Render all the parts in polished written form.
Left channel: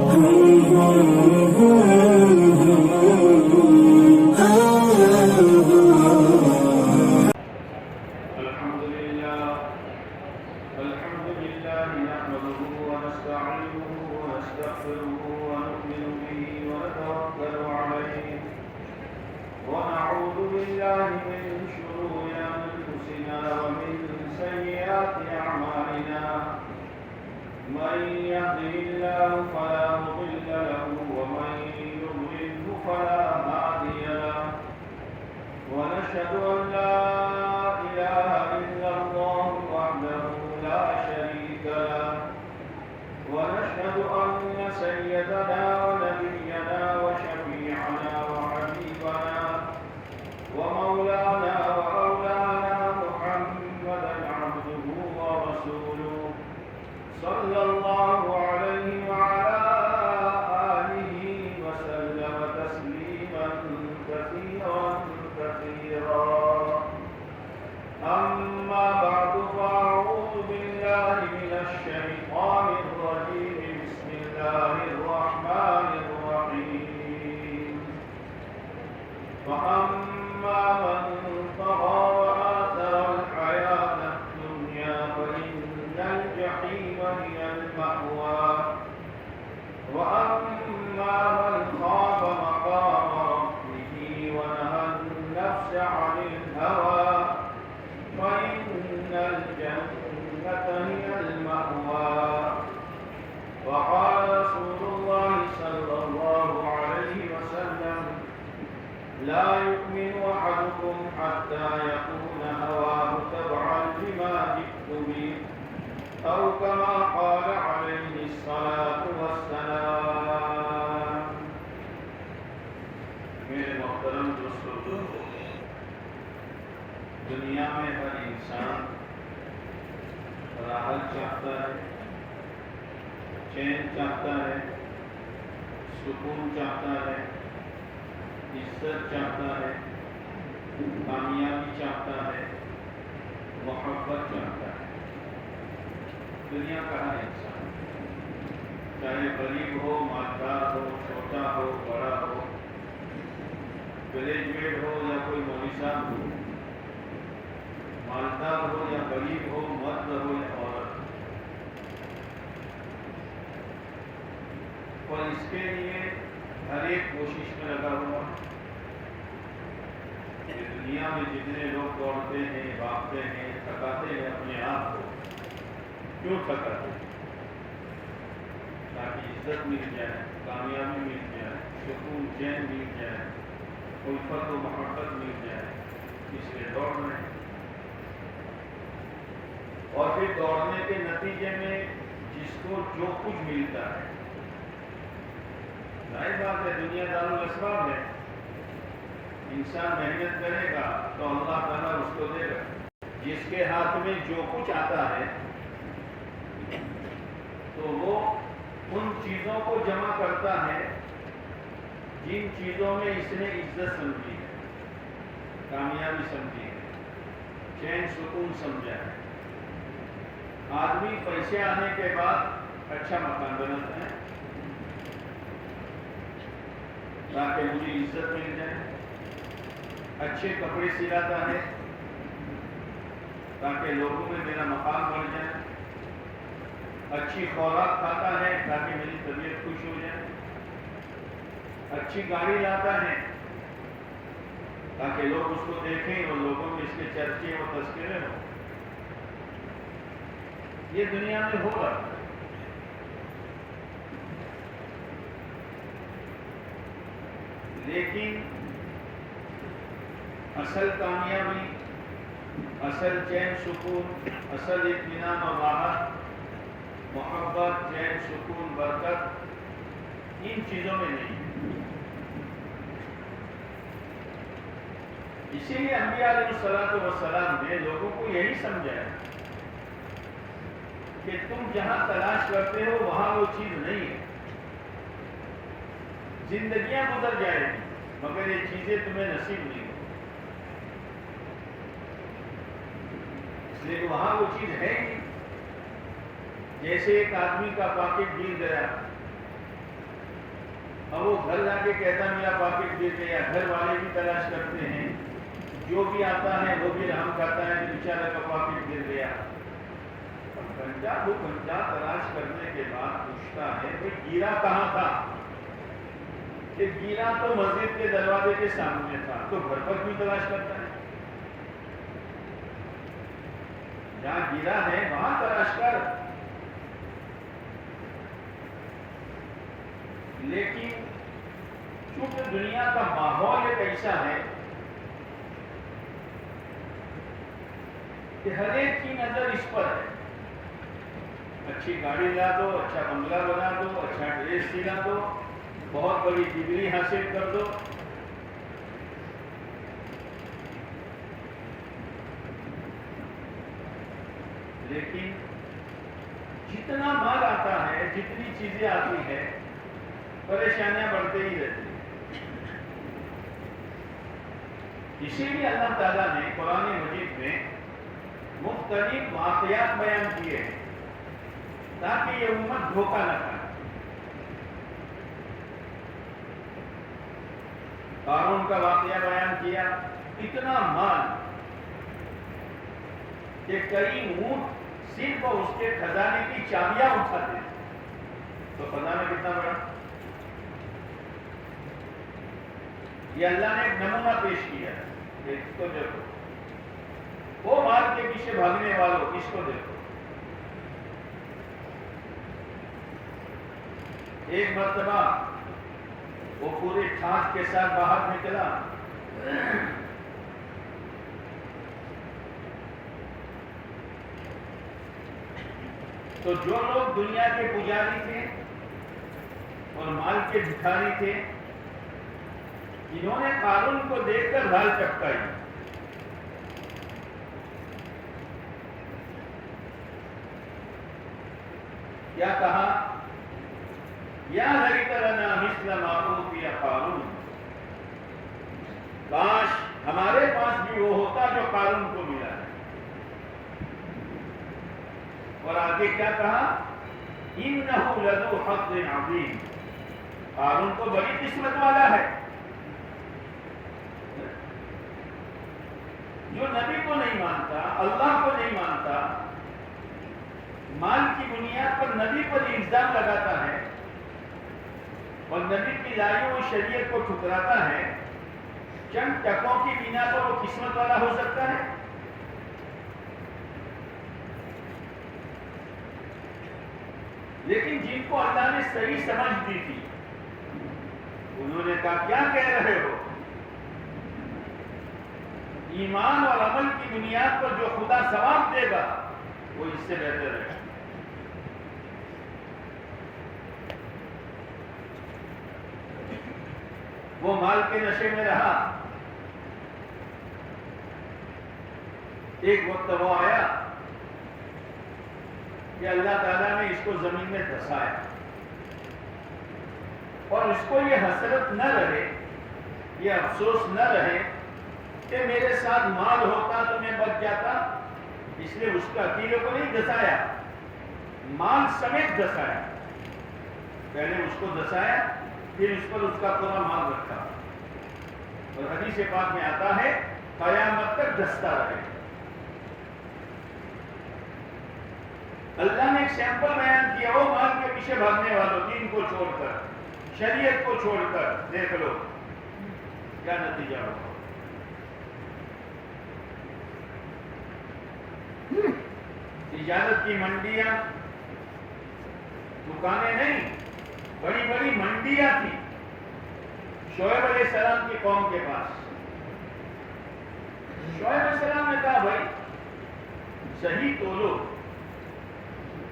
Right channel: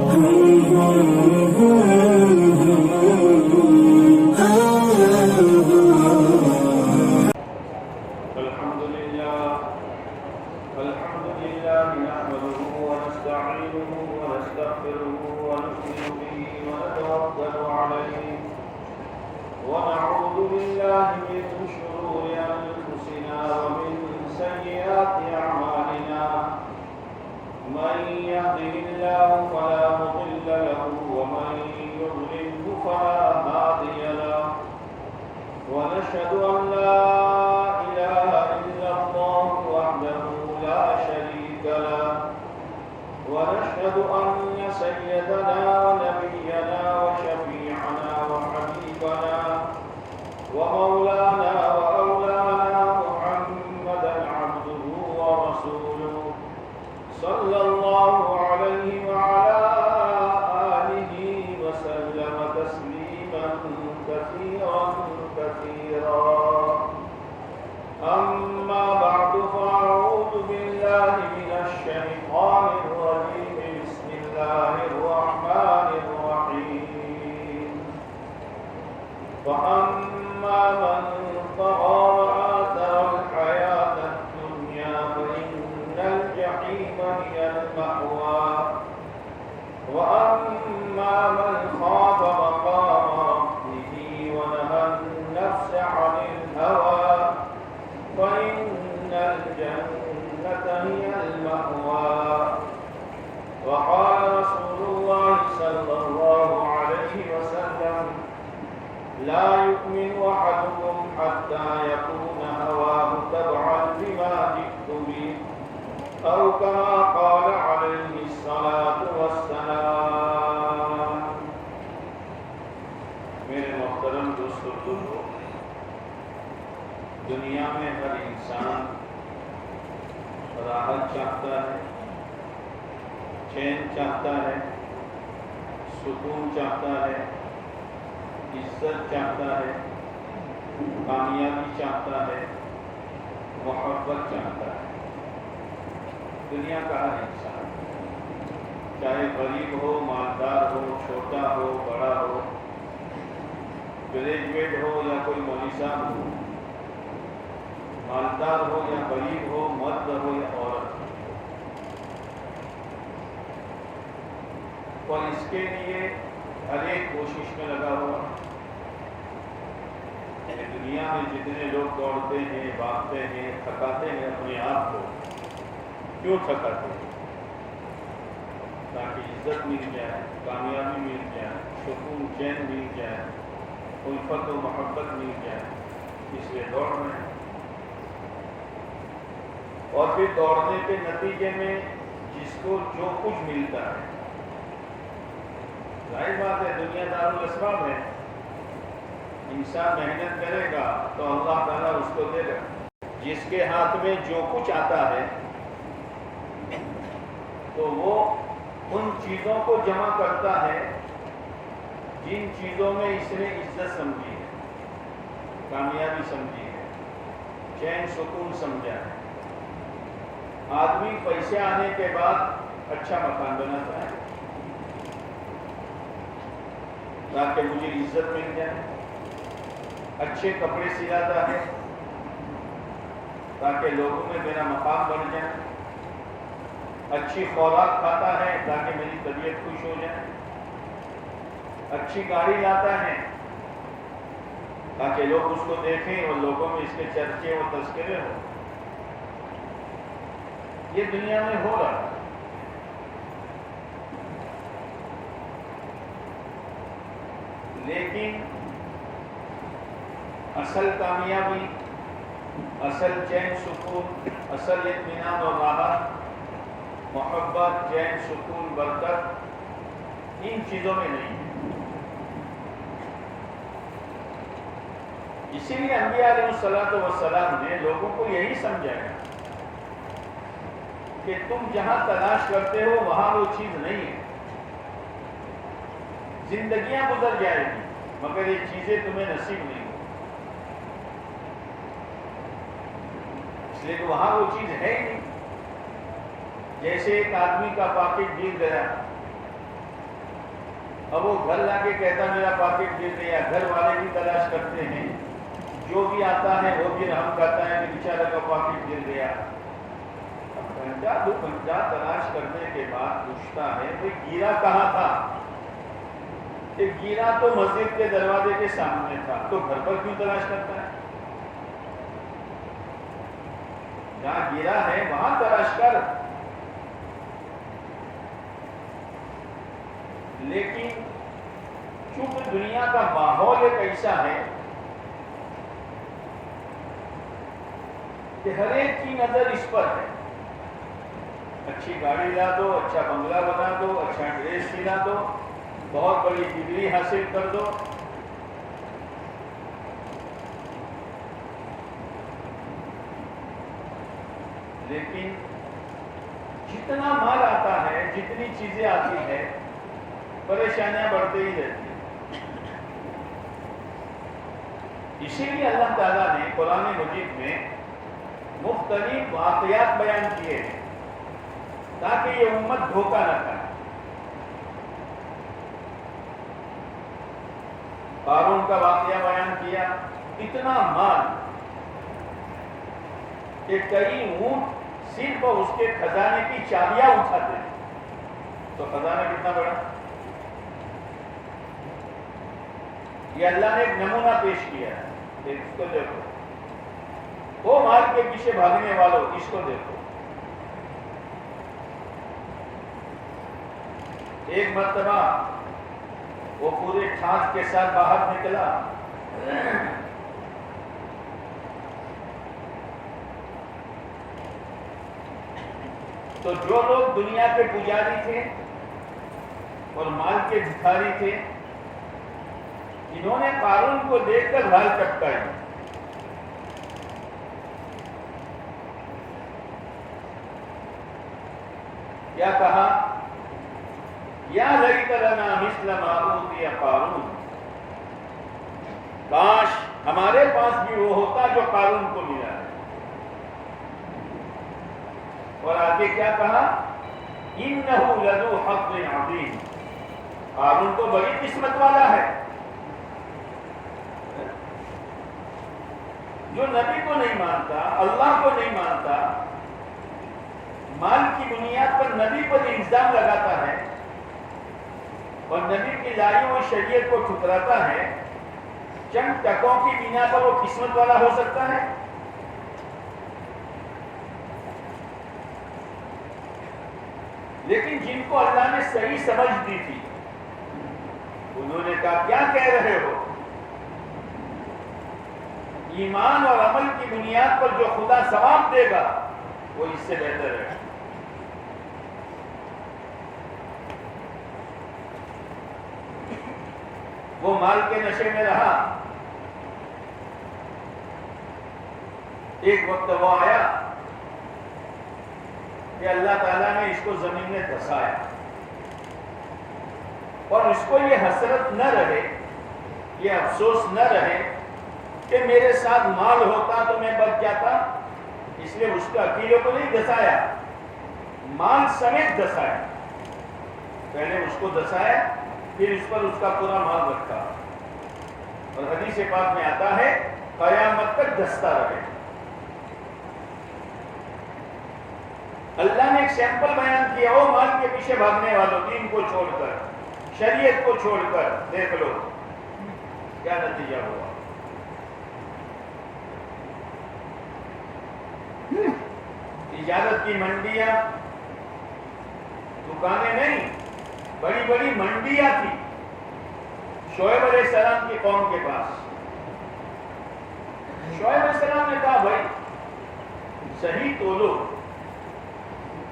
نحمده ونستعينه ونستغفره ونؤمن به ونتوكل عليه ونعوذ بالله من شرور أنفسنا ومن سيئات أعمالنا من يهده الله فلا مضل له ومن يضلله فلا هادي له ونشهد أن لا إله إلا الله وحده لا شريك له ونشهد أن سيدنا ونبينا وشفيعنا وحبيبنا ومولانا وأولانا محمدا عبده ورسوله صلى الله عليه وعلى آله وسلم تسليما كثيرا كثيرا أما بعد فأعوذ بالله من الشيطان الرجيم بسم الله الرحمن الرحيم فأما من طغى وآثر الحياة الدنيا فإن الجحيم هي المأوى وأما من خاف مقام ربه ونهى النفس عن الهوى فإن الجنة هي المأوى وقال رسول الله صلى الله عليه وسلم لا يؤمن أحدكم حتى يكون هواه تبعا لما جئت به أو كما قال عليه الصلاة والسلام. میرے محترم دوستو، دنیا میں ہر انسان راحت چاہتا ہے، چین چاہتا ہے، سکون چاہتا ہے، عزت چاہتا ہے، کامیابی چاہتا ہے، محبت چاہتا ہے. دنیا کا ہر انسان، چاہے غریب ہو، مالدار ہو، چھوٹا ہو، بڑا ہو، گریجویٹ ہو یا کوئی مولوی ہو، مالدار ہو یا غریب ہو، مرد ہو یا عورت، اور اس کے لیے ہر ایک کوشش میں لگا ہوا کہ دنیا میں جتنے لوگ دوڑتے ہیں، بھاگتے ہیں، تھکاتے ہیں اپنے آپ کو، کیوں تھکاتے ہیں؟ تاکہ عزت مل جائے، کامیابی مل جائے، سکون چین مل جائے، الفت و محبت مل جائے، اس لیے دوڑ رہے ہیں. اور پھر دوڑنے کے نتیجے میں جس کو جو کچھ ملتا ہے، ظاہر بات ہے دنیا دار الاسباب ہے، انسان محنت کرے گا تو اللہ تعالیٰ اس کو دے گا. جس کے ہاتھ میں جو کچھ آتا ہے تو وہ ان چیزوں کو جمع کرتا ہے جن چیزوں میں اس نے عزت سمجھی ہے، کامیابی سمجھی ہے، چین سکون سمجھا ہے. آدمی پیسے آنے کے بعد اچھا مکان بناتا ہے تاکہ مجھے عزت مل جائے، اچھے کپڑے سلاتا ہے تاکہ لوگوں میں میرا مقام بڑھ جائے، اچھی خوراک کھاتا ہے تاکہ میری طبیعت خوش ہو جائے، اچھی گاڑی لاتا ہے تاکہ لوگ اس کو دیکھیں اور لوگوں میں اس کے چرچے اور تذکرے ہوں. یہ دنیا میں ہو رہا ہے. لیکن اصل کامیابی، اصل چین سکون، اصل اطمینان اور راحت، محبت، چین سکون، برکت ان چیزوں میں نہیں ہے. اسی لیے انبیاء علیہ السلام نے لوگوں کو یہی سمجھایا کہ تم جہاں تلاش کرتے ہو وہاں وہ چیز نہیں ہے. زندگیاں گزر جائے گی مگر یہ چیزیں تمہیں نصیب نہیں ہو، اس لیے کہ وہاں وہ چیز ہے ہی نہیں. جیسے ایک آدمی کا پاکٹ گر گیا اب وہ گھر لا کے کہتا میرا پاکٹ گر گیا، گھر والے بھی تلاش کرتے ہیں، جو بھی آتا ہے وہ بھی رحم کرتا ہے کہ بیچارہ کا پاکٹ گر گیا۔ گھنٹہ 2 گھنٹہ تلاش کرنے کے بعد پوچھتا ہے بھئی گرا کہاں تھا؟ کہ گرا تو مسجد کے دروازے کے سامنے تھا۔ تو گھر پر کیوں تلاش کرتا ہے؟ جہاں گرا ہے وہاں تلاش کر۔ لیکن چونکہ دنیا کا ماحول ایک ایسا ہے کہ ہر ایک کی نظر اس پر ہے، اچھی گاڑی لا دو، اچھا بنگلہ بنا دو، اچھا ڈریس سلا دو، بہت بڑی ڈگری حاصل کر دو، لیکن جتنا مال آتا ہے، جتنی چیزیں آتی ہے، پریشانیاں بڑھتے ہی رہتی ہیں۔ اسی لیے اللہ تعالیٰ نے قرآن مجید میں مختلف واقعات بیان کیے ہیں تاکہ یہ امت دھوکہ نہ کھائے۔ قارون کا واقعہ بیان کیا، اتنا مال کہ کئی اونٹ صرف اس کے خزانے کی چابیاں اٹھاتے ہیں۔ تو خزانہ کتنا بڑا؟ یہ اللہ نے ایک نمونہ پیش کیا ہے، اس کو دیکھو، وہ مال کے پیچھے بھاگنے والوں اس کو دیکھو۔ ایک مرتبہ وہ پورے ٹھاٹ کے ساتھ باہر نکلا، تو جو لوگ دنیا کے پجاری تھے اور مال کے بھکاری تھے، انہوں نے قارون کو دیکھ کر بھال چپکائی۔ کیا کہا؟ یا لیت لنا مثل ما اوتی قارون، کاش ہمارے پاس بھی وہ ہوتا جو قارون کو ملا ہے۔ اور آگے کیا کہا؟ انہ لذو حظ عظیم، قارون تو بڑی قسمت والا ہے، جو نبی کو نہیں مانتا، اللہ کو نہیں مانتا، مال کی بنیاد پر نبی پر الزام لگاتا ہے اور نبی کی لائی ہوئی شریعت کو ٹھکراتا ہے، چند ٹکوں کی بنا پر وہ قسمت والا ہو سکتا ہے؟ لیکن جن کو اللہ نے صحیح سمجھ دی تھی، انہوں نے کہا کیا کہہ رہے ہو؟ ایمان اور عمل کی بنیاد پر جو خدا ثواب دے گا وہ اس سے بہتر ہے۔ وہ مال کے نشے میں رہا، ایک وقت وہ آیا کہ اللہ تعالیٰ نے اس کو زمین میں دھسایا، اور اس کو یہ حسرت نہ رہے، یہ افسوس نہ رہے کہ میرے ساتھ مال ہوتا تو میں بچ جاتا، اس لیے اس کا اکیلے کو نہیں دھسایا، مال سمیت دھسایا۔ پہلے اس کو دھسایا، پھر اس پر اس کا پورا مال رکھا، اور حدیث پاک میں آتا ہے قیامت تک دھستا رہے۔ اللہ نے ایک سیمپل بیان کیا، وہ مال کے پیچھے بھاگنے والوں، دین کو چھوڑ کر، شریعت کو چھوڑ کر، دیکھ لو کیا نتیجہ ہوا۔ تجارت کی منڈیاں، دکانیں نہیں، بڑی بڑی منڈیاں تھی شعیب علیہ السلام کی قوم کے پاس۔ شعیب علیہ السلام نے کہا بھائی صحیح تولو،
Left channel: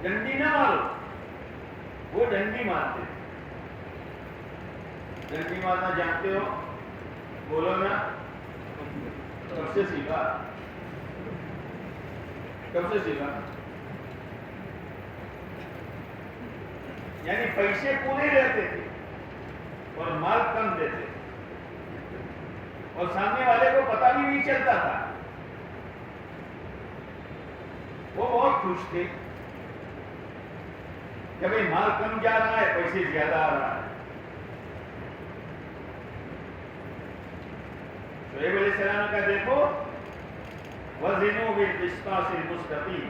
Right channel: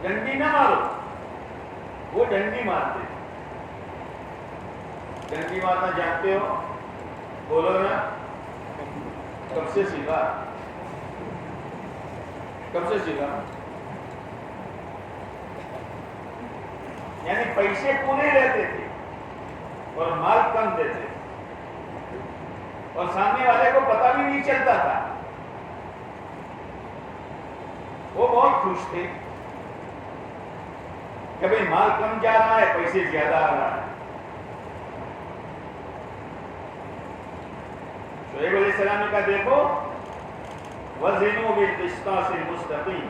ڈنڈی نہ مارو۔ وہ ڈنڈی مارتے، ڈنڈی مارنا جانتے ہو؟ بولو نا، کب سے سیکھا؟ کب سے سیکھا؟ یعنی پیسے پورے رہتے تھے اور مال کم دیتے، اور سامنے والے کو پتہ بھی نہیں چلتا تھا۔ وہ بہت خوش تھے کہ بھئی مال کم جا رہا ہے، پیسے زیادہ آ رہا ہے۔ شعیب علیہ السلام نے کہا دیکھو وزنوا بالقسطاس المستقیم،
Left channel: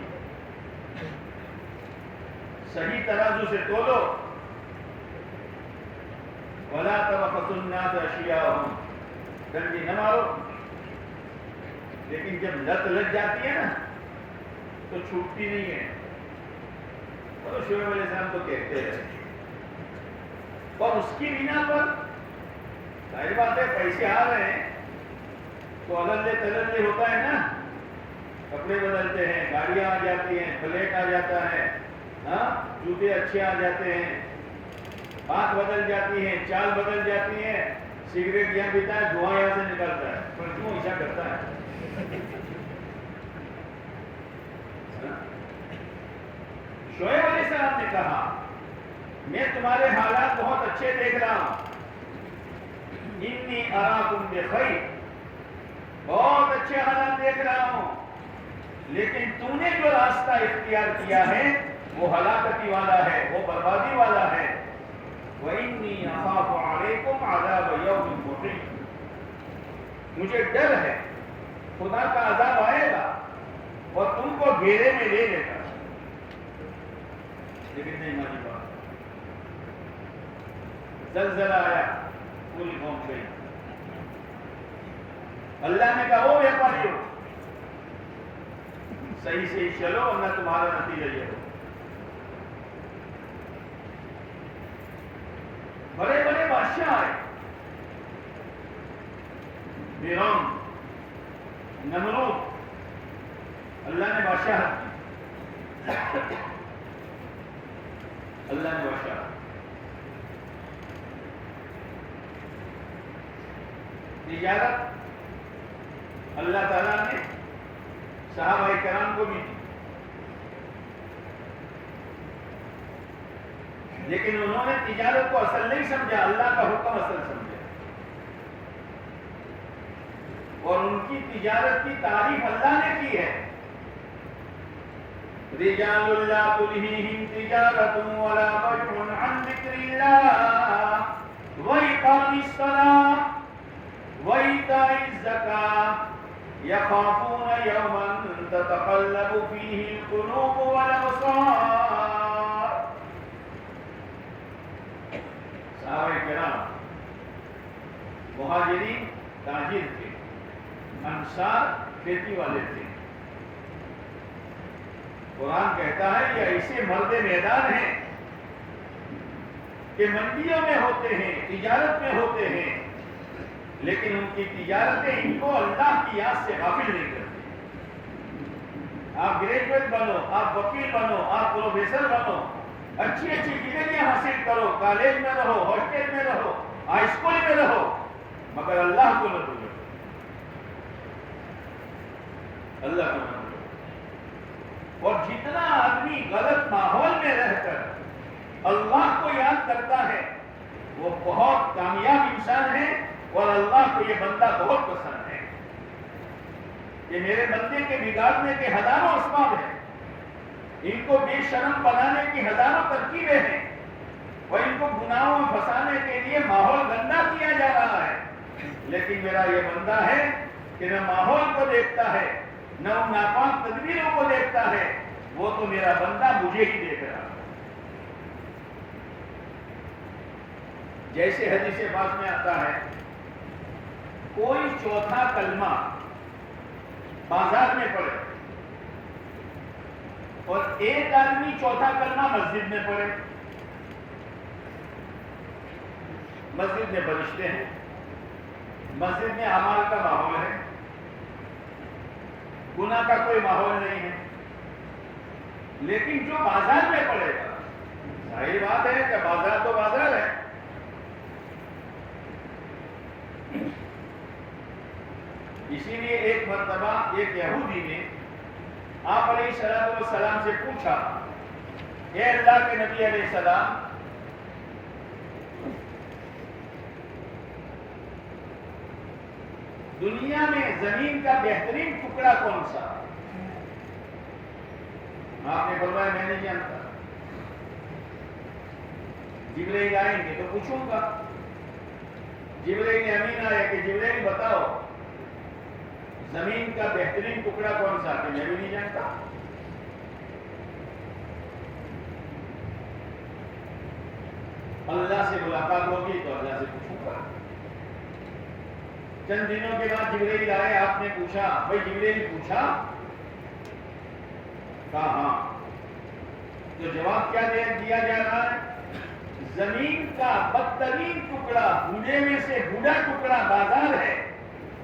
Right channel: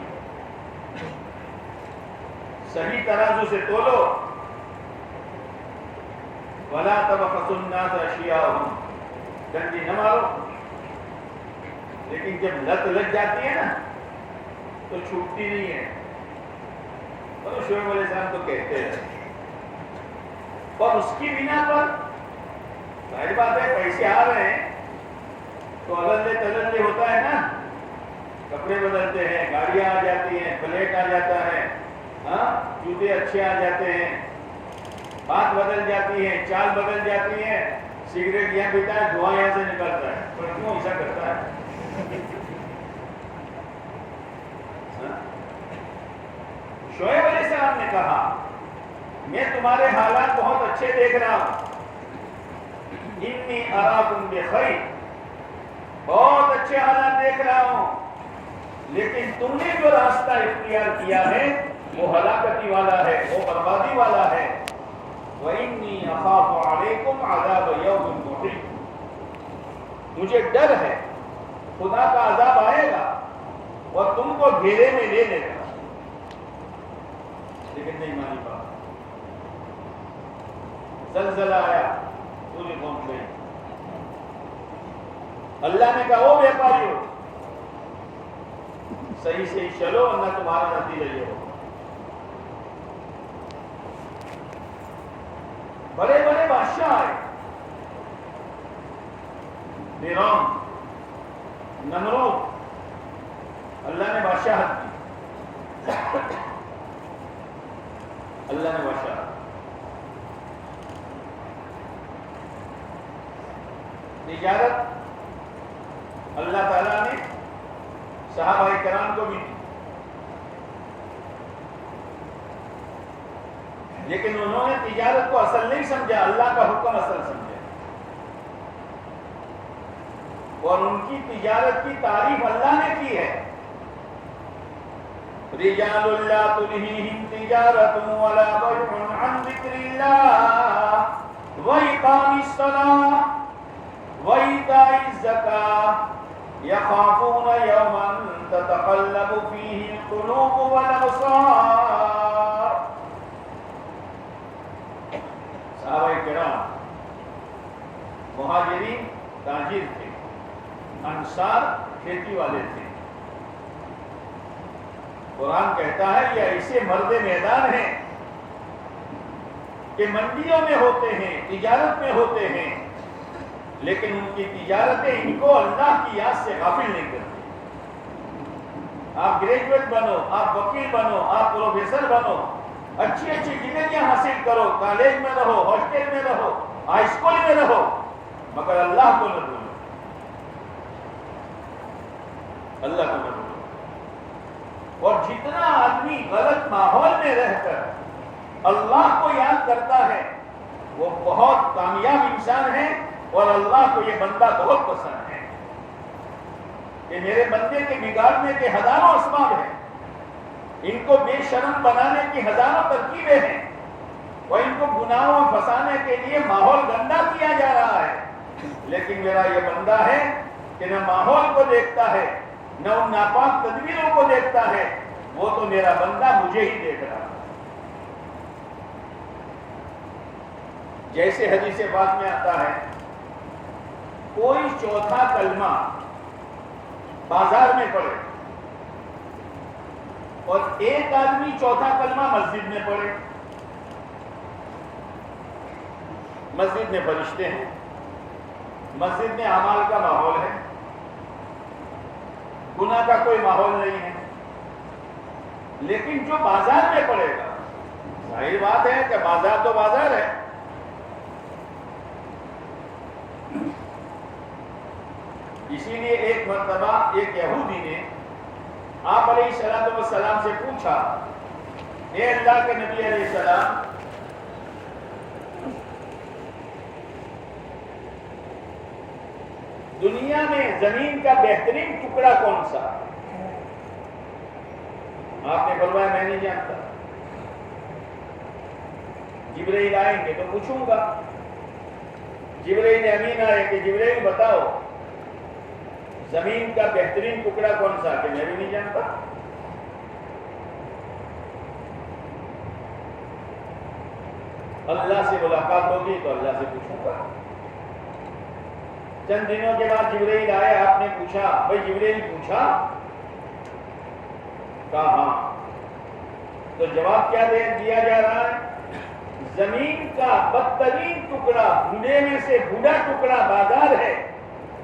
صحیح ترازو سے تولو، ولا تبخسوا الناس اشیاءهم، ڈنڈی نہ مارو، لیکن جب لت لگ جاتی ہے نا تو چھوٹتی نہیں ہے۔ اور شعیب علیہ السلام تو کہتے ہیں، اور اس کی بنا پر ظاہر بات ہے پیسے آ رہے ہیں تو الندے تلندے ہوتا ہے نا، کپڑے بدلتے ہیں، گاڑیاں آ جاتی ہیں، فلیٹ آ جاتا ہے، ہاں جوتے اچھے آ جاتے ہیں، بات بدل جاتی ہے، چال بدل جاتی ہے، سگریٹ یہاں پیتا ہے، دھواں یہاں سے نکلتا ہے، پر کیوں ایسا کرتا ہے؟ شعیب علیہ السلام نے کہا میں تمہارے حالات بہت اچھے دیکھ رہا ہوں، انی اراکم بخیر، بہت اچھے حالات دیکھ رہا ہوں، لیکن تم نے جو راستہ اختیار کیا ہے وہ ہلاکتی والا ہے، وہ بربادی والا ہے۔ وَإِنِّي أَخَافُ عَلَيْكُمْ عَذَابَ يَوْمٍ مُحِيطٍ، مجھے ڈر ہے خدا کا عذاب آئے گا اور تم کو گھیرے میں لے لے گا، لیکن نہیں مانی بات، زلزلہ آیا، پوری قوم گئی۔ اللہ نے کہا وہ بیپاری ہو، صحیح سے چلو ورنہ تمہارا نتیجہ یہ ہو۔ بڑے بڑے بادشاہ آئے، فرعون، نمرود، اللہ نے بادشاہت دی، اللہ نے بادشاہت، تجارت اللہ تعالیٰ نے صحابہ کرام کو بھی دی، لیکن انہوں نے تجارت کو اصل نہیں سمجھا، اللہ کا حکم اصل سمجھا، اور ان کی تجارت کی تعریف اللہ نے کی ہے، رجال لا تلہیہم تجارت ولا بیع عن ذکر اللہ وإقام الصلاة وإيتاء الزکاة یخافون یوما تتقلب فیہ القلوب والابصار۔ صحابہ کرام مہاجرین تاجر تھے، انصار کھیتی والے تھے۔ قرآن کہتا ہے یہ ایسے مرد میدان ہیں کہ منڈیوں میں ہوتے ہیں، تجارت میں ہوتے ہیں، لیکن ان کی تجارتیں ان کو اللہ کی یاد سے غافل نہیں کرتی۔ آپ گریجویٹ بنو، آپ وکیل بنو، آپ پروفیسر بنو، اچھی اچھی ڈگریاں حاصل کرو، کالج میں رہو، ہاسٹل میں رہو، ہائی اسکول میں رہو، مگر اللہ کو نہ بھولو، اللہ کو نہ بھولو۔ اور جتنا آدمی غلط ماحول میں رہ کر اللہ کو یاد کرتا ہے وہ بہت کامیاب انسان ہے، اور اللہ کو یہ بندہ بہت پسند ہے کہ میرے بندے کے بگاڑنے کے ہزاروں اسباب ہیں، ان کو بے شرم بنانے کی ہزاروں ترکیبیں ہیں، اور ان کو گناہوں میں پھنسانے کے لیے ماحول گندا کیا جا رہا ہے، لیکن میرا یہ بندہ ہے کہ نہ ماحول کو دیکھتا ہے نہ ان ناپاک تدبیروں کو دیکھتا ہے، وہ تو میرا بندہ مجھے ہی دیکھ رہا ہے۔ جیسے حدیث پاک میں آتا ہے کوئی چوتھا کلمہ بازار میں پڑھے اور ایک آدمی چوتھا کلمہ مسجد میں پڑھے، مسجد میں فرشتے ہیں، مسجد میں اعمال کا ماحول ہے، گناہ کا کوئی ماحول نہیں ہے، لیکن جو بازار میں پڑے گا، ظاہر بات ہے کہ بازار تو بازار ہے، اسی لیے ایک مرتبہ ایک یہودی نے آپ علیہ السلام سے پوچھا، اے اللہ کے نبی علیہ السلام، دنیا میں زمین کا بہترین ٹکڑا کون سا؟ آپ نے فرمایا میں نہیں جانتا، جبرائیل آئیں گے تو پوچھوں گا۔ جبرائیل امین آئے کہ جبرائیل بتاؤ زمین کا بہترین ٹکڑا کون سا کہ میں بھی نہیں جانتا؟ اللہ سے ملاقات ہوگی تو اللہ سے پوچھوں گا۔ چند دنوں کے بعد جبرائیل آئے، آپ نے پوچھا، بھائی جبرائیل پوچھا؟ کہا ہاں۔ تو جواب کیا دیا جا رہا ہے؟ زمین کا بدترین ٹکڑا، بوڑھے میں سے بوڑھا ٹکڑا بازار ہے،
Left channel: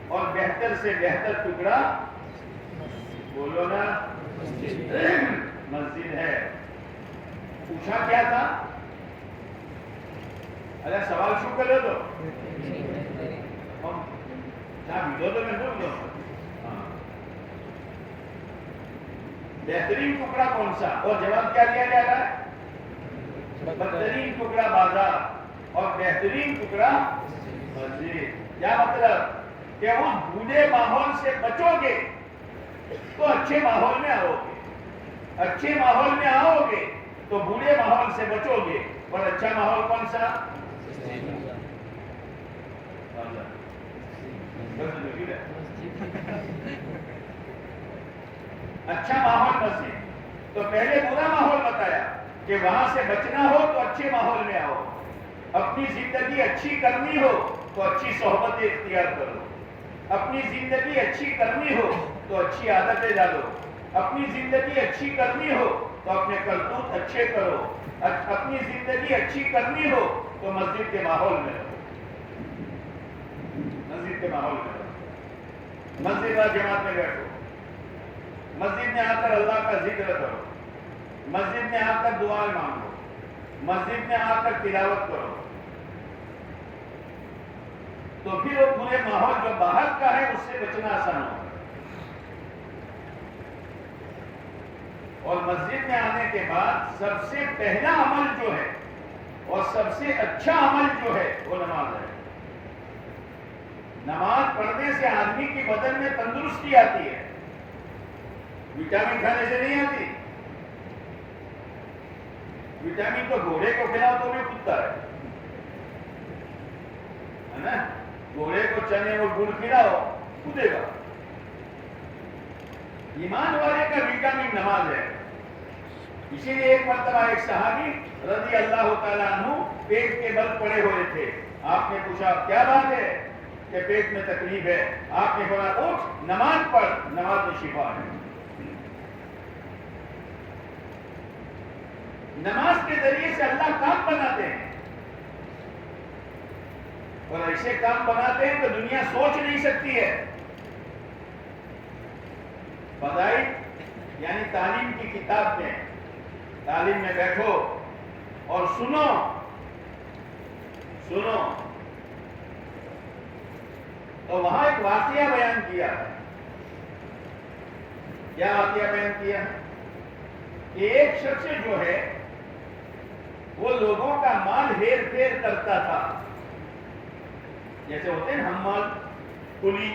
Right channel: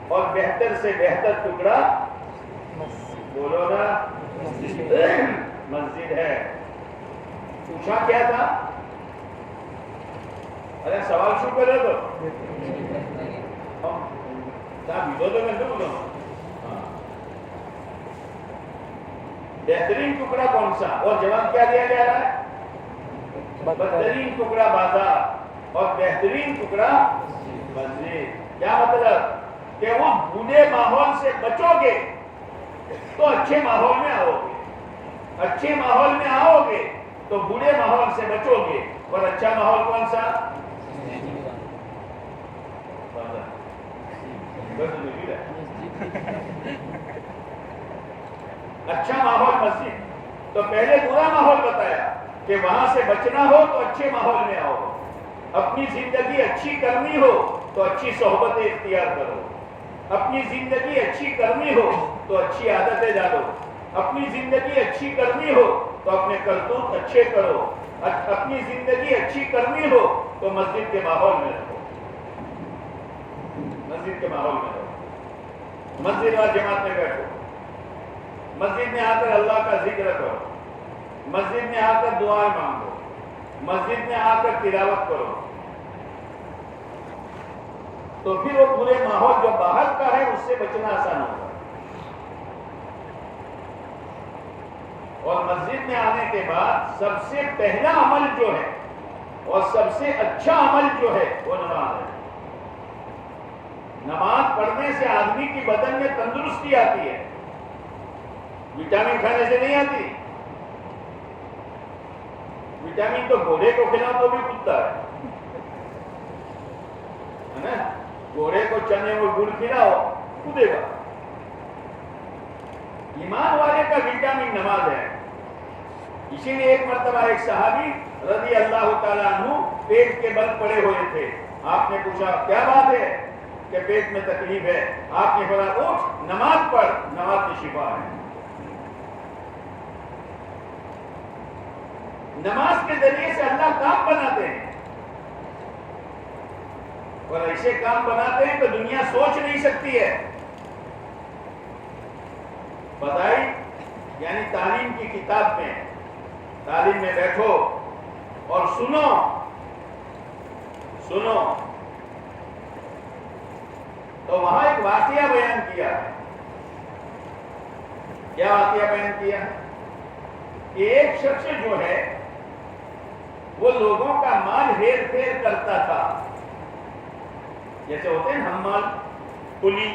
اور بہتر سے بہتر ٹکڑا بولو نا مسجد ہے۔ پوچھا کیا تھا؟ ارے سوال شروع کرو تو بہترین ٹکڑا کون سا؟ اور جواب کیا دیا جا رہا ہے؟ بدترین ٹکڑا بازار اور بہترین ٹکڑا مسجد۔ کیا مطلب؟ کہ اس بوڑھے ماحول سے بچو گے تو اچھے ماحول میں آؤ گے، اچھے ماحول میں آؤ گے تو بوڑھے ماحول سے بچو گے۔ اور اچھا ماحول کون سا؟ اچھا ماحول مسجد۔ تو پہلے برا ماحول بتایا کہ وہاں سے بچنا ہو تو اچھے ماحول میں آؤ، اپنی زندگی اچھی کرنی ہو تو اچھی صحبتیں اختیار کرو، اپنی زندگی اچھی کرنی ہو تو اچھی عادتیں ڈالو، اپنی زندگی اچھی کرنی ہو تو اپنے کرتوت اچھے کرو، اپنی زندگی اچھی کرنی ہو تو مسجد کے ماحول میں رہو، مسجد کے ماحول میں رہو، مسجد میں جماعت میں بیٹھو، مسجد میں آ کر اللہ کا ذکر کرو، مسجد میں آ کر دعائیں مانگو، مسجد میں آ کر تلاوت کرو، تو پھر وہ برے ماحول جو باہر کا ہے اس سے بچنا آسان ہوگا۔ اور مسجد میں آنے کے بعد سب سے پہلا عمل جو ہے اور سب سے اچھا عمل جو ہے وہ نماز ہے۔ نماز پڑھنے سے آدمی کی بدن میں تندرستی آتی ہے، وٹامن کھانے سے نہیں آتی۔ وٹامن تو گھوڑے کو کھلاؤ تو بھی کودتا ہے نا، گھوڑے کو چنے اور گڑ کھلاؤ کودے گا۔ ایمان والے کا وٹامن نماز ہے۔ اسی لیے ایک مرتبہ ایک صحابی رضی اللہ تعالیٰ عنہ پیٹ کے بل پڑے ہوئے تھے، آپ نے پوچھا کیا بات ہے کہ پیٹ میں تکلیف ہے؟ آپ نے فرمایا اٹھ نماز پڑھ، نماز میں شفا ہے۔ نماز کے ذریعے سے اللہ کام بناتے ہیں، اور ایسے کام بناتے ہیں تو دنیا سوچ نہیں سکتی ہے۔ فضائل یعنی تعلیم کی کتاب میں، تعلیم میں بیٹھو اور سنو تو وہاں ایک واقعہ بیان کیا ہے۔ کیا واقعہ بیان کیا ہے؟ کہ ایک شخص جو ہے وہ لوگوں کا مال ہیر پھیر کرتا تھا، جیسے ہوتے ہیں حمال، کلی،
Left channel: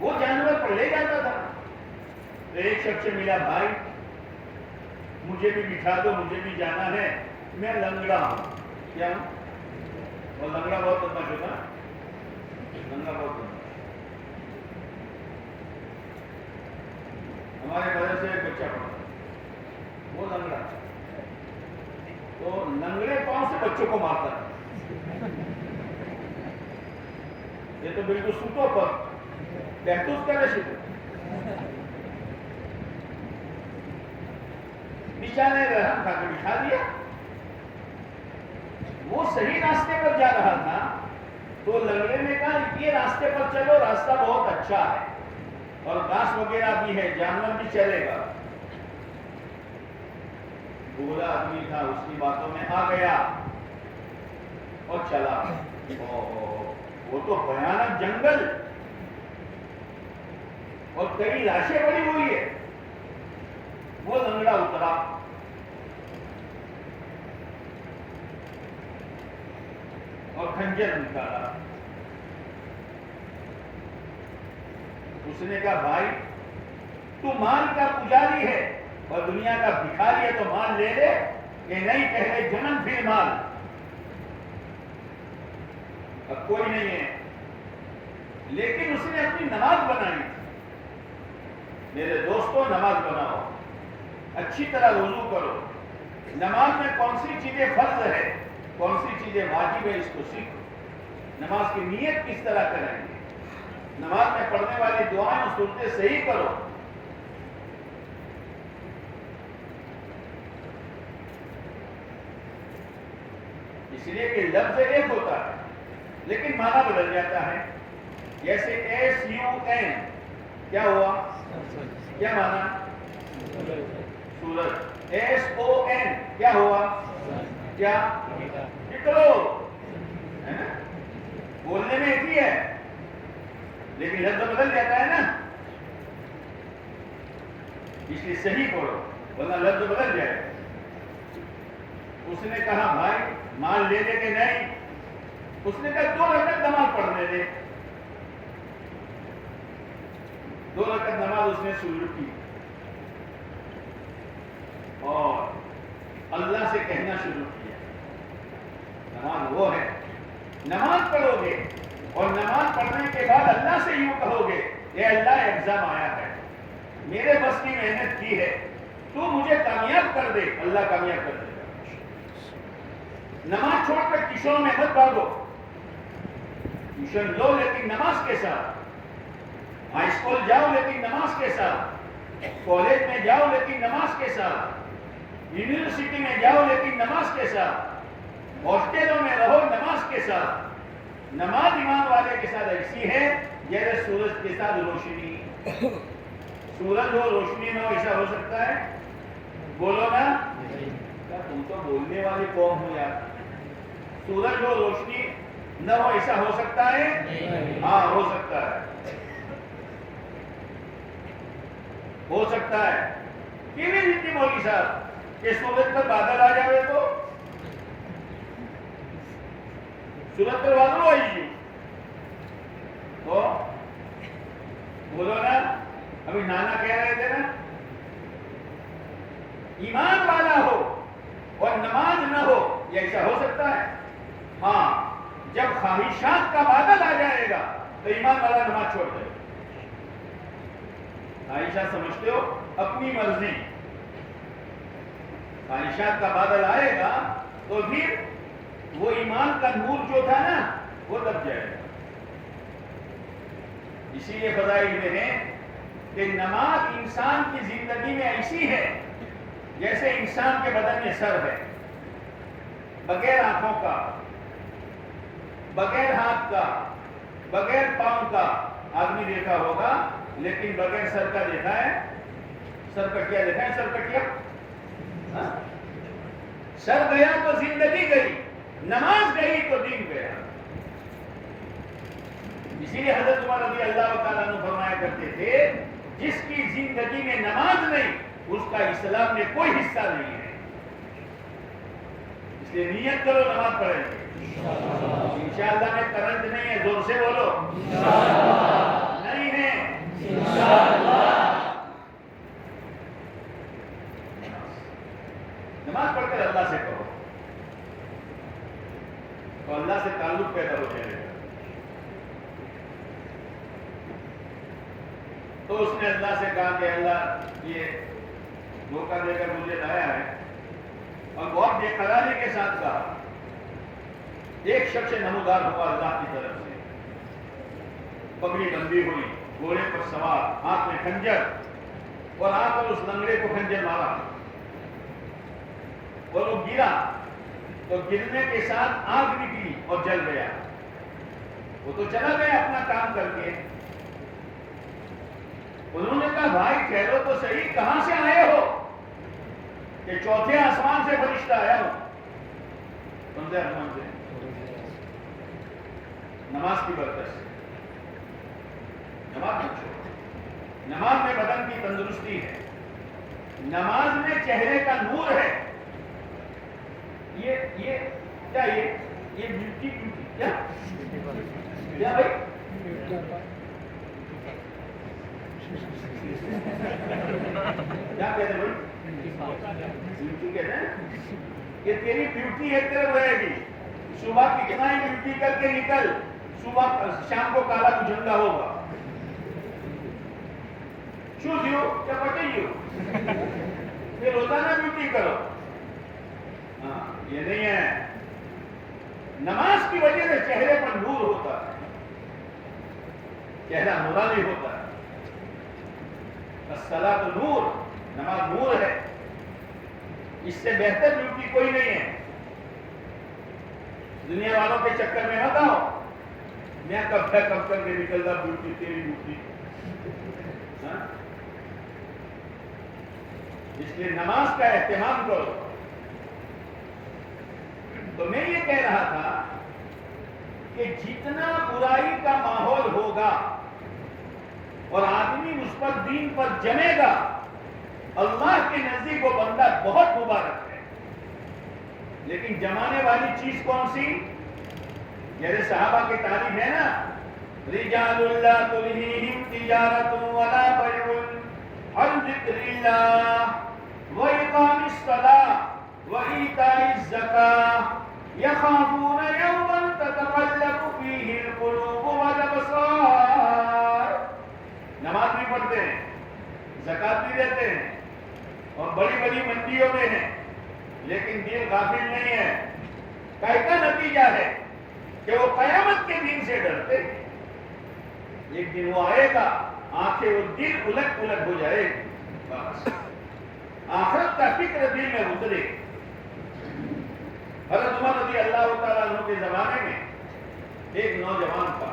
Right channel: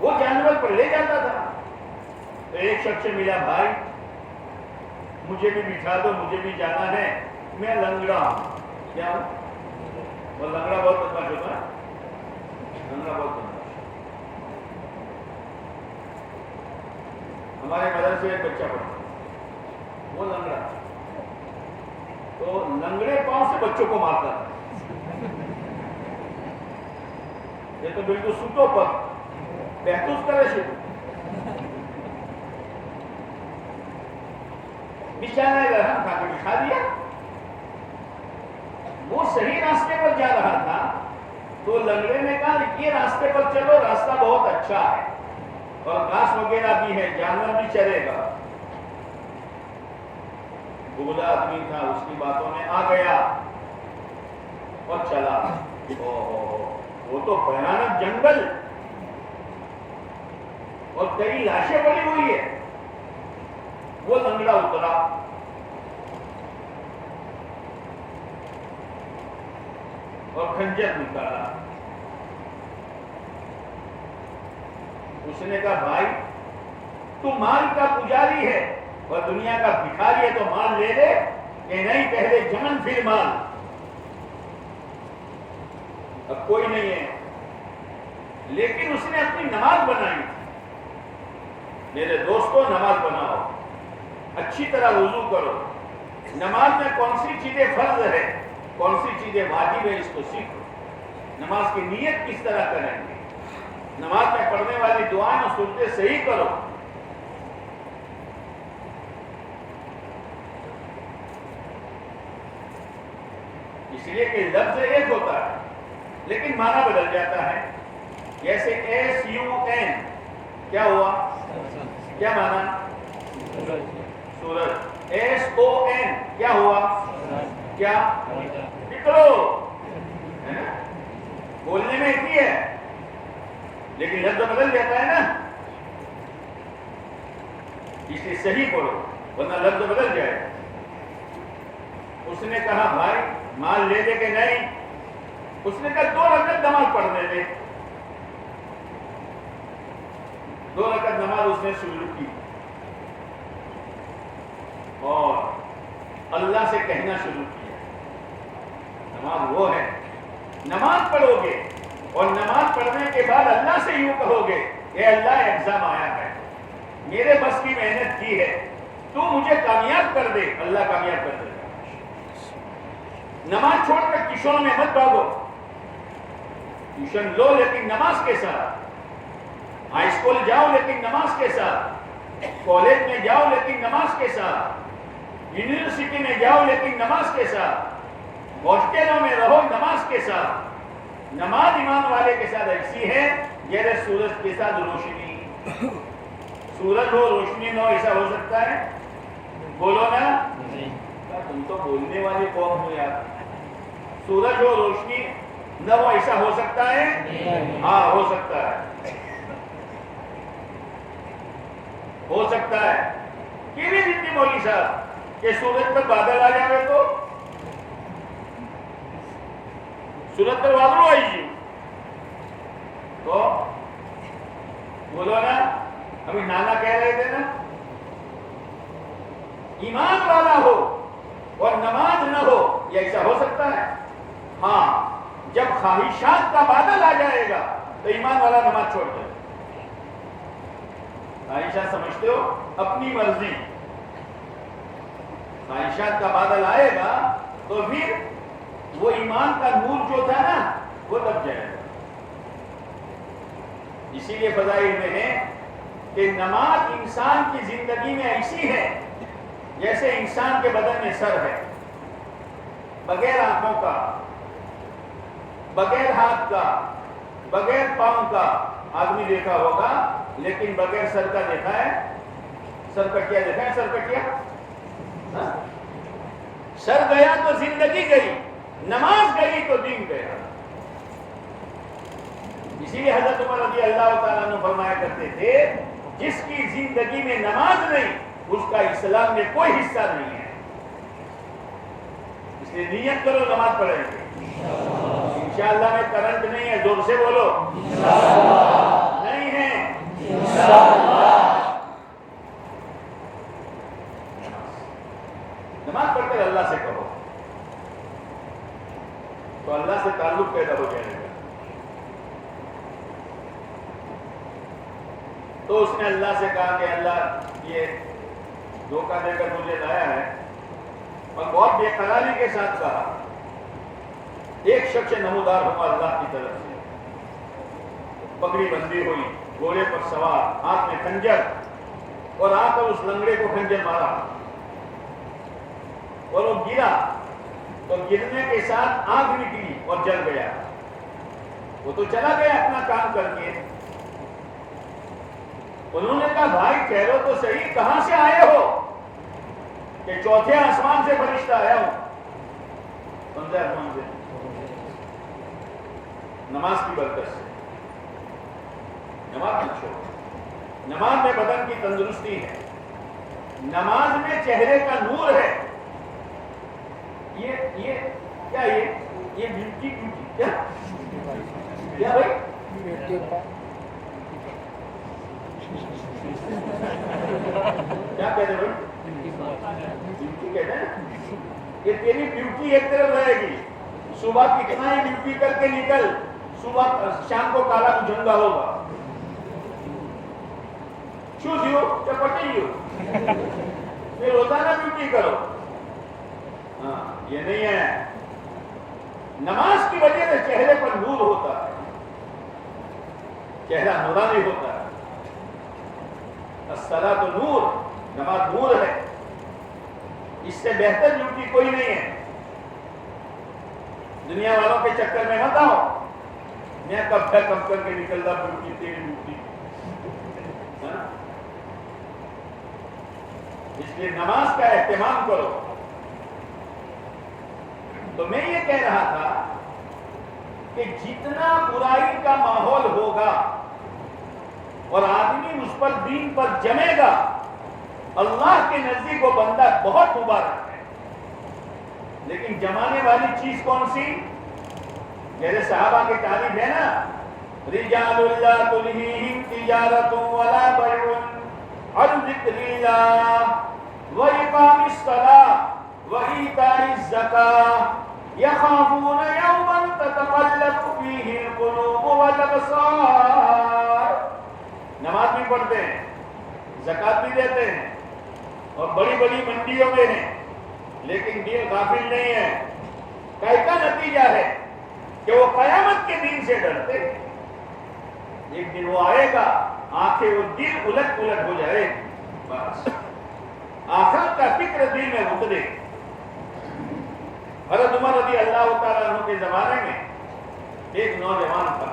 وہ جانور پر لے جاتا تھا۔ تو ایک شخص سے ملا، بھائی مجھے بھی بٹھا دو، مجھے بھی جانا ہے، میں لنگڑا ہوں۔ کیا ہوں؟ وہ لنگڑا بہت بدماش ہوتا ہے، لنگڑا بہت بدماش۔ ہمارے مدرسے سے ایک بچہ پڑھا، وہ لنگڑا، تو لنگڑے پاؤں سے بچوں کو مارتا تھا۔ یہ تو بالکل سوتو پر کہتوس کا رشید بیچارہ رحم کھا کے بٹھا دیا۔ وہ صحیح راستے پر جا رہا تھا تو لنگڑے نے کہا یہ راستے پر چلو، راستہ بہت اچھا ہے اور گھاس وغیرہ بھی ہے، جانور بھی چلے گا۔ بولا آدمی تھا، اس کی باتوں میں آ گیا اور چلا۔ وہ تو بھیانک جنگل اور کئی لاشیں پڑی ہوئی ہے۔ وہ لنگڑا اترا، اور خنجر نکالا۔ اس نے کہا بھائی تو مال کا پجاری ہے اور دنیا کا بھکاری ہے، تو مال لے لے کہ نہیں، پہلے جنم پھر مال۔ اب کوئی نہیں ہے لیکن اس نے اپنی نماز بنائی تھی. میرے دوستوں نماز بناؤ, اچھی طرح وضو کرو. نماز میں کون سی چیزیں فرض ہے, کون سی چیزیں واجب ہے, اس کو سیکھو. نماز کی نیت کس طرح کریں گے, نماز میں پڑھنے والی دعائیں اور صورتیں صحیح کرو. اس لیے کہ لفظ ایک ہوتا ہے لیکن معنی بدل جاتا ہے. جیسے SUN کیا ہوا, کیا معنی؟ سورج. SON کیا ہوا, کیا؟ نکلو. بولنے میں ایک ہی ہے لیکن لفظ بدل جاتا ہے نا, اس لیے صحیح پڑھو ورنہ لفظ بدل جائے. اس نے کہا بھائی مال لے دے کہ نہیں, اس نے کہا 2 رکعت نماز پڑھنے دے. 2 رکعت نماز اس نے شروع کی اور اللہ سے کہنا شروع کیا. نماز وہ ہے, نماز پڑھو گے اور نماز پڑھنے کے بعد اللہ سے یوں کہو گے اے اللہ ایگزام آیا ہے, میرے بس کی محنت کی ہے, تو مجھے کامیاب کر دے. اللہ کامیاب کر دے. نماز چھوڑ کر ٹیوشنوں میں مت بھاگو. ٹیوشن لو لیکن نماز کے ساتھ. ہائی اسکول جاؤ لیکن نماز کے ساتھ. کالج میں جاؤ لیکن نماز کے ساتھ. یونیورسٹی میں جاؤ لیکن نماز کے ساتھ. ہاسٹلوں میں رہو نماز کے ساتھ. نماز ایمان والے کے ساتھ ایسی ہے جیسے سورج کے ساتھ روشنی. سورج ہو روشنی نہ ہو, ایسا ہو سکتا ہے؟ بولو نا, تم تو بولنے والے قوم ہو یار. سورج ہو روشنی نہ ہو, ایسا ہو سکتا ہے؟ ہاں ہو سکتا ہے, ہو سکتا ہے. کہ بھی جتنی مولوی صاحب کہ سورج پر بادل آ جائے تو سورج پر بادل آئیے تو بولو نا. ابھی نانا کہہ رہے تھے نا, ایمان والا ہو اور نماز نہ ہو, یہ ایسا ہو سکتا ہے؟ ہاں, جب خواہشات کا بادل آ جائے گا تو ایمان والا نماز چھوڑ دے. خواہشات سمجھتے ہو, اپنی مرضی. خواہشات کا بادل آئے گا تو پھر وہ ایمان کا نور جو تھا نا وہ دب جائے گا. اسی لیے فضائل میں ہے کہ نماز انسان کی زندگی میں ایسی ہے جیسے انسان کے بدن میں سر ہے, بغیر آنکھوں کا, بغیر ہاتھ کا, بغیر پاؤں کا. آدمی دیکھا ہوگا لیکن بغیر سر کا دیکھا ہے؟ سر کٹیا دیکھا ہے؟ سر کٹیا, سر گیا تو زندگی گئی, نماز گئی تو دین گیا. اسی لیے حضرت عمر رضی اللہ تعالیٰ عنہ فرمایا کرتے تھے جس کی زندگی میں نماز نہیں اس کا اسلام میں کوئی حصہ نہیں ہے. اس لیے نیت کرو نماز پڑھیں گے انشاءاللہ. میں کرنٹ نہیں ہے, زور سے بولو نہیں ہے نماز پڑھ کر اللہ سے کہو تو اللہ سے تعلق پیدا ہو جائے گا. تو اس نے اللہ سے کہا کہ اللہ یہ دھوکہ دے کر مجھے لایا ہے, اور بہت بے قراری کے ساتھ کہا. ایک شخص نمودار ہوا اللہ کی طرف سے, پگڑی بندی ہوئی, گھوڑے پر سوار, ہاتھ میں خنجر, اور آ کر اس لنگڑے کو خنجر مارا اور وہ گرا تو گرنے کے ساتھ آگ نکلی اور جل گیا. وہ تو چلا گیا اپنا کام کر کے. انہوں نے کہا بھائی ٹھہرو تو صحیح, کہاں سے آئے ہو؟ کہ چوتھے آسمان سے فرشتہ آیا ہوں. کون سے آسمان سے؟ نماز کی برکت سے. نماز مت چھوڑو. نماز میں بدن کی تندرستی ہے, نماز میں چہرے کا نور ہے. یہ کیا یہ ملکی ٹوٹی کیا بھائی؟ کیا کہتے بھائی؟ ڈیوٹی کہتے ہیں. یہ تیری ڈیوٹی ایک طرف رہے گی. صبح کتنا ہی ڈیوٹی کر کے نکل, صبح شام کو کالا جھنگا ہوگا. چوز یو چپٹی یو. پھر روزانہ ڈیوٹی کرو. ہاں یہ نہیں ہے. نماز کی وجہ سے چہرے پر نور ہوتا ہے, چہرہ نورانی ہوتا ہے. الصلاۃ نور, نماز نور ہے. اس سے بہتر ڈیوٹی کوئی نہیں ہے. دنیا والوں کے چکر میں مت آؤ, میں کب کر کے نکلتا ڈیوٹی تیری ڈیوٹی. اس لیے نماز کا اہتمام کرو. تو میں یہ کہہ رہا تھا کہ جتنا برائی کا ماحول ہوگا اور آدمی اس پر دین پر جمے گا, اللہ کے نزدیک وہ بندہ بہت مبارک ہے. لیکن جمانے والی چیز کون سی؟ جیسے صحابہ کی تعریف ہے نا, رجال لا تلہیہم تجارت ولا بیع عن ذکر اللہ وإقام الصلاة وإیتاء الزکاة یخافون یوما تتقلب فیہ القلوب والابصار. نماز بھی پڑھتے ہیں, زکات بھی دیتے ہیں, اور بڑی بڑی منڈیوں میں ہیں, لیکن دل غافل نہیں ہے. کا نتیجہ ہے کہ وہ قیامت کے دن سے ڈرتے. ایک دن وہ آئے گا, آنکھیں وہ دل الٹ پلٹ ہو جائے, بس آخرت کا فکر دل میں اترے. حضرت عمر رضی اللہ تعالیٰ عنہ کے زمانے میں ایک نوجوان تھا,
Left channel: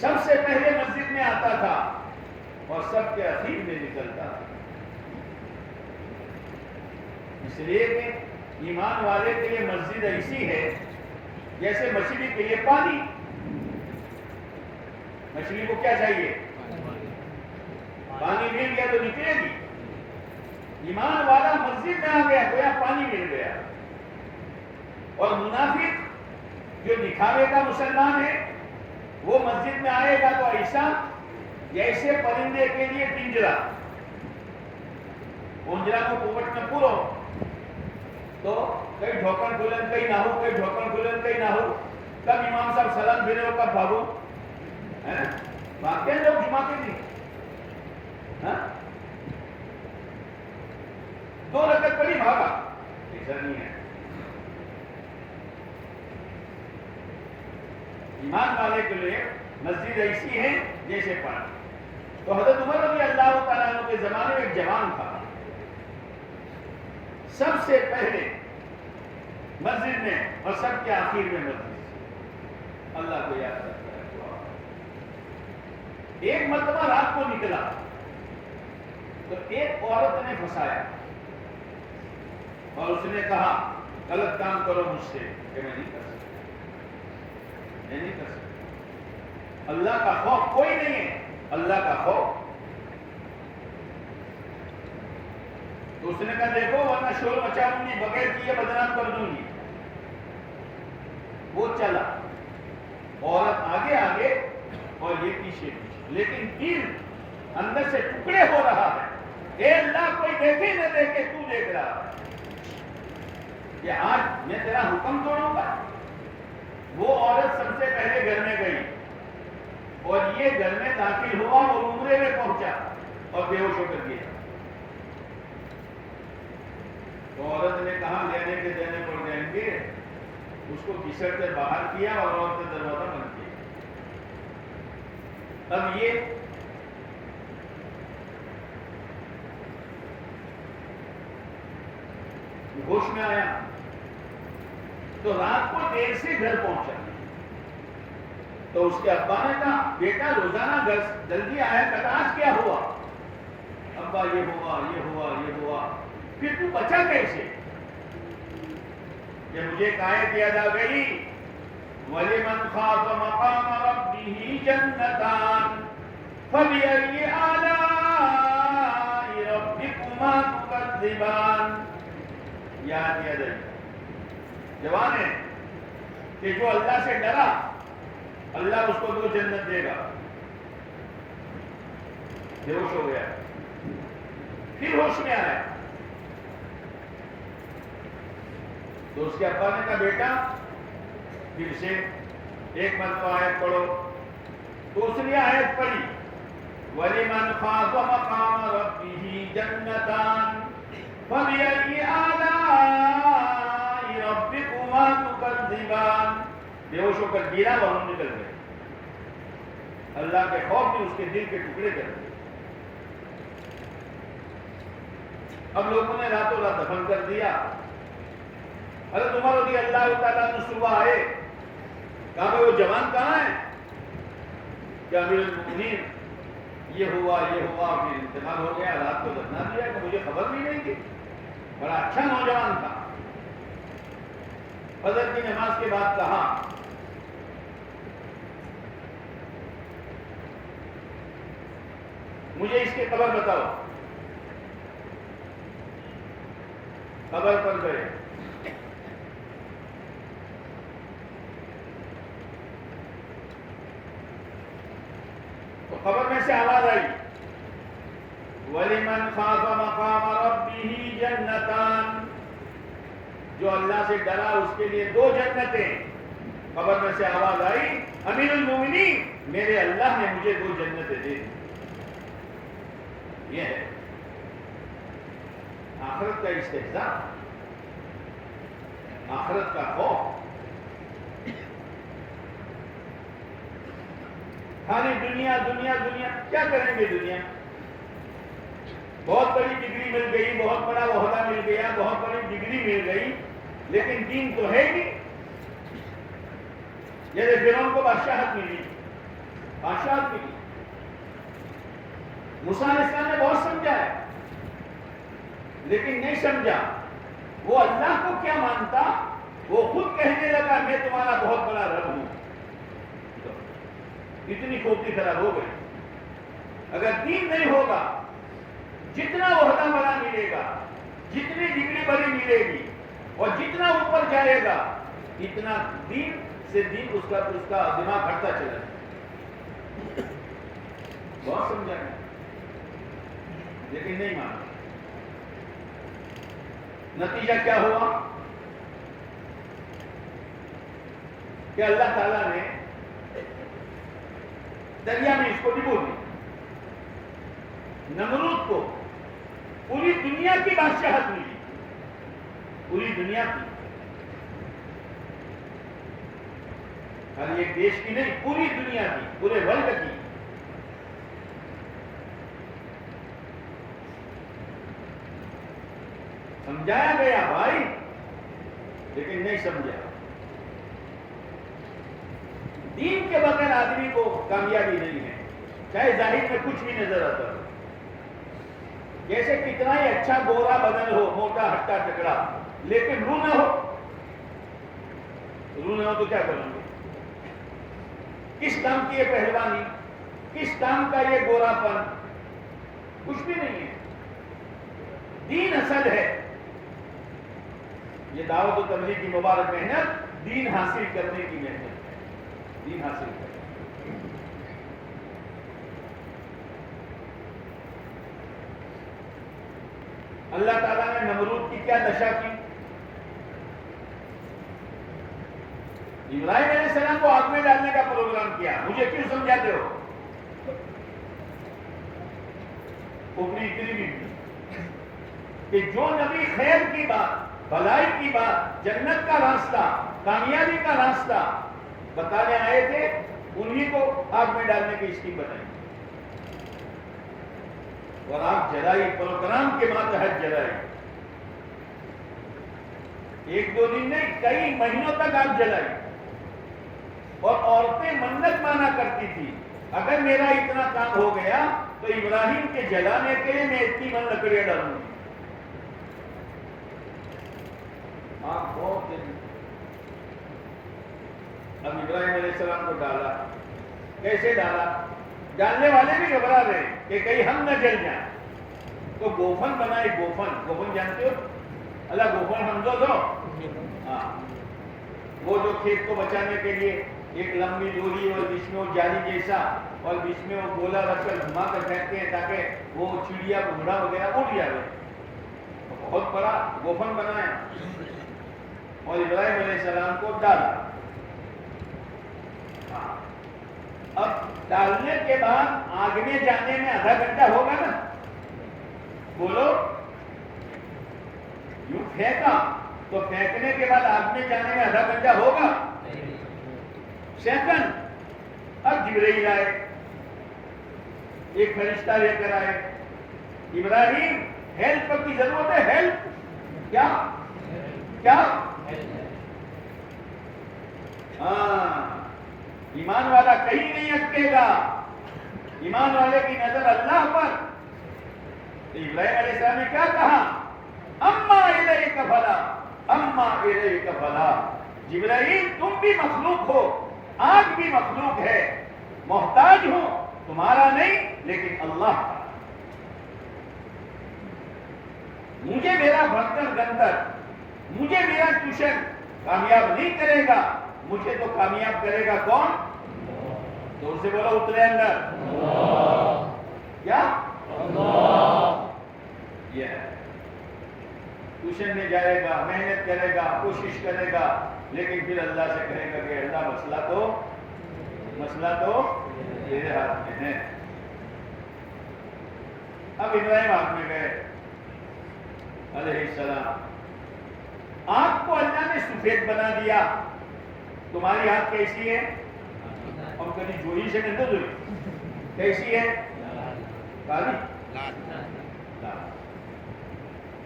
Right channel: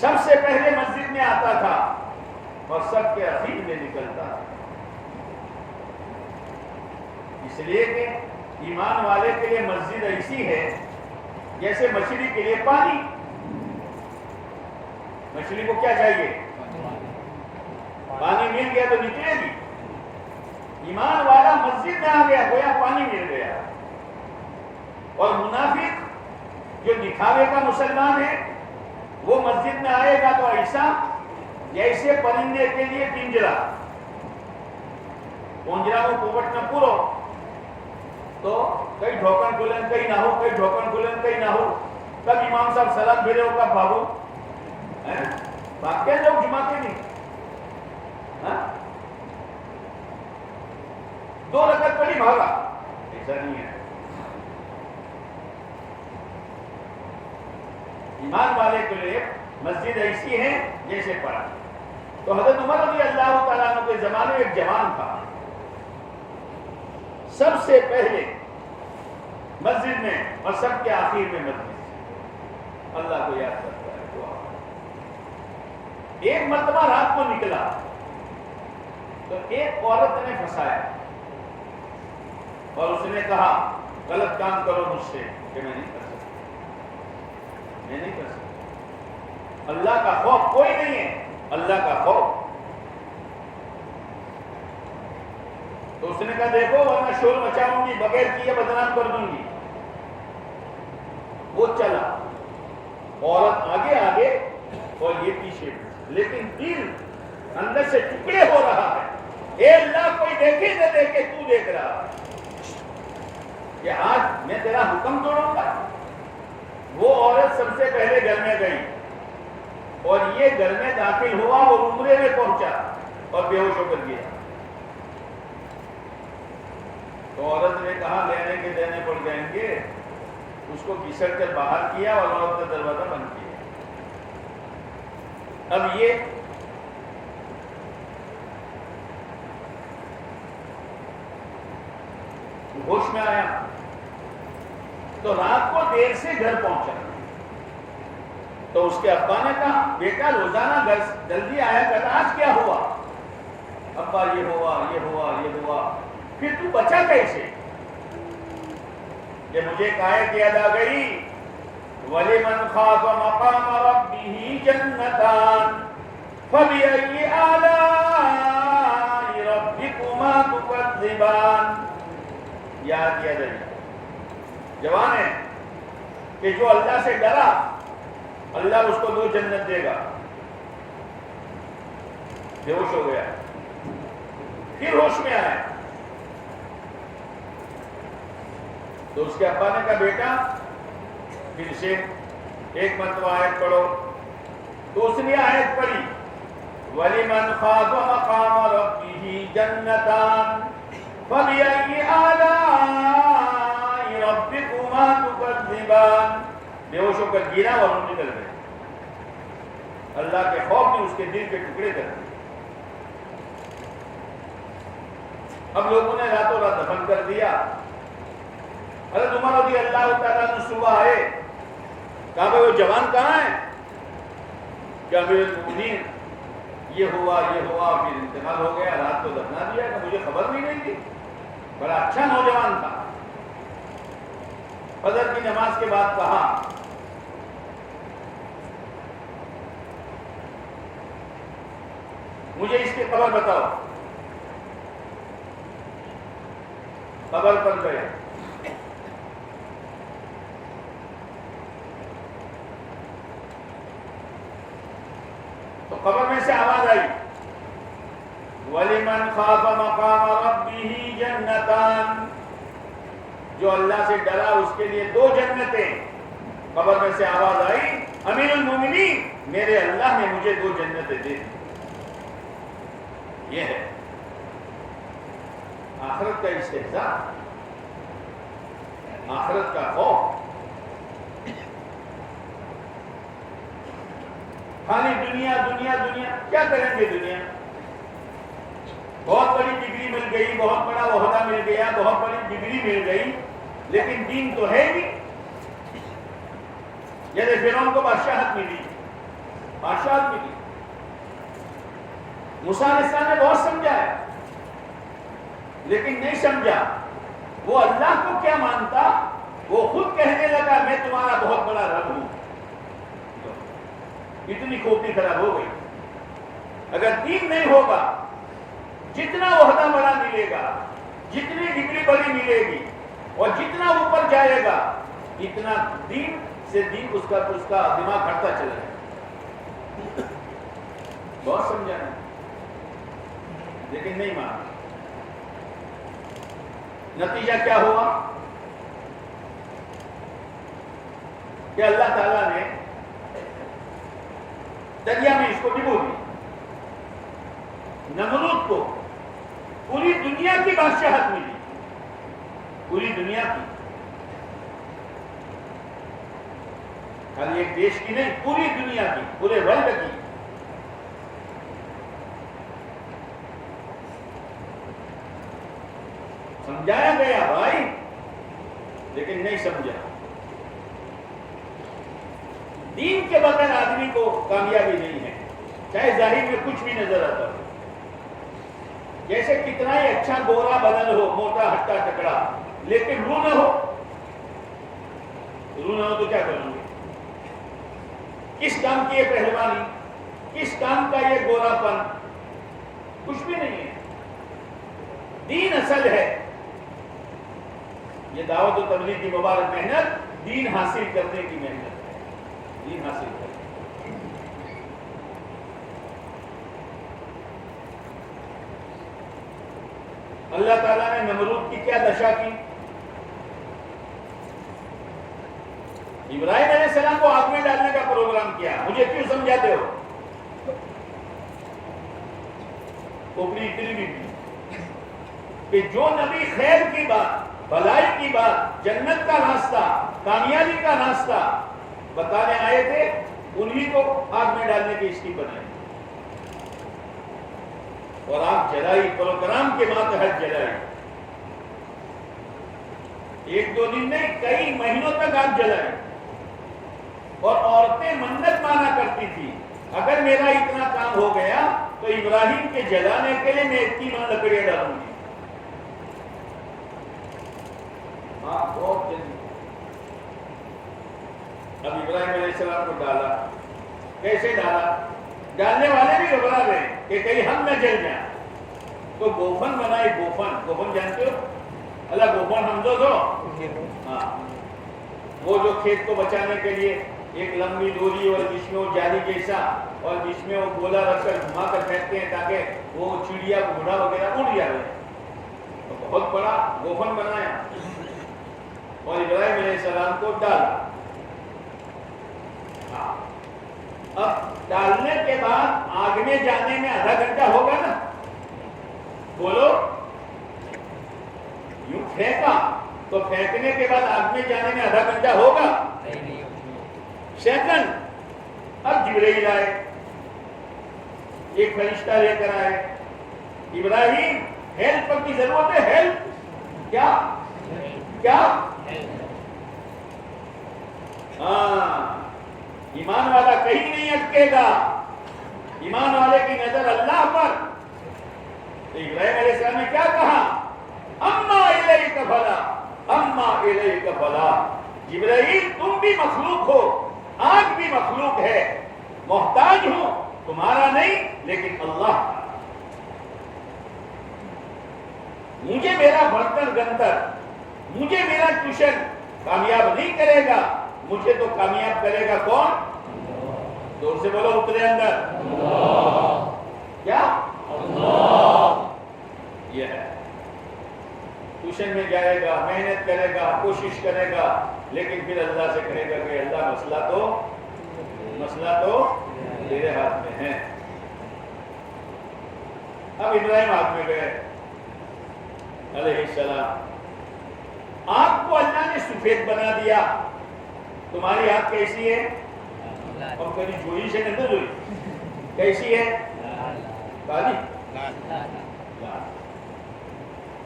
سب سے پہلے مسجد میں آتا تھا اور سب کے اخیر میں نکلتا تھا. اس لیے کہ ایمان والے کے لیے مسجد ایسی ہے جیسے مچھلی کے لیے پانی. مچھلی کو کیا چاہیے؟ پانی مل گیا تو نکلے گی. ایمان والا مسجد میں آ گیا پانی مل گیا. اور منافق جو دکھاوے کا مسلمان ہے وہ مسجد میں آئے گا تو ایسا جیسے پرندے کے لیے پنجرا کو پوپٹ میں پورو تو کئی ڈھوکن کھلن کئی نہ ہو, کئی ڈھوکن کھلن کئی نہ ہو. کب امام صاحب سلام پھرے ہو, کب بھاگو. بھاگتے لوگ جماتے نہیں. 2 رکعت پڑھی بھاگا, ایسا نہیں ہے. ایمان والے کے لیے مسجد ایسی ہے جیسے پڑھا. تو حضرت عمر رضی اللہ تعالیٰ عنہ کے زمانے میں ایک جوان تھا, سب سے پہلے مسجد میں اور سب کے آخر میں مسجد اللہ کو یاد کرتا ہے. ایک مرتبہ رات کو نکلا تو ایک عورت نے پھنسایا اور اس نے کہا غلط کام کرو مجھ سے, کہ میں نہیں کر سکتا, میں نہیں کر سکتا. اللہ کا خوف کوئی نہیں ہے, اللہ کا خوف. تو اس نے کہا دیکھو ورنہ شور مچاؤں گی, بغیر کیے بدنام کر دوں گی. وہ چلا, عورت آگے آگے اور یہ پیچھے, لیکن دل اندر سے ٹکڑے ہو رہا ہے. اے اللہ کوئی دیکھے نہ دیکھے, تو دیکھ رہا ہے کہ آج میں تیرا حکم توڑوں گا. وہ عورت سب سے پہلے گھر میں گئی اور یہ گھر میں داخل ہوا, وہ عمرے میں پہنچا اور بے ہوش ہو کر گیا. تو عورت نے کہا لینے کے دینے پڑ جائیں گے. اس کو گھسٹ کر باہر کیا اور عورت کا دروازہ بند کیا. اب یہ ہوش میں آیا تو رات کو دیر سے گھر پہنچا. تو اس کے ابا نے کہا بیٹا روزانہ گھر جلدی آیا کرتا, آج کیا ہوا؟ ابا یہ ہوا, یہ ہوا, یہ ہوا. پھر تو بچا کیسے؟ کہ مجھے آیت یاد آ گئی, وَلِمَنْ خَافَ مَقَامَ رَبِّهِ جَنَّتَانِ فَبِأَيِّ آلَاءِ رَبِّكُمَا تُكَذِّبَانِ. یاد کیا جائے جوان ہے کہ جو اللہ سے ڈرا اللہ اس کو 2 جنت دے گا. بے ہوش ہو گیا, پھر ہوش میں آیا تو اس کے ابا نے کہا بیٹا پھر سے ایک مرتبہ آیت پڑھو. دوسری آیت پڑھی وَلِمَنْ خَافَ مَقَامَ رَبِّهِ جَنَّتَانِ فَبِأَيِّ آلَاءِ رَبِّكُمَا تُكَذِّبَانِ. بے ہوش ہو کر گرا اور روح نکل گئے. اللہ کے خوف نے اس کے دل کے ٹکڑے کر دیے. اب لوگوں نے راتوں رات دفن کر دیا. حضرت عمر رضی اللہ تعالیٰ عنہ صبح آئے, کہا بھائی وہ جوان کہاں ہے؟ کہ امیر المؤمنین یہ ہوا پھر انتقال ہو گیا, رات کو دفنا دیا کہ مجھے خبر بھی نہیں تھی. بڑا اچھا نوجوان تھا. فجر کی نماز کے بعد کہا مجھے اس کی قبر بتاؤ. قبر پر گئے. تو قبر میں سے آواز آئی وَلِمَنْ خَافَ مَقَامَ رَبِّهِ جَنَّتَانِ. جو اللہ سے ڈرا اس کے لیے 2 جنتیں. قبر میں سے آواز آئی امیر المومنین میرے اللہ نے مجھے 2 جنتیں دے دی. یہ ہے آخرت کا استحضاء, آخرت کا خوف. خالی دنیا دنیا دنیا. کیا کریں گے دنیا؟ بہت بڑی ڈگری مل گئی, بہت بڑا عہدہ مل گیا, بہت بڑی ڈگری مل گئی, لیکن دین تو ہے ہی. جیسے فرعون کو بادشاہت ملی, بادشاہت ملی. موسیٰ علیہ السلام نے بہت سمجھا ہے لیکن نہیں سمجھا. وہ اللہ کو کیا مانتا, وہ خود کہنے لگا میں تمہارا بہت بڑا رب ہوں. اتنی کھوپڑی خراب ہو گئی. اگر دین نہیں ہوگا, جتنا عہدہ بڑا ملے گا, جتنی ڈگری بڑی ملے گی اور جتنا اوپر جائے گا, اتنا دین سے دین اس کا دماغ ہٹتا چلا جائے. بہت سمجھانا لیکن نہیں مانا. نتیجہ کیا ہوا کہ اللہ تعالیٰ نے دریا میں اس کو ڈبو دی. نمرود کو پوری دنیا کی بادشاہت ملی, پوری دنیا کی, خالی ایک دیش کی نہیں, پوری دنیا کی, پورے ورلڈ کی. سمجھایا گیا بھائی لیکن نہیں سمجھا. دین کے بغیر آدمی کو کامیابی نہیں ہے, چاہے ظاہر میں کچھ بھی نظر آتا ہو. جیسے کتنا ہی اچھا گورا بدن ہو, موٹا ہٹا ٹکڑا, لیکن روح نہ ہو تو کیا کروں گے؟ کس کام کی یہ پہلوانی, کس کام کا یہ گورا پن؟ کچھ بھی نہیں ہے. دین اصل ہے. یہ دعوت و تبلیغ کی مبارک محنت دین حاصل کرنے کی محنت ہے. دین حاصل کرنے. اللہ تعالیٰ نے نمرود کی کیا دشا کی؟ ابراہیم علیہ السلام کو آگ میں ڈالنے کا پروگرام کیا. مجھے کیوں سمجھاتے ہو؟ کھوپڑی اتنی بھی کہ جو نبی خیر کی بات, بھلائی کی بات, جنت کا راستہ, کامیابی کا راستہ بتانے آئے تھے, انہی کو آگ میں ڈالنے کی اسکیم بنائی اور آگ جلائی. پروگرام کے ماتحت جلائی. 1-2 دن نہیں, کئی مہینوں تک آگ جلائی. اور عورتیں منت مانا کرتی تھی اگر میرا اتنا کام ہو گیا تو ابراہیم کے جلانے کے لیے میں اتنی من لکڑیاں ڈالوں گی. بہت جلدی. اب ابراہیم علیہ السلام کو ڈالا. کیسے ڈالا؟ ڈالنے والے بھی گھبرا رہے کہ کہیں ہم نہ جل جائیں. تو گوفن بنائے. گوفن جانتے ہو؟ اللہ گوفن ہم دو ہاں, وہ جو کھیت کو بچانے کے لیے ایک لمبی ڈوری اور بیچ میں وہ جالی جیسا اور بیچ میں وہ گولا رکھ کر گھما کر پھینکتے ہیں تاکہ وہ چڑیا گھوڑا وغیرہ اڑ جائے. بہت بڑا گوفن بنایا اور ابراہیم علیہ السلام کو ڈالا. ڈالنے کے بعد آگ میں جانے میں آدھا گھنٹہ ہوگا نا؟ بولو، یوں پھینکا تو پھینکنے کے بعد آگ میں جانے میں آدھا گھنٹہ ہوگا؟ سیکنڈ۔ اب جبرائیل آئے، ایک فرشتہ لے کر آئے، ابراہیم ہیلپ کی ضرورت ہے، ہیلپ کیا کیا؟ ہاں، ایمان والا کہیں نہیں اٹکے گا، ایمان والے کی نظر اللہ پر۔ تو ابراہیم علیہ السلام نے کیا کہا؟ اما الیک فلا، اما الیک فلا۔ جبرائیل تم بھی مخلوق ہو، آگ بھی مخلوق ہے، محتاج ہوں، تمہارا نہیں لیکن اللہ کا۔ مجھے میرا برتن گنتر، مجھے میرا ٹیوشن کامیاب نہیں کرے گا، مجھے تو کامیاب کرے گا کون؟ زور سے بولو، اترے اندر کیا؟ یہ ہے، ٹیوشن میں جائے گا، محنت کرے گا، کوشش کرے گا، لیکن پھر اللہ سے کہے گا کہ اللہ مسئلہ تو تیرے ہاتھ میں ہے۔ اب ابراہیم ہاتھ میں گئے علیہ السلام، آنکھ کو اللہ نے سفید بنا دیا۔ تمہاری آنکھ کیسی ہے؟ اور کبھی جوئی سے نہیں جوئی، کیسی ہے؟ کالی۔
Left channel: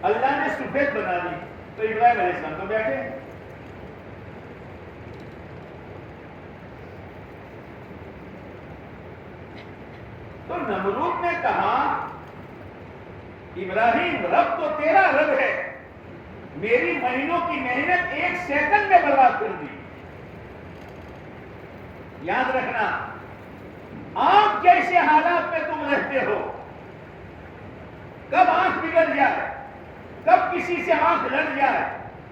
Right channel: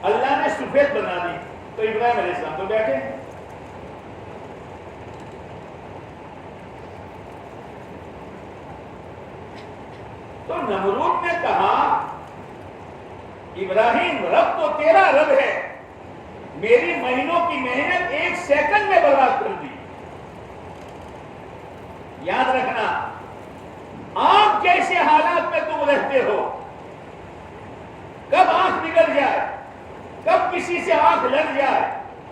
اللہ نے سفید بنا دی تو ابراہیم علیہ السلام تو بیٹھے۔ تو نمرود نے کہا ابراہیم رب تو تیرا رب ہے، میری مہینوں کی محنت ایک سیکنڈ میں برباد کر دی۔ یاد رکھنا، آنکھ جیسے حالات میں تم رہتے ہو، کب آنکھ بگڑ جائے، کب کسی سے آنکھ لگ جائے،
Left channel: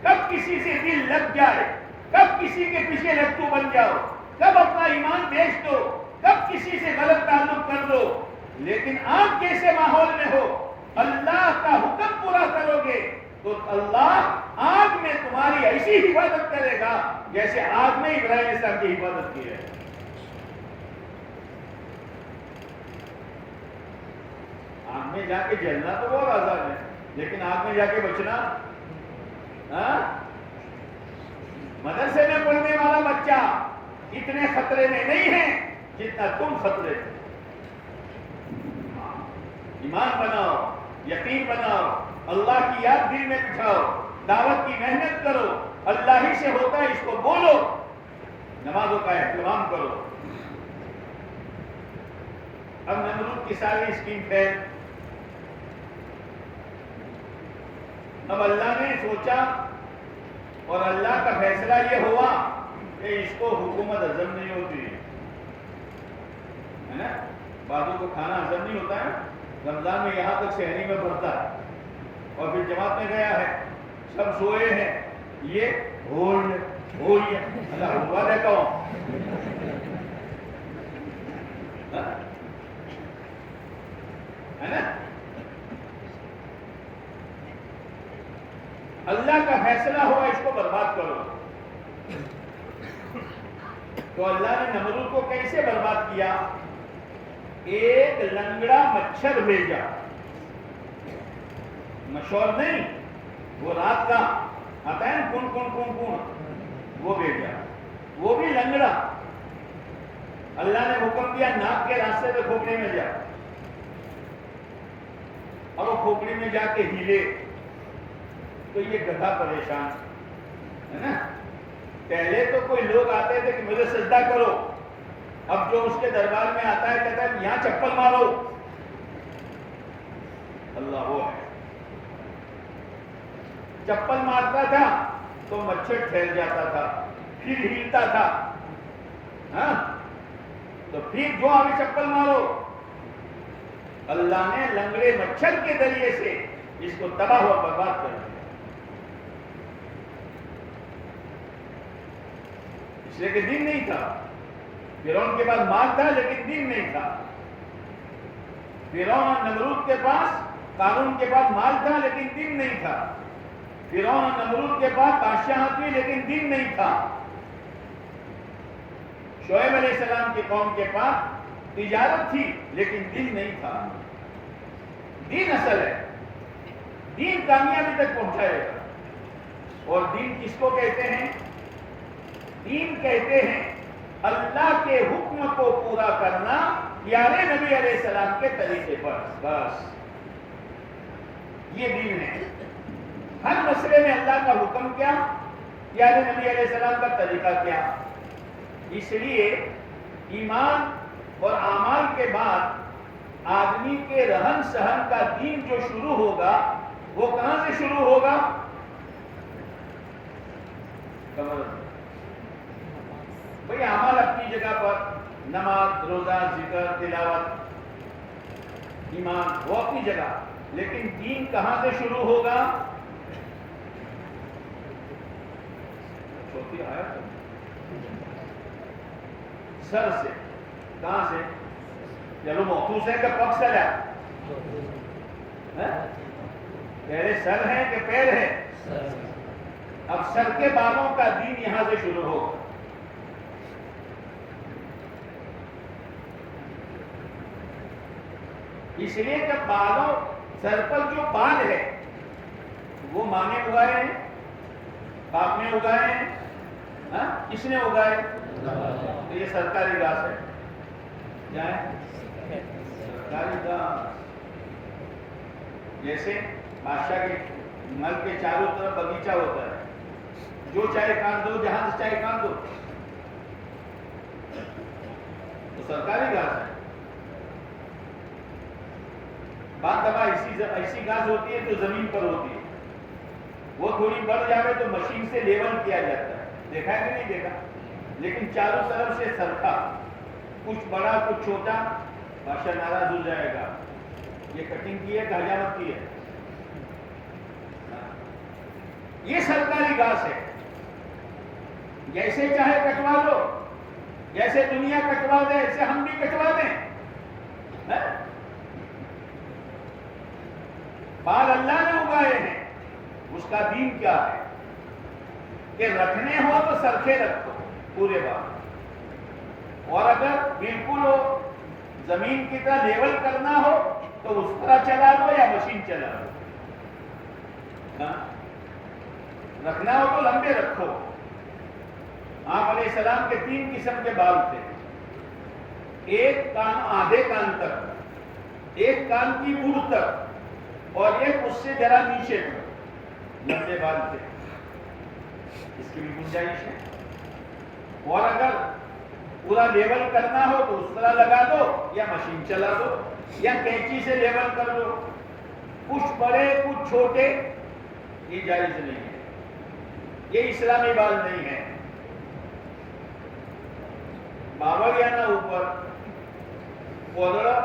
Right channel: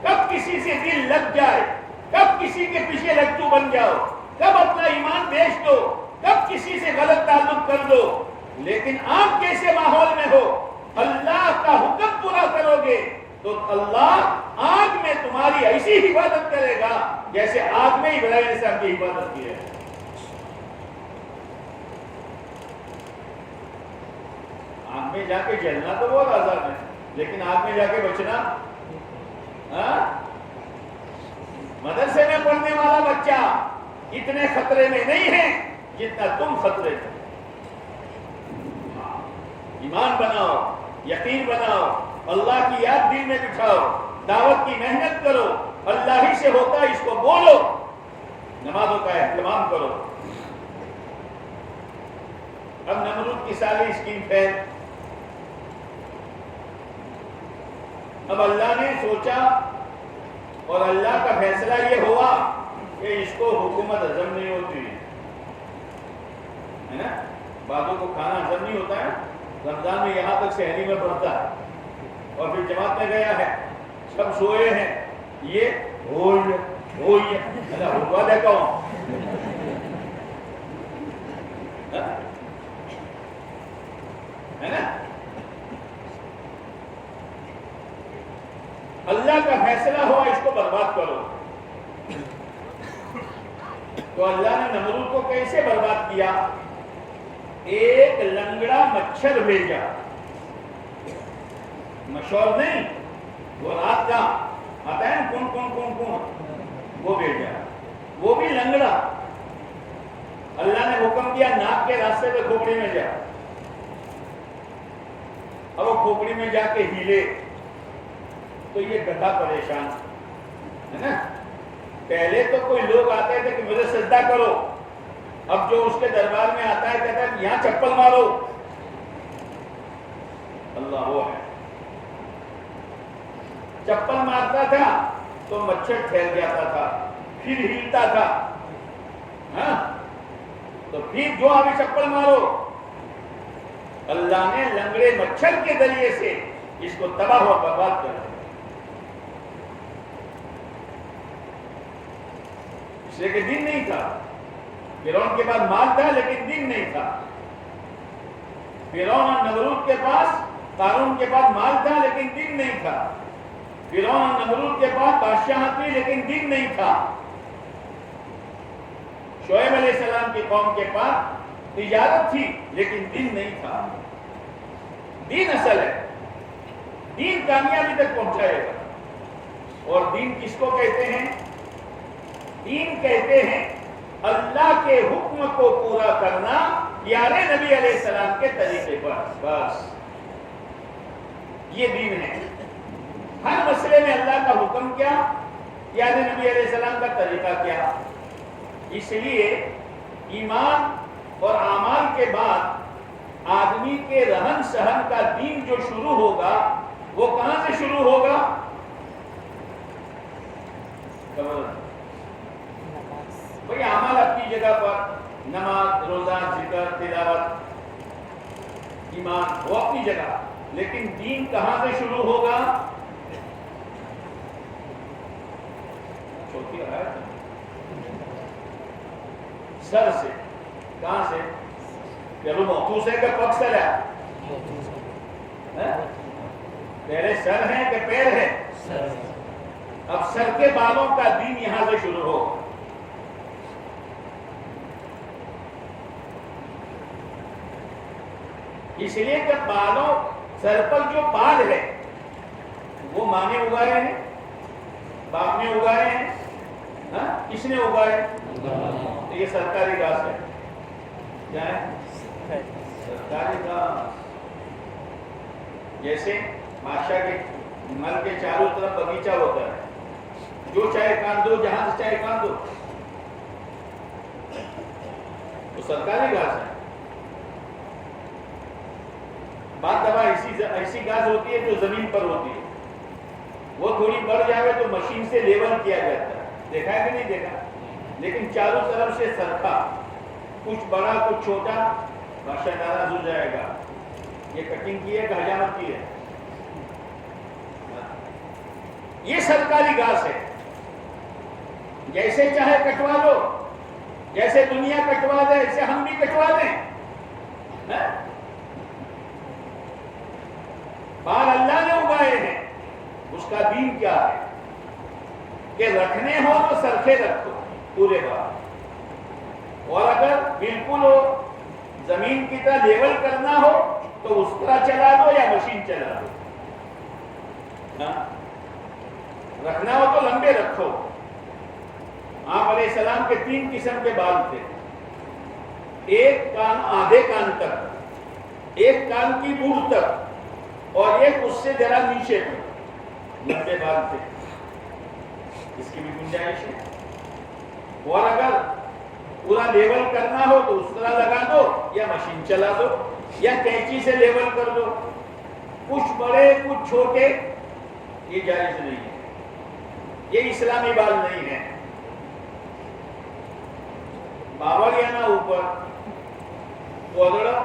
کب کسی سے دل لگ جائے، کب کسی کے پیچھے لٹو بن جاؤ، کب اپنا ایمان بیچ دو، کب کسی سے غلط تعلق کر دو، لیکن آنکھ جیسے ماحول میں ہو، اللہ کا حکم پورا کرو گے تو اللہ آگ میں تمہاری ایسی حفاظت کرے گا جیسے آگ میں ابراہیم علیہ السلام کی حفاظت کی ہے۔ آگ میں جا کے جلنا تو بہت آسان ہے، لیکن آگ میں جا کے بچنا، مدرسے میں پڑھنے والا بچہ اتنے خطرے میں نہیں ہے جتنا تم خطرے میں۔ ایمان بناؤ، یقین بناؤ، اللہ کی یاد دل میں بٹھاؤ، دعوت کی محنت کرو، اللہ ہی سے ہوتا ہے اس کو بولو، نمازوں کا اہتمام کرو۔ اب نمرود کی ساری اسکیم فیل۔ اب اللہ نے سوچا اور اللہ کا فیصلہ یہ ہوا کہ اس کو حکومت ہضم نہیں ہوتی ہے نا، بعضوں کو کھانا ہضم نہیں ہوتا ہے، رمضان میں یہاں تک شہری میں بڑھتا ہے اور پھر جماعت میں گیا ہے، سب سوئے ہیں، یہ ہوئی اللہ حکوا دیتا ہوں، ہے نا۔ اللہ کا فیصلہ ہوا اس کو برباد کرو، تو اللہ نے نمرود کو کیسے برباد کیا؟ ایک لنگڑا مچھر بھیجا، مشور نہیں، وہ رات کا آتا ہے کون کون کون کون، وہ بھیجا، وہ بھی لنگڑا۔ اللہ نے حکم دیا ناک کے راستے سے کھوپڑی میں جا، اب وہ کھوپڑی میں جا کے ہیلے تو یہ گدھا پریشان ہے نا۔ پہلے تو کوئی لوگ آتے تھے کہ مجھے سجدہ کرو، اب جو اس کے دربار میں آتا ہے کہتا ہے یہاں چپل مارو، اللہ وہ ہے، چپل مارتا تھا تو مچھر پھیل جاتا تھا، پھر ہلتا تھا، ہاں تو پھر جو ہمیں چپل مارو، اللہ نے لنگڑے مچھر کے ذریعے سے اس کو تباہ و برباد کر دیا۔ اس لیے کہ دن نہیں تھا، فرعون کے پاس مال تھا لیکن دن نہیں تھا، فرعون اور نمرود کے پاس، قارون کے پاس مال تھا لیکن دن نہیں تھا، فرعون اور نمرود کے پاس بادشاہت تھی لیکن دن نہیں تھا، شعیب علیہ السلام کی قوم کے پاس تجارت تھی لیکن دین نہیں تھا. دین اصل ہے. دین کامیابی تک پہنچائے گا. اور دین کس کو کہتے ہیں؟ دین کہتے ہیں اللہ کے حکم کو پورا کرنا پیارے نبی علیہ السلام کے طریقے پر. بس یہ دین ہے. ہر مسئلے میں اللہ کا حکم کیا، پیارے نبی علیہ السلام کا طریقہ کیا. اس لیے ایمان اور اعمال کے بعد آدمی کے رہن سہن کا دین جو شروع ہوگا وہ کہاں سے شروع ہوگا؟ بھئی اعمال اپنی جگہ پر، نماز، روزہ، ذکر، تلاوت، ایمان وہ اپنی جگہ، لیکن دین کہاں سے شروع ہوگا؟ چھوٹی آیت سر سے. کہاں سے؟ چلو محفوظ ہے کہ پگ سر ہے؟ پہلے سر ہے کہ پیر ہے؟ اب سر کے بالوں کا دین یہاں سے شروع ہو. اس لیے کہ بالوں، سر پر جو بال ہے وہ ماں نے اگائے ہیں، باپ نے اگائے ہیں. کس نے اگائے؟ تو یہ سرکاری گھاس ہے. کیا ہے؟ سرکاری گھاس. جیسے بادشاہ کے محل کے چاروں طرف باغیچہ ہوتا ہے، جو چاہے کاٹ دو، جہاں سے چاہے کاٹ دو، تو سرکاری گھاس ہے. بعض دفعہ ایسی گھاس ہوتی ہے جو زمین پر ہوتی ہے، وہ تھوڑی بڑھ جائے تو مشین سے لیول کیا جاتا ہے. دیکھا ہے کہ نہیں دیکھا؟ لیکن چاروں طرف سے سرکا، کچھ بڑا کچھ چھوٹا، بادشاہ ناراض ہو جائے گا. یہ کٹنگ کی ہے کہ حجامت کی ہے؟ یہ سرکاری گھاس ہے. جیسے چاہے کٹوا دو، جیسے دنیا کٹوا دے ایسے ہم بھی کٹوا دیں. بال اللہ نے اگائے ہیں. اس کا دین کیا ہے کہ رکھنے ہو تو سرخے رکھو پورے بال، اور اگر بالکل ہو زمین کی طرح لیول کرنا ہو تو اس طرح چلا دو یا مشین چلا دو. رکھنا ہو تو لمبے رکھو. آپ علیہ السلام کے 3 قسم کے بال تھے. ایک کان آدھے کان تک، ایک کان کی موڑ تک، اور ایک اس سے ذرا نیچے تک لمبے بال تھے. اس کی بھی گنجائش ہے. اور اگر پورا لیول کرنا ہو تو اس طرح لگا دو یا مشین چلا دو یا کینچی سے لیول کر دو. کچھ بڑے کچھ چھوٹے یہ جائز نہیں ہے. یہ اسلامی بال نہیں ہے. باولیانہ اوپر پودڑا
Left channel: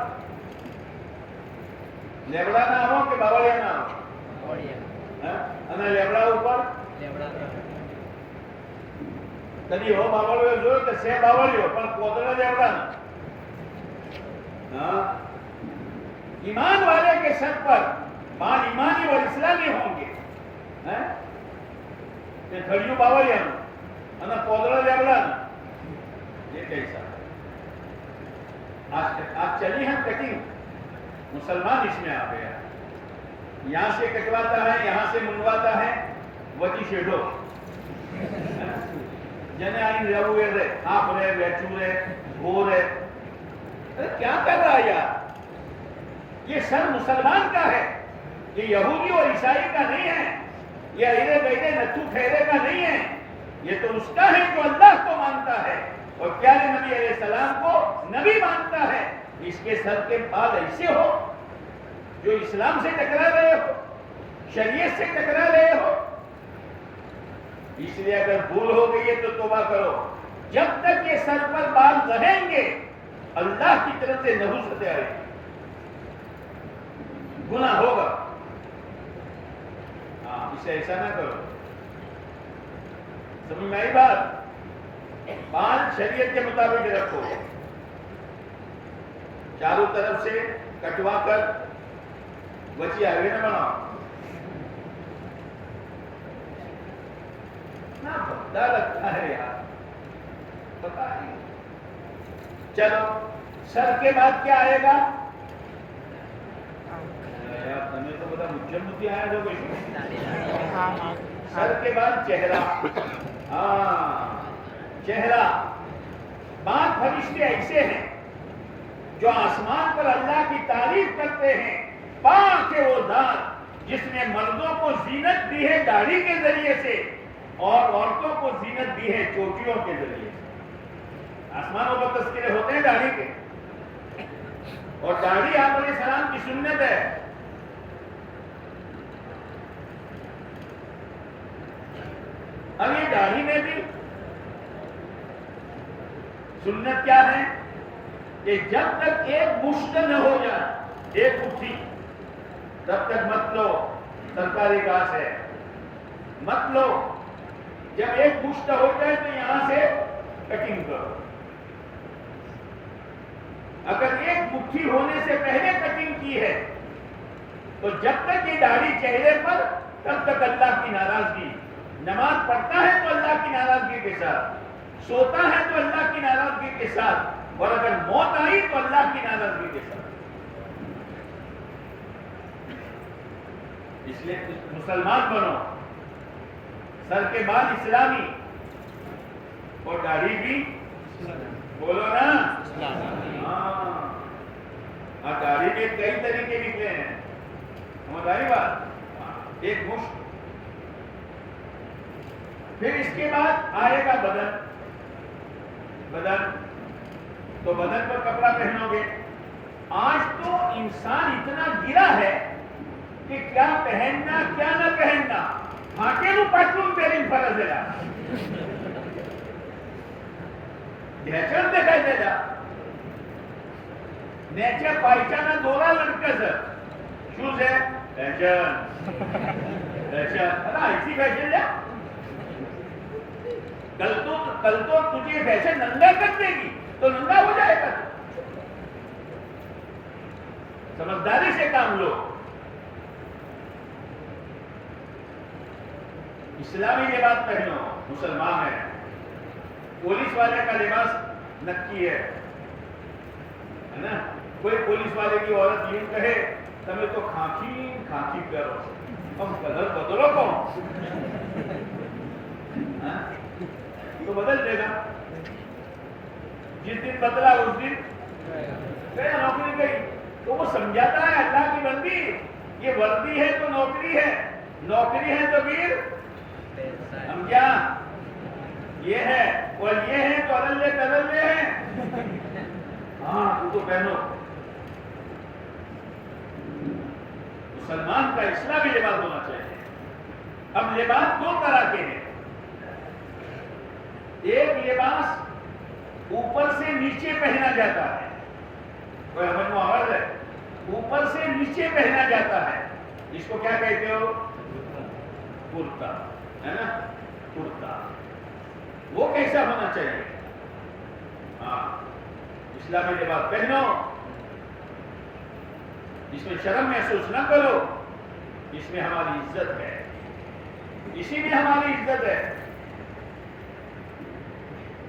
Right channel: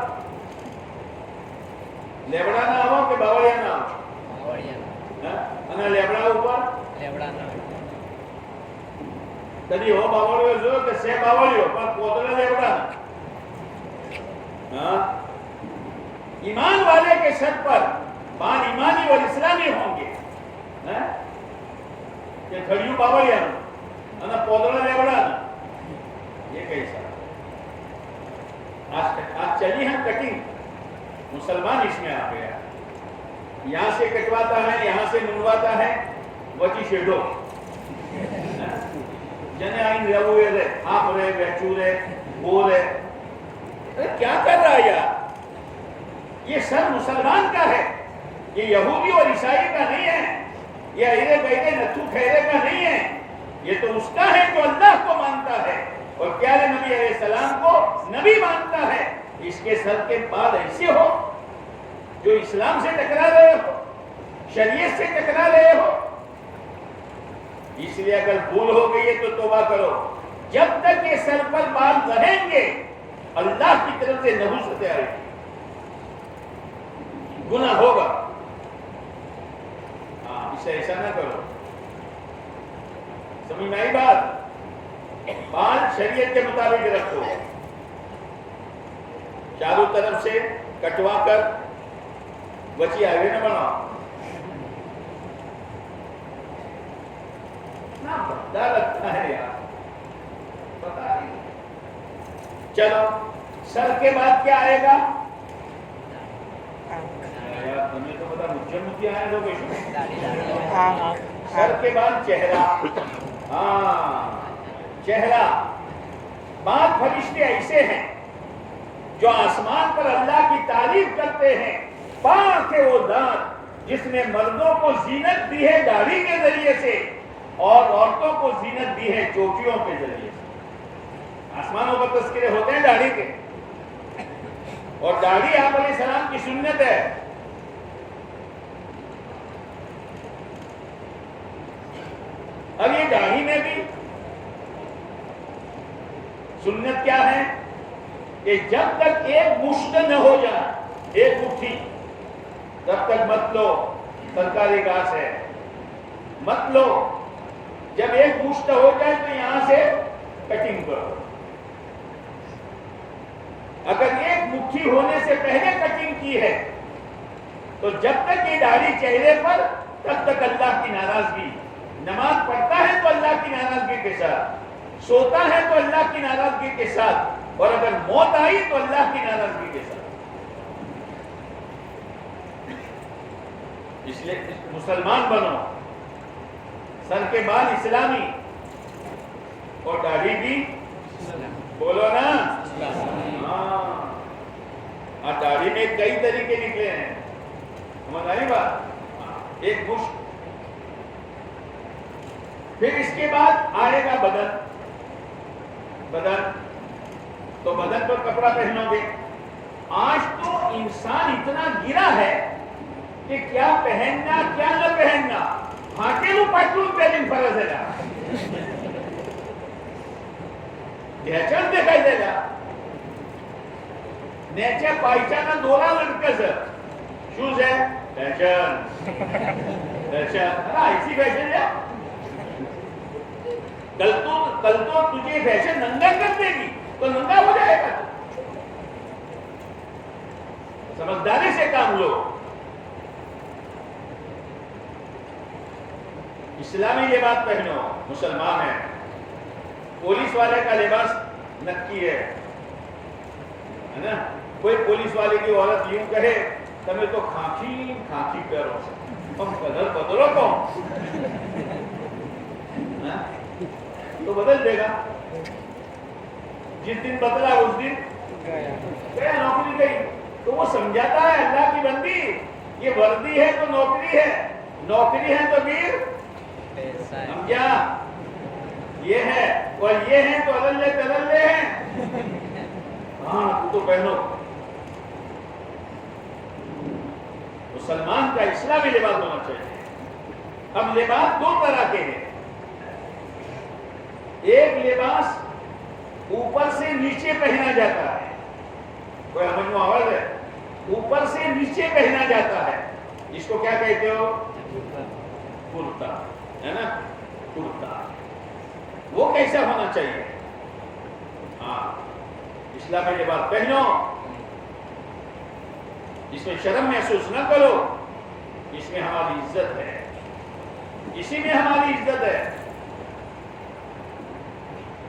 لیبڑا نہ ہو کہ باولیانہ ہو؟ لیبڑا اوپر کبھی ہو باولی ہو کہ سے باولی ہو پر پودڑا لیبڑا نہ. ایمان والے کے سر پر بال ایمانی اور اسلامی ہوں گے کہ گھڑیوں باولیانہ پودڑا لیبڑا نہ. یہ کیسا؟ آج چلی ہے کٹنگ. مسلمان اس میں آ گیا. یہاں سے کٹواتا ہے، یہاں سے منڈواتا ہے. وچی شیڈو جنے آئیں رہو ہے، آپ رہے، ویچو رہے، گو رہے. کیا کر رہا ہے یار؟ یہ سر مسلمان کا ہے. یہ یہودی اور عیسائی کا نہیں ہے. یہ ایرے بیرے نتھو کھیرے کا نہیں ہے. یہ تو اس کا ہے جو اللہ کو مانتا ہے اور پیارے نبی علیہ السلام کو نبی مانتا ہے. اس کے سر کے بال ایسے ہو جو اسلام سے ٹکرا رہے ہو، شریعت سے ٹکرا رہے ہو. اس لیے اگر بھول ہو گئی ہے تو توبہ کرو. جب تک یہ سر پر بال رہیں گے اللہ کی طرف سے نحوست آئے گی، گناہ ہوگا. اسے ایسا نہ کرو. سمجھ میں آئی بات؟ بال شریعت کے مطابق رکھو. چاروں طرف سے کٹوا کر بچی آگے نہ بناؤ. پتہ لگتا ہے یار، پتہ نہیں. چلو سر کے بعد کیا آئے گا؟ تمہیں تو پتا مجھے مجھے آئے گا بیشو. سر کے بعد چہرہ. ہاں چہرہ. بعض فرشتے ایسے ہیں جو آسمان پر اللہ کی تعریف کرتے ہیں. پاک ہے وہ ذات جس نے مردوں کو زینت دی ہے داڑھی کے ذریعے سے اور عورتوں کو زینت دی ہے چوٹیوں کے ذریعے سے. آسمانوں پر تذکرے ہوتے ہیں داڑھی کے, اور داڑھی آپ علیہ السلام کی سنت ہے. اب یہ داڑھی میں بھی سنت کیا ہے کہ جب تک ایک مشت نہ ہو جائے, ایک مٹھی, تب تک مت لو. سرکاری گھاس ہے, مت لو. جب ایک مشت ہو جائے تو یہاں سے کٹنگ کرو. اگر ایک مٹھی ہونے سے پہلے کٹنگ کی ہے تو جب تک یہ داڑھی چہرے پر تب تک اللہ کی ناراضگی. نماز پڑھتا ہے تو اللہ کی ناراضگی کے ساتھ, سوتا ہے تو اللہ کی ناراضگی کے ساتھ, اور اگر موت آئی تو اللہ کی ناراضگی کے ساتھ. اس لیے مسلمان بنو, سر کے بال اسلامی اور داڑھی بھی بولو نا. ہاں داڑھی میں کئی طریقے نکلے ہیں, سمجھ آئی بات. ایک مشت, پھر اس کے بعد آئے گا بدن. بدن تو بدن پر کپڑا پہنو گے. آج تو انسان اتنا گرا ہے کہ کیا پہننا کیا نہ پہننا. ہاکے نو پٹلون پہن فرض ہے. نیچر دکھائی دے گا, نیچر پائچانا دولا لڑکا سر شوز ہے فیشن. فیشن ایسی فیشن ہے. کل تو تجھے فیشن ننگا کر دے گی تو ننگا ہو جائے گا. سمجھداری سے کام لو. اسلامی لباس پہنو, مسلمان ہے. پولیس والے کا لباس نکی ہے نا. کوئی پولیس والے کی عورت یوں کہے تمہیں تو کھانکی کھانکی کرو, تم کلر بدلو کون, تو بدل دے گا. جس دن بدلا اس دن گیا, نوکری گئی. تو وہ سمجھاتا ہے اللہ کی بندی, یہ وردی ہے تو نوکری ہے, نوکری ہے تو پھر سمجھا یہ ہے, اور یہ ہے تو اللہ تللے ہیں. ہاں تو پہنو. مسلمان کا اسلامی لباس ہونا چاہیے. اب لباس دو طرح کے ہیں. ایک لباس اوپر سے نیچے پہنا جاتا ہے, کوئی ہمیں معاوض ہے, اوپر سے نیچے پہنا جاتا ہے. اس کو کیا کہتے ہو؟ کرتا ہے نا, کرتا. وہ کیسا ہونا چاہیے؟ ہاں اسلامی لباس پہنو, اس میں شرم محسوس نہ کرو. اس میں ہماری عزت ہے, اسی میں ہماری عزت ہے.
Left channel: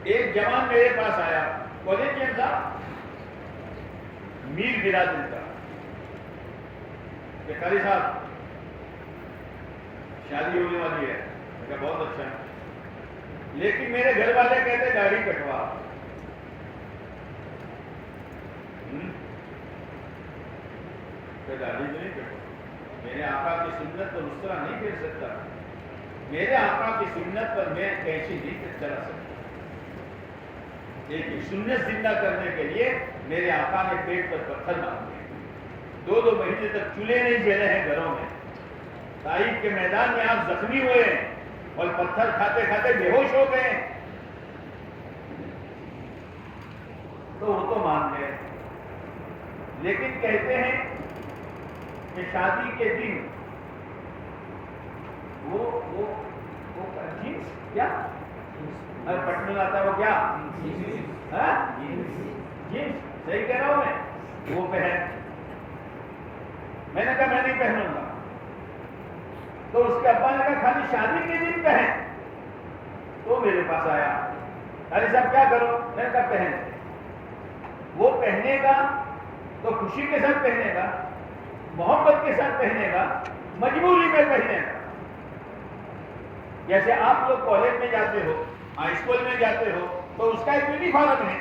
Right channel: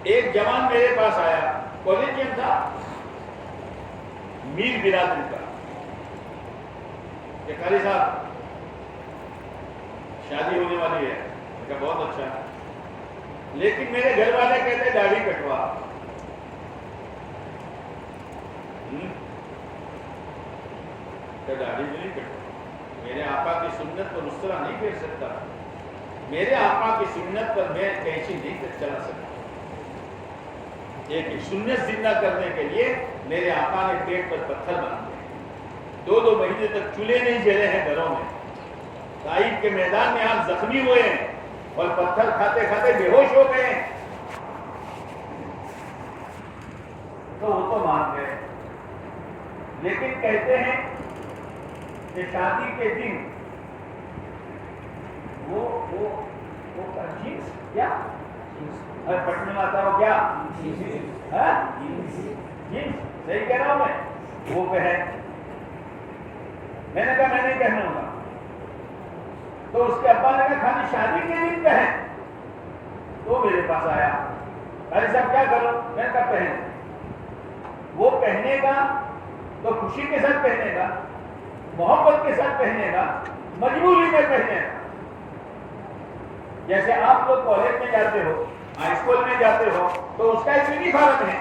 ایک جوان میرے پاس آیا, کالجین تھا, میر برادری کا, کہ خالی صاحب شادی ہونے والی ہے. کہ بہت اچھا, لیکن میرے گھر والے کہتے داڑھی کٹوا. داڑھی نہیں کٹوا, میرے آقا کی سنت پر اس طرح نہیں پھیر سکتا. میرے آقا کی سنت پر میں کیسی نہیں چلا سکتا. ایک سنت زندہ کرنے کے لیے میرے آقا نے پیٹ پر پتھر باندھے. 2 مہینے تک چولہے نہیں جلے ہیں گھروں میں. طائف کے میدان میں آپ زخمی ہوئے ہیں اور پتھر کھاتے کھاتے بے ہوش ہو گئے. تو وہ تو مان گئے, لیکن کہتے ہیں کہ شادی کے دن وہ جینس کیا پٹنے میں آتا ہو کیا جینس, صحیح کہہ رہا ہوں میں, وہ پہن. میں نے کہا میں نہیں پہنوں گا. تو اس کے ابا نے کہا خالی شادی کے دن پہن. تو میرے پاس آیا, ارے صاحب کیا کروں؟ میں نے کہا پہن. وہ پہنے گا تو خوشی کے ساتھ پہنے گا، محبت کے ساتھ پہنے گا، مجبوری میں پہنے گا. جیسے آپ لوگ کالج میں جاتے ہو، ہائی اسکول میں جاتے ہو، تو اس کا ایک یونیفارم ہے،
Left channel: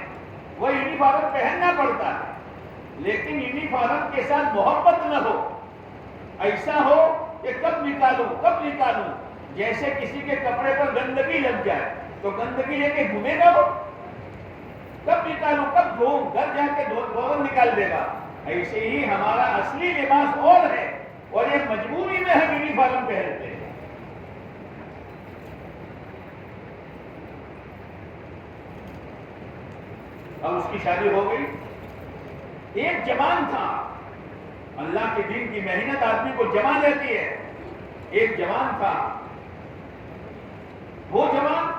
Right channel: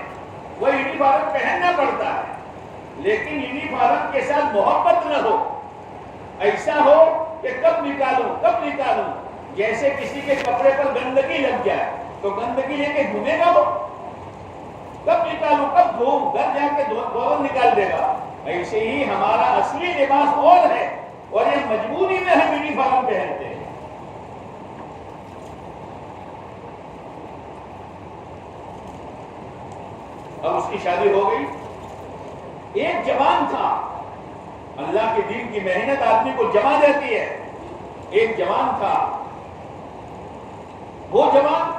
وہ یونیفارم پہننا پڑتا ہے، لیکن یونیفارم کے ساتھ محبت نہ ہو. ایسا ہو کہ کب نکالوں، جیسے کسی کے کپڑے پر گندگی لگ جائے تو گندگی لے کے گھومے گا، وہ کب نکالوں، کب دھوؤں، گھر جا کے دھو نکال دے گا. ایسے ہی ہمارا اصلی لباس اور ہے، اور یہ مجبوری میں ہم یونیفارم پہنتے ہیں. اب اس کی شادی ہو گئی. ایک جوان تھا، اللہ کے دین کی محنت آدمی کو جما دیتی ہے. ایک جوان تھا، وہ جوان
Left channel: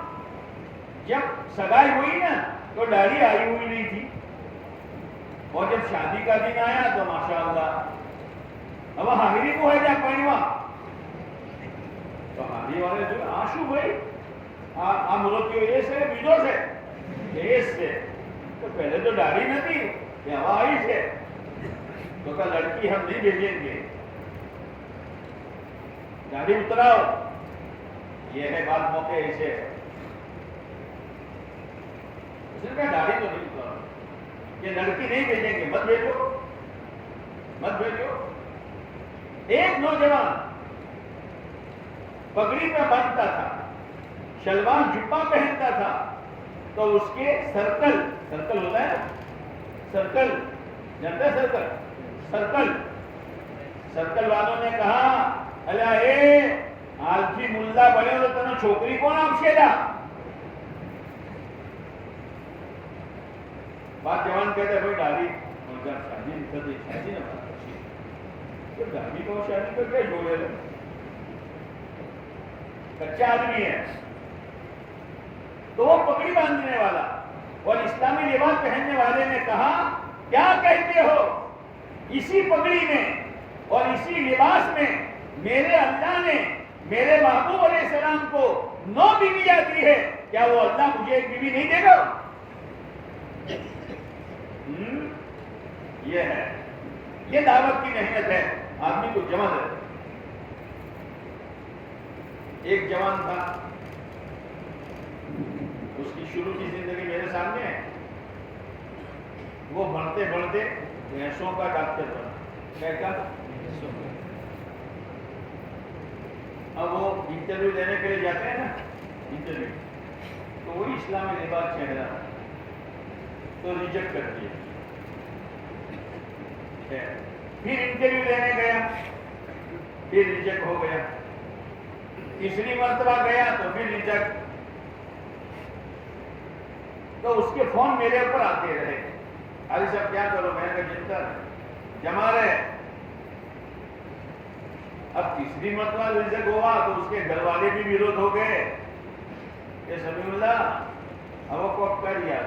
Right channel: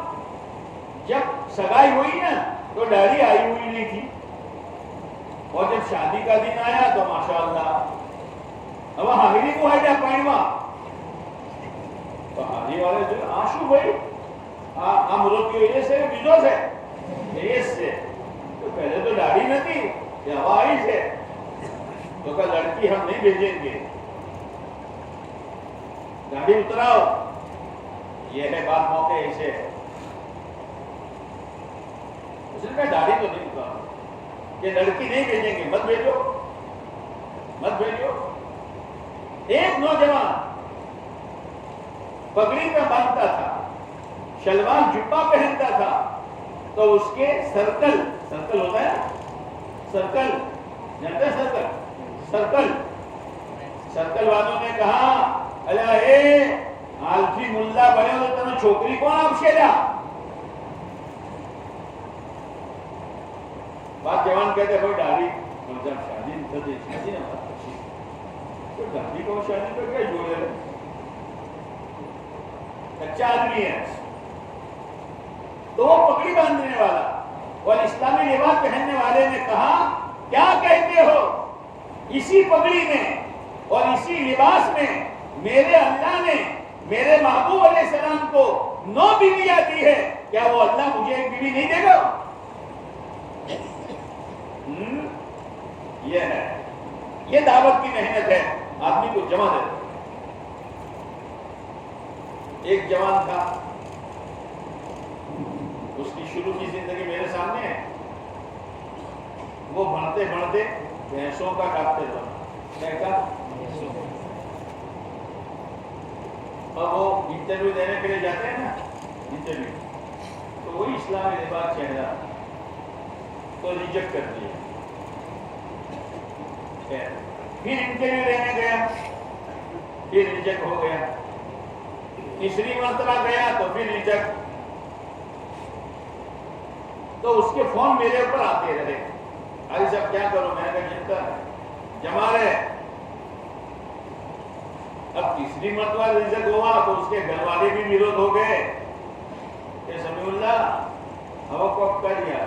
جب سگائی ہوئی نا تو داڑھی آئی ہوئی نہیں تھی، اور جب شادی کا دن آیا تو ماشاءاللہ اب حاضری کو ہے جا پائیوا تو حاضری والے جو آنسو بھائی امرو کی وجہ سے بیجو سے دیش سے تو پہلے تو داڑھی نہ تھی، یہ ہوا آئی سے تو کہا لڑکی ہم نہیں بھیجیں گے، داڑھی اتراؤ. یہ ہے بات موقع ایسے ہے. اس نے کہا داڑھی تو نہیں اتراؤ، یہ لڑکی نہیں بھیجیں گے، مت بھیجو. ایک نوجوان پگڑی میں باندھتا تھا، شلوار جبہ پہنتا تھا، تو اس کے سرکل ہوتا ہے، سرکل جانتا ہے، سرکل والوں نے کہا اے آلفی ملا بنے تو تمہیں چھوکری کون آپشے جا. بات جوان کہتے بھائی داڑھی شادی نہ داڑھی کو شادی کو کیا جوڑے گا، کچا آدمی ہے. تو وہ پگڑی باندھنے والا اور اسلامی لباس پہننے والے نے کہا کیا کہتے ہو، اسی پگڑی میں اور اسی لباس میں میرے اللہ نے میرے محبوب علیہ السلام کو 9 بیویاں دی ہے، کیا وہ اللہ مجھے ایک بیوی نہیں دے گا؟ یہ ہے، یہ دعوت کی محنت ہے، آدمی کو جمع دے. ایک جوان تھا، اس کی شروع کی زندگی میرے سامنے ہے. وہ بڑھتے بھینسوں کا ڈاکٹر بنا. اب وہ انٹرویو دینے کے لیے جاتے ہیں نا، انٹرویو تو وہی اسلامی لباس چہرہ تو ریجیکٹ کر دیا. پھر انٹرویو دینے گیا، پھر ریجیکٹ ہو گیا. تیسری مرتبہ گیا تو پھر ریجیکٹ. تو اس کے فون میرے اوپر آتے رہے، ارے صاحب کیا کرو، میں نے کہا جمع رہے. اب تیسری مرتبہ ریجیکٹ ہوا تو اس کے گھر والے بھی ویروت ہو گئے. یہ سمیع اللہ اب کو کر دیا،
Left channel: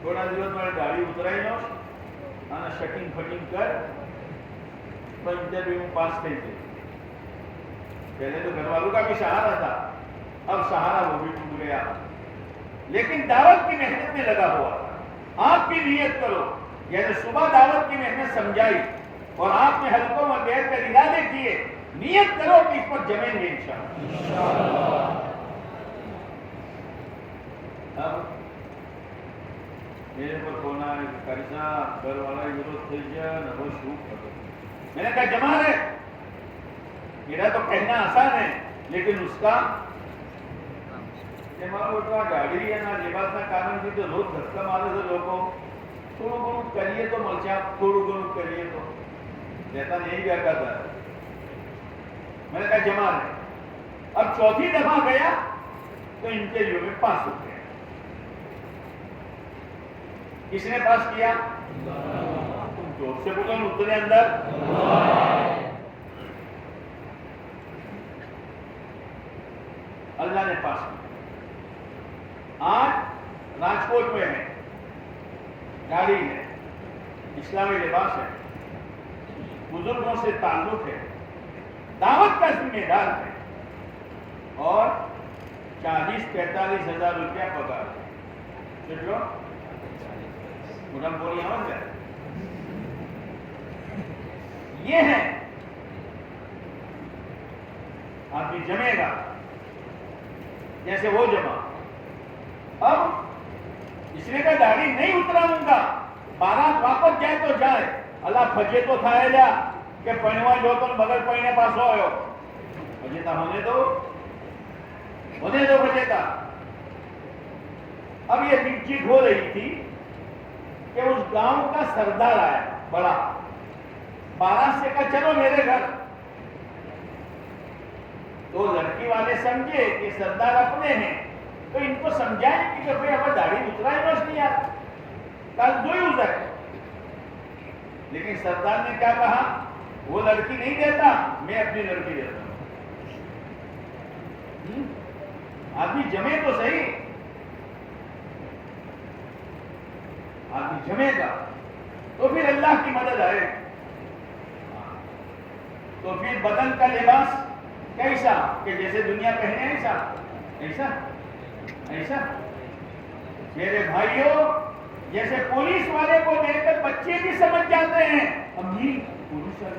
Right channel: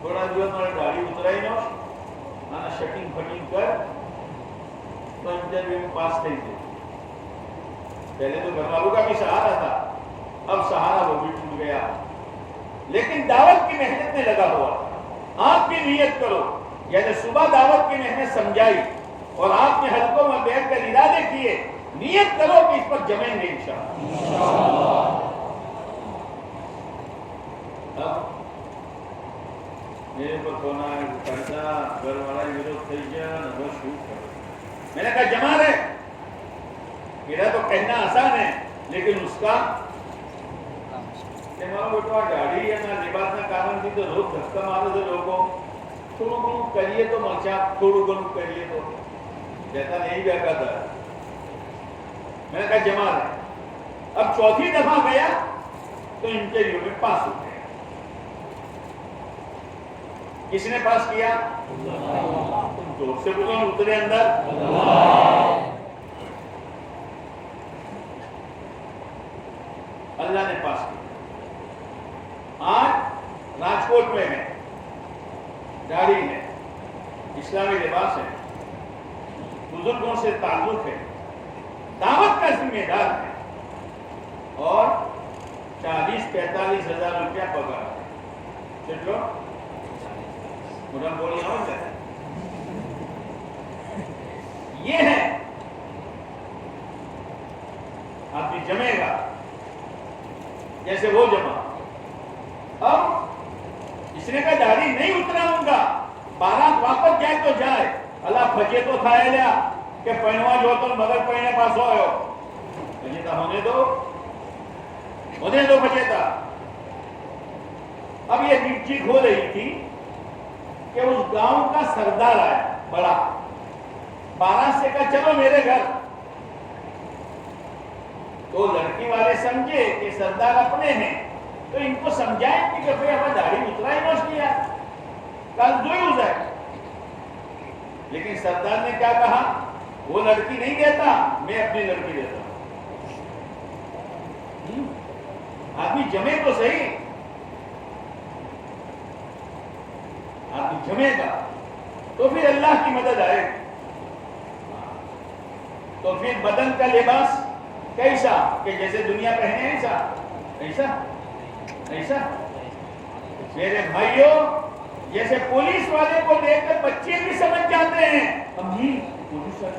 تھوڑا جو تھوڑا گاڑی اترائی نو آنا شٹنگ فٹنگ کر تو انٹرویو میں پاس نہیں تھے. پہلے تو گھر والوں کا بھی سہارا تھا، اب سہارا وہ بھی ٹوٹ گیا. لیکن دعوت کی محنت میں لگا ہوا. آپ بھی نیت کرو، یعنی صبح دعوت کی محنت سمجھائی اور آپ نے حلقوں میں بیٹھ کر ارادے کیے، نیت کرو کہ اس پر جمیں گے انشاءاللہ. اب میرے پر فون آیا کیسا گھر والا ویروت تھی گیا وہ شوٹ کر. میں نے کہا جمع رہے، میرا تو کہنا آسان ہے لیکن اس کا گاڑی ہے نا لباس نہ کارن تھی تو لوگ دھکا مارے تھے لوگوں تھوڑوں گھنوں کریے تو مرچا تھوڑوں گھنوں کریے تو جیسا نہیں بیٹھا تھا. میں نے کہا جمع رہے. اب چوتھی دفعہ گیا تو انٹرویو میں پاس ہو گیا. کس نے پاس کیا؟ زور سے بولو، اترے اندر. اللہ نے پاس کیا. آج راجکوٹ میں ہے، گاڑی ہے، اسلامی لباس ہے، بزرگوں سے تعلق ہے، دعوت کا ذمہ دار ہے اور 40-45 ہزار روپیہ پگار ہے. مدن بولی سمجھ گئے؟ یہ ہے آدمی جمے گا جیسے وہ جمع. اب اس نے کہا داڑھی نہیں اتراؤں گا, بارات واپس جائے تو جائے, اللہ پھجے تو تھا لیا کہ پہنوا جو تو مگر پہنے پاس ہو پھجے تھا ہونے دو پھجے تھا. اب یہ چیخ ہو رہی تھی کہ اس گاؤں کا سردار آیا بڑا, 12 سے کہا چلو میرے گھر. تو لڑکی والے سمجھے کہ سردار اپنے ہیں تو ان کو سمجھائیں کہ بھئی ہمیں داڑھی اترائے نوش نہیں آتا کل جو ہی جائے. لیکن سردار نے کیا کہا, وہ لڑکی نہیں دیتا, میں اپنی لڑکی دیتا ہوں. آدمی جمے تو صحیح, آدمی جمے گا تو پھر اللہ کی مدد آئے. تو پھر بدن کا لباس کیسا کہ جیسے دنیا پہنے ایسا ایسا ایسا. میرے بھائیوں, جیسے پولیس والے کو دیکھ کر بچے بھی سمجھ جاتے ہیں امی پولیس ہے,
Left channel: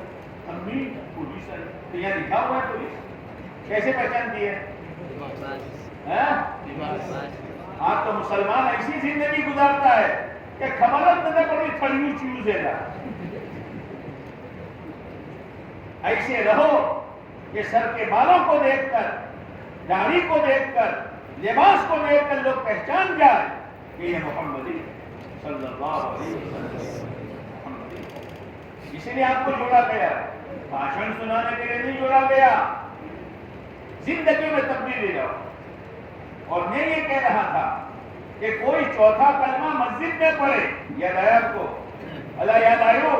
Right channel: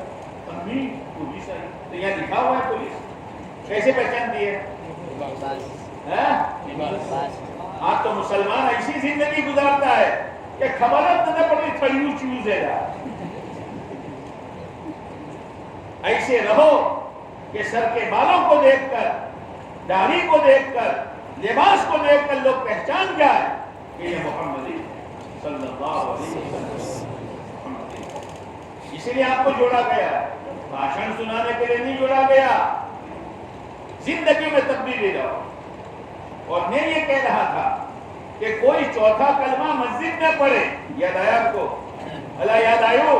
امی پولیس ہے. تو یہ لکھا ہوا ہے پولیس, کیسے پہچانتی ہے؟ آج تو مسلمان ایسی زندگی گزارتا ہے کہ خبرت نہ پڑی تھڑیو چیوز ہے. ایسے رہو کہ سر کے بالوں کو دیکھ کر, داڑھی کو دیکھ کر, لباس کو دیکھ کر لوگ پہچان جائے کہ یہ محمدی صلی اللہ علیہ وسلم. اس لیے آپ کو جوڑا گیا, بھاشن سنانے کے لیے نہیں جوڑا گیا, زندگی میں تبدیلی لاؤ. اور میں یہ کہہ رہا تھا کہ کوئی چوتھا کلمہ مسجد میں پڑھے, یاد آیا آپ کو؟ اللہ یاد آئیو.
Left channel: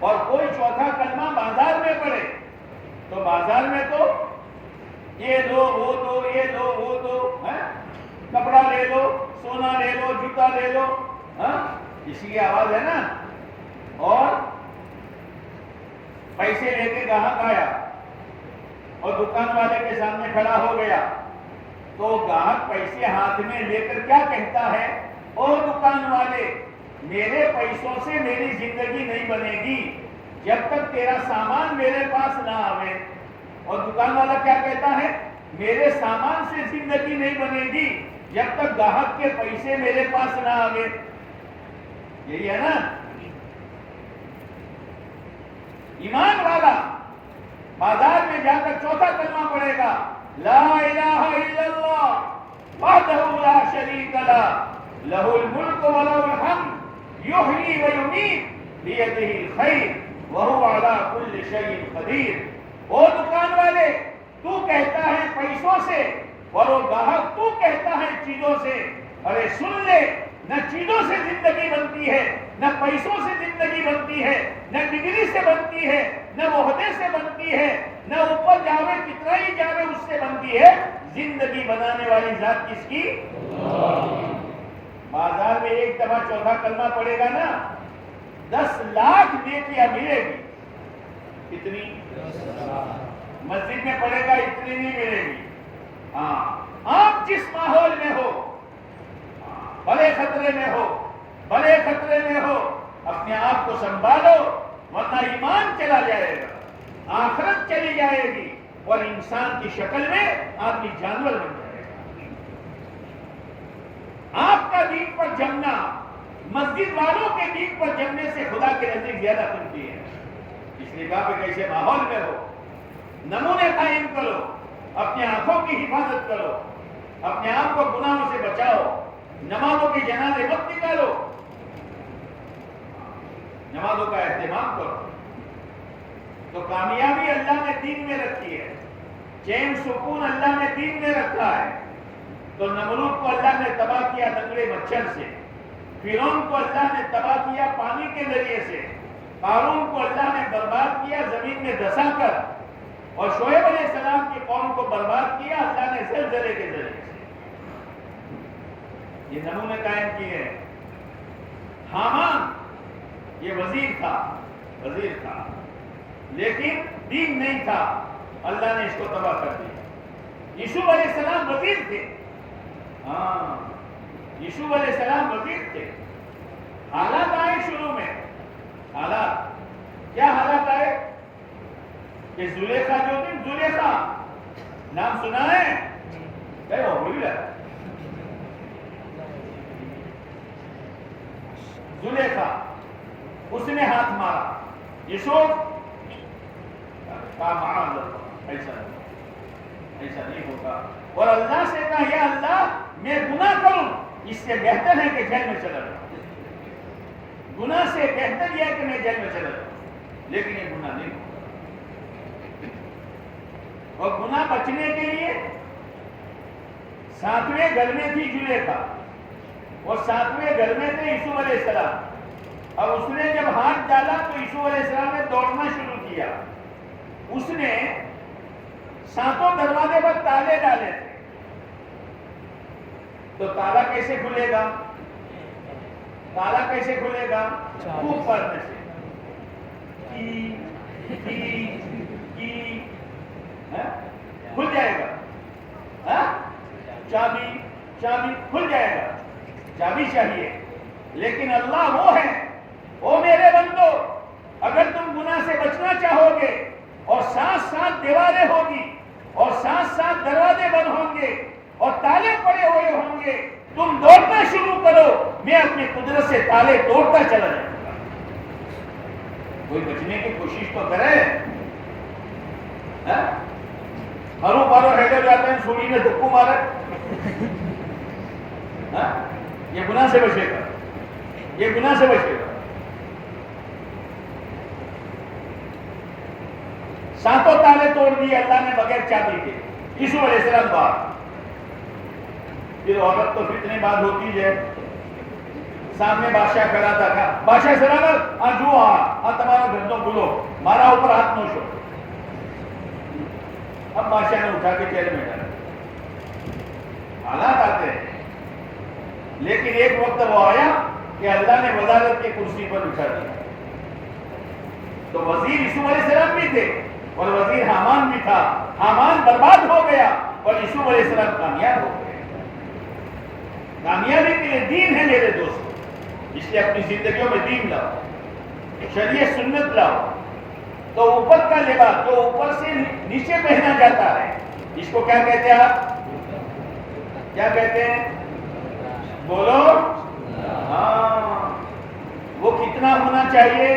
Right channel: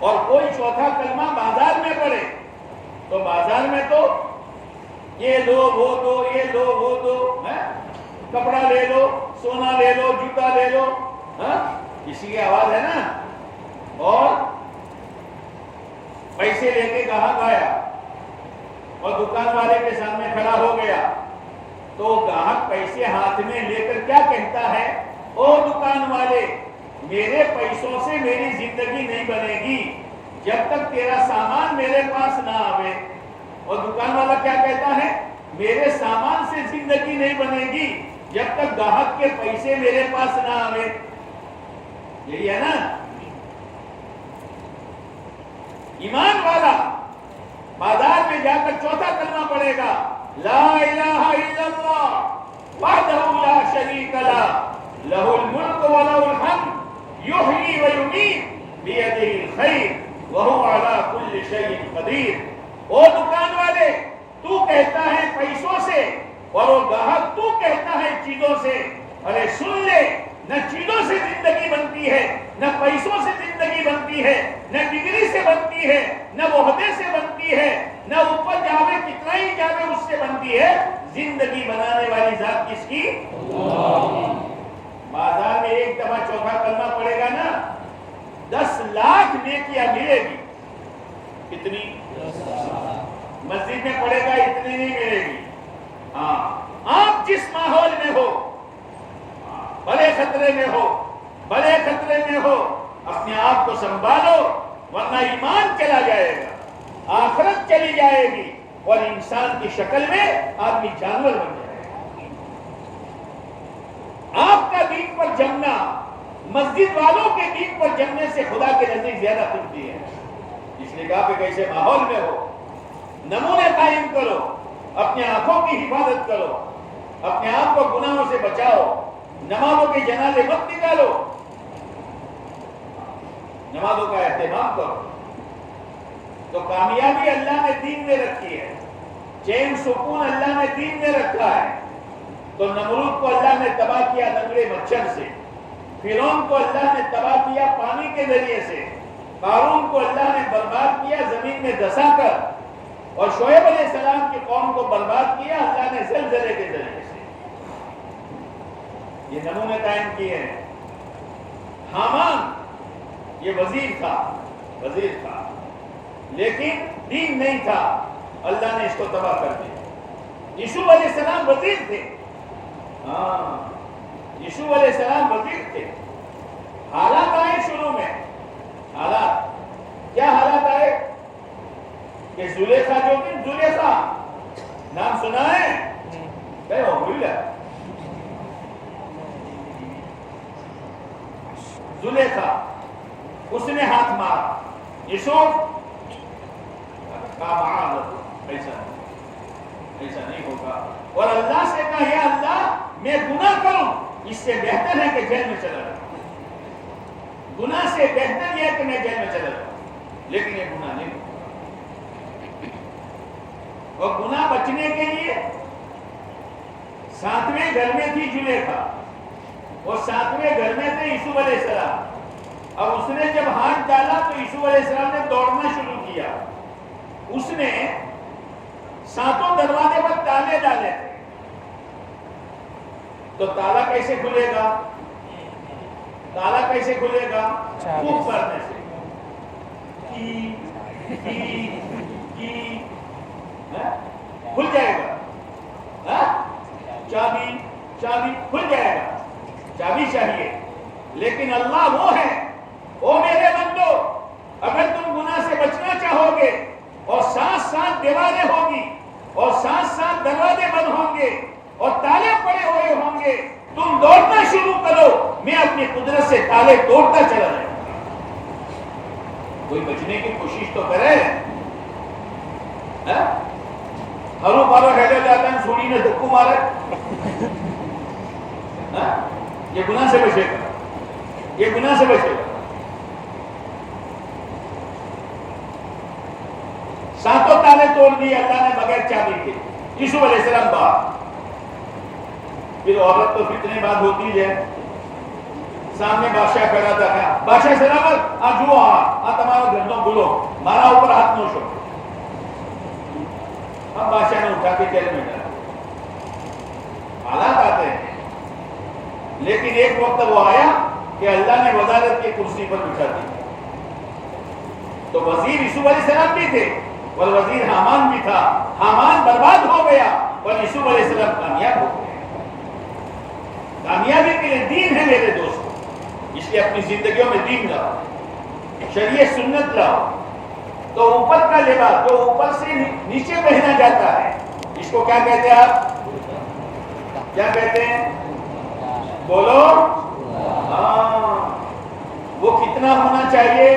اور کوئی چوتھا کلمہ بازار میں پڑھے تو بازار میں تو یہ دو وہ دو, یہ دو وہ دو, کپڑا لے لو, سونا لے لو, جوتا لے لو, اسی کی آواز ہے نا. اور پیسے لے کے گاہک آیا اور دکان والے کے سامنے کھڑا ہو گیا تو گاہک پیسے ہاتھ میں لے کر کیا کہتا ہے, او دکان والے, میرے پیسوں سے میری زندگی نہیں بنے گی جب تک تیرا سامان میرے پاس نہ آوے. اور دکان والا کیا کہتا ہے, میرے سامان سے زندگی نہیں بنے گی جب تک گاہک کے پیسے میرے پاس نہ آوے. یہی ہے نا. ایمان والا بازار میں جا کر چوتھا کلمہ پڑھے گا, لا الہ الا اللہ وحدہ لا شریک لہ لہ الملک و لہ الحمد یحیی و یمیت بیدہ الخیر وہو علی کل شیء قدیر. وہ دکان والے تو کہتا ہے پیسوں سے اور وہ گاہک تو کہتا ہے چیزوں سے. ارے سن لے, نہ چیزوں سے زندگی بنتی ہے, نہ پیسوں سے زندگی بنتی ہے, نہ ڈگری سے بنتی ہے, نہ عہدے سے بنتی ہے, نہ اوپر جاوے کتنا ہی جاوے اس سے بنتی ہے. زندگی بنانے والی ذات کس کی؟ بازار میں ایک دفعہ چوتھا کلمہ پڑے گا نا, 10 لاکھ نیکیاں ملے گی. کتنی؟ مسجد میں پڑے گا اتنی نہیں ملے گی. آپ جس ماحول میں ہو, بڑے خطرے میں ہو, بڑے خطرے میں ہو, اپنے آپ کو سنبھالو ورنہ ایمان چلا جائے گا, آخرت چلی جائے گی اور انسان کی شکل میں آدمی جانور بن جائے گا. آپ کا دین پر جمنا مسجد والوں کے دین پر جمنے سے خدا کے نزدیک زیادہ قیمتی ہے. اس لیے کہا کہ کیسے ماحول میں ہو نمونے قائم کرو, اپنے آنکھوں کی حفاظت کرو, اپنے آپ کو گناہوں سے بچاؤ, نمازوں کے جنازے مت نکالو, نمازوں کا اہتمام کرو. تو کامیابی اللہ نے دین میں رکھی ہے, چین سکون اللہ نے دین میں رکھا ہے. تو نمرود کو اللہ نے تباہ کیا ننگے مچھر سے, فرعون کو اللہ نے تباہ کیا پانی کے ذریعے سے, قارون کو اللہ نے برباد کیا زمین میں دھسا کر, اور شعیب علیہ السلام کی قوم کو برباد کیا اللہ نے زلزلے کے ذریعے سے. یہ نمونے قائم کیے ہیں. حامان یہ وزیر تھا لیکن دین نہیں تھا, اللہ نے اس کو تباہ کر دیا. یوسف علیہ السلام وزیر تھے, یوسف علیہ السلام وزیر تھے. حالات آئے شروع میں, حالات کیا حالات آئے کہ زلیخا جو تھی, زلیخا نام سنا ہے کیا ہو بھول گیا, زلیخا اس نے ہاتھ مارا, یوسف ایسا نہیں ہوگا, اور اللہ سے کہا یا اللہ میں گناہ کروں اس سے بہتر ہے کہ جیل میں چلا جاؤں, گناہ سے بہتر یہ ہے کہ میں جیل میں چلا جاؤں, لیکن یہ گناہ نہیں. اور گناہ بچنے کے لیے 7ویں گھر میں تھی زلیخا, اور 7ویں گھر میں تھے یوسف علیہ السلام. اب اس نے جب ہاتھ ڈالا تو یوسف علیہ السلام نے دوڑنا شروع کیا. اس نے 7 دروازے پر تالے ڈالے تھے, تو تالا کیسے کھلے گا, تالا کیسے کھلے گا, خوب پڑھنے سے, کھل جائے گا. چابی چابی کھل جائے گا, چابی چاہیے. لیکن اللہ وہ ہے, او میرے بندو, اگر تم گناہ سے بچنا چاہو گے اور ساتھ دیواریں ہوگی اور ساتھ دروازے بند ہوں گے اور تالے پڑے ہوئے ہوں گے, تم دوڑنا شروع کرو, میں اپنی قدرت سے تالے توڑتا چلا جاؤں. کوئی بچنے کی کوشش تو کرے. ہرو بارو ہیلے جاتے ہیں, سوڑی نے دھکو مارا, یہ گناہ سے بچے گا, یہ گناہ سے بچے گا. 7 تالے توڑ دیے اللہ نے بغیر چابی کے. یوسف علیہ السلام باہر. پھر عورت تو اتنی بات ہوتی ہے, سامنے بادشاہ کھڑا تھا, کیا بادشاہ سلامت, جو تمہارا گھر تو بولو, مارا اوپر ہاتھ نوشو. اب بادشاہ نے اٹھا کے جیل میں ڈالا. حالات آتے ہیں, لیکن ایک وقت وہ آیا کہ اللہ نے وزارت کی کرسی پر بٹھا دی. تو وزیر یوسف علیہ السلام بھی تھے اور وزیر حامان بھی تھا. حامان برباد ہو گیا اور یوسف علیہ السلام کامیاب ہو گئے. کامیابی کے لیے دین ہے میرے دوستوں, اس لیے اپنی زندگیوں میں دین لاؤ, شریعت سنت لاؤ. تو اوپر کا لباس جو اوپر سے نیچے پہنا جاتا ہے, اس کو کیا کہتے ہیں آپ, کیا کہتے ہیں, بولو. ہاں, وہ کتنا ہونا چاہیے,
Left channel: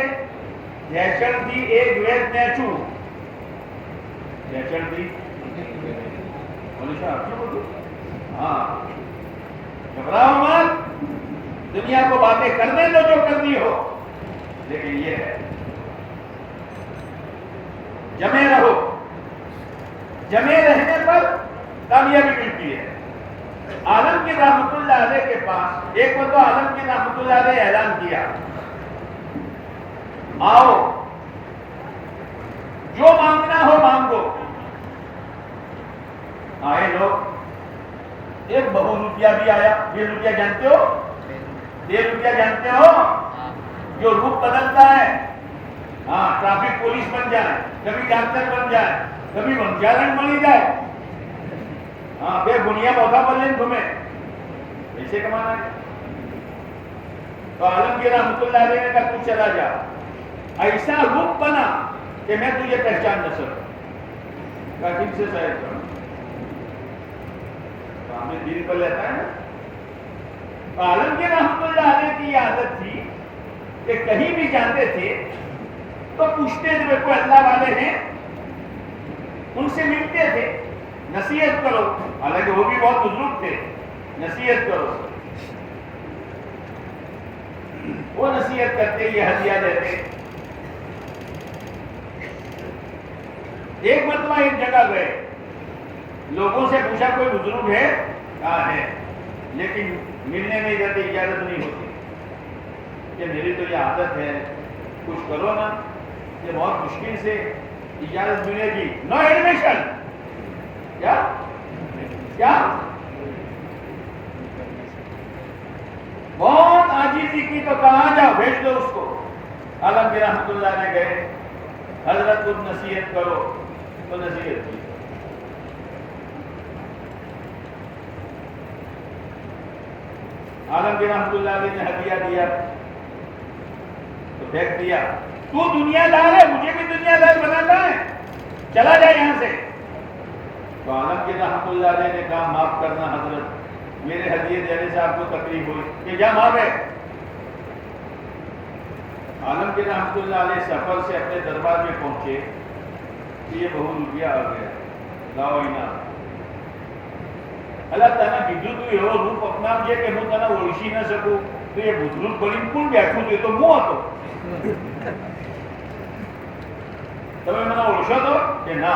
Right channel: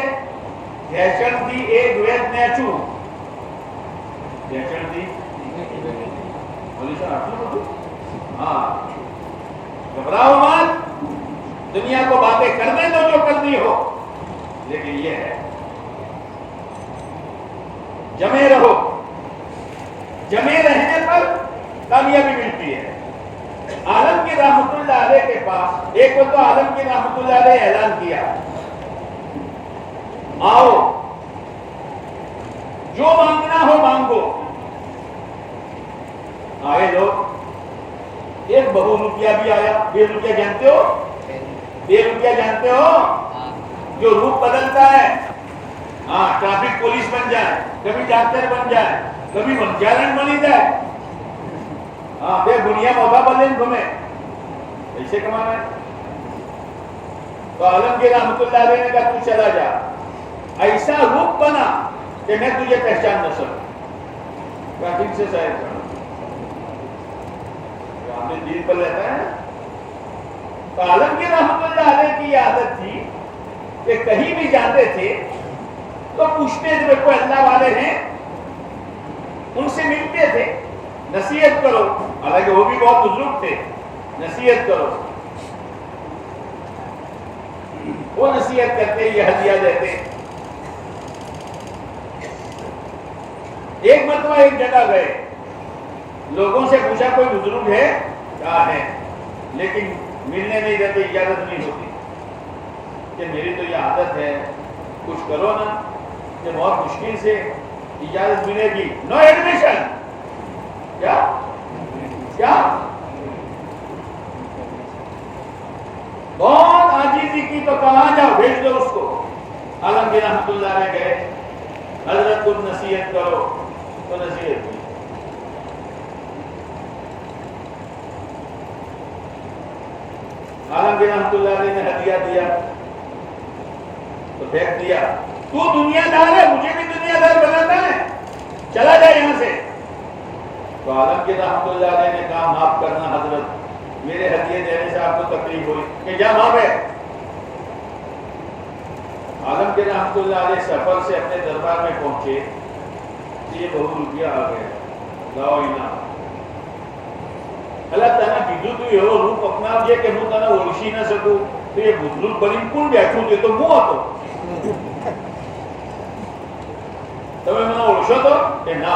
گھیچل دی ایک ویت نیچو, گھیچل دی بولی صاحب. ہاں, گھبراؤ مت, دنیا کو باتیں کرنے دو جو کرنی ہو, لیکن یہ ہے جمے رہو. جمے رہنے پر کامیابی ملتی ہے. عالمگیر رحمۃ اللہ علیہ کے پاس ایک وقت عالمگیر رحمۃ اللہ علیہ اعلان کیا, آؤ جو مانگنا ہو مانگو. آئے لوگ, ایک بہو روپیہ بھی آیا. 20 روپیہ جانتے ہو, 20 روپیہ جانتے ہو, جو روپ بدلتا ہے. ہاں, ٹریفک پولیس بن جائے, کبھی ڈاکٹر بن جائے, کبھی منجارن بنی جائے. ہاں, بے بنیا موقع بولیں تمہیں ایسے کمانا ہے. تو عالمگیر رحمۃ اللہ علیہ نے کہا تو چلا جا, ایسا روپ بنا کہ میں تجھے پہچان نہ سکوں. کہا ٹھیک سے صاحب, ہمیں دل پر لیتا ہے. تو عالمگیر رحمۃ اللہ علیہ کی یہ عادت تھی کہ کہیں بھی جاتے تھے تو پوچھتے تھے کوئی اللہ والے ہیں, ان سے ملتے تھے, نصیحت کرو. حالانکہ وہ بھی بہت بزرگ تھے, نصیحت کرو. وہ نصیحت کرتے, یہ ہدیہ دیتے. ایک مرتبہ ایک جگہ گئے, لوگوں سے پوچھا کوئی بزرگ ہے, کہا ہے, لیکن ملنے نہیں دیتے, اجازت نہیں ہوتی. کہ میری تو یہ عادت ہے, کچھ کرو نا, کہ بہت مشکل سے اجازت ملے گی. نو ایڈمیشن. کیا کیا بہت عاجزی کی تو کہاں جاؤ, بھیج دو اس کو. عالمگیر رحمۃ اللہ نے گئے, حضرت کچھ نصیحت کرو, تو نصیحت کی. عالمگیر رحمۃ اللہ علیہ نے ہدیہ دیا تو پھینک دیا. تو دنیا دار ہے, مجھے بھی دنیا دار بناتا ہے, چلا جائے یہاں سے. تو عالمگیر رحمۃ اللہ علیہ نے کہا معاف کرنا حضرت, میرے ہدیے دینے سے آپ کو تکلیف ہوئی, کہ جا معاف ہے. عالمگیر رحمۃ اللہ علیہ سفر سے اپنے دربار میں پہنچے, یہ بہت روپیہ آ گیا, لاؤ انعام. اللہ تعالیٰ કીધું તું એવો રૂપ અપનાવજે કે હું તને ઓળખી ન શકું. તો એ બુદ્રુક બનીને કોણ બેઠું છે? તો હું હતો. તમે મને ઓળખો તો કે ના?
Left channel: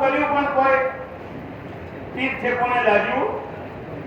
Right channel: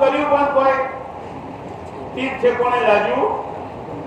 કર્યું પણ કોઈ ઠીક છે કોને લાગ્યું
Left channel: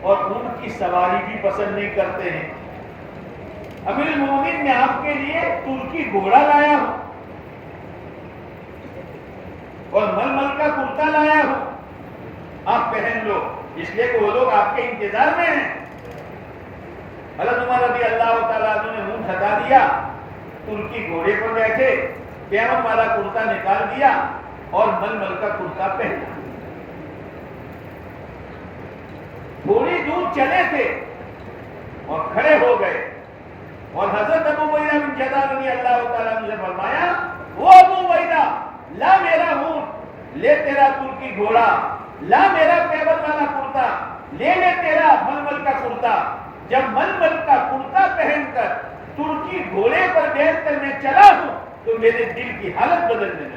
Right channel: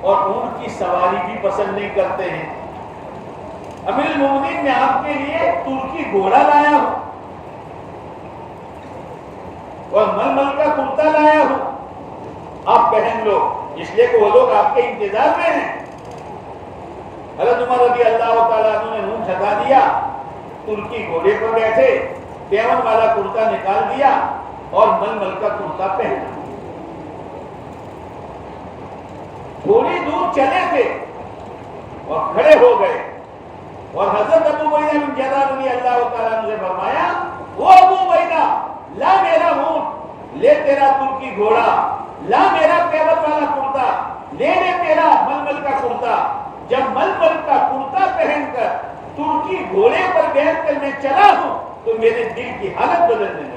اور اونٹ کی سواری بھی پسند نہیں کرتے ہیں. امیر المومنین میں آپ کے لیے ترکی گھوڑا لایا ہوں اور ململ کا کرتا لایا ہوں, آپ پہن لو, اس لیے کہ وہ لوگ آپ کے انتظار میں ہیں. حضرت عمر رضی اللہ تعالیٰ عنہ نے منہ ہٹا دیا, ترکی گھوڑے پر بیٹھے, پیون والا کرتا نکال دیا اور ململ کا کرتا پہنا. تھوڑی دور چلے تھے اور کھڑے ہو گئے, اور حضرت ابو عبیدہ بن جراح رضی اللہ تعالیٰ عنہ سے فرمایا, وہ ابو عبیدہ, لا میرا اونٹ, لے تیرا ترکی گھوڑا, لا میرا پیون والا کرتا, لے تیرا ململ کا کرتا. جب ململ کا کرتا پہن کر ترکی گھوڑے پر بیٹھ کر میں چلا ہوں تو میرے دل کی حالت بدلنے لگی.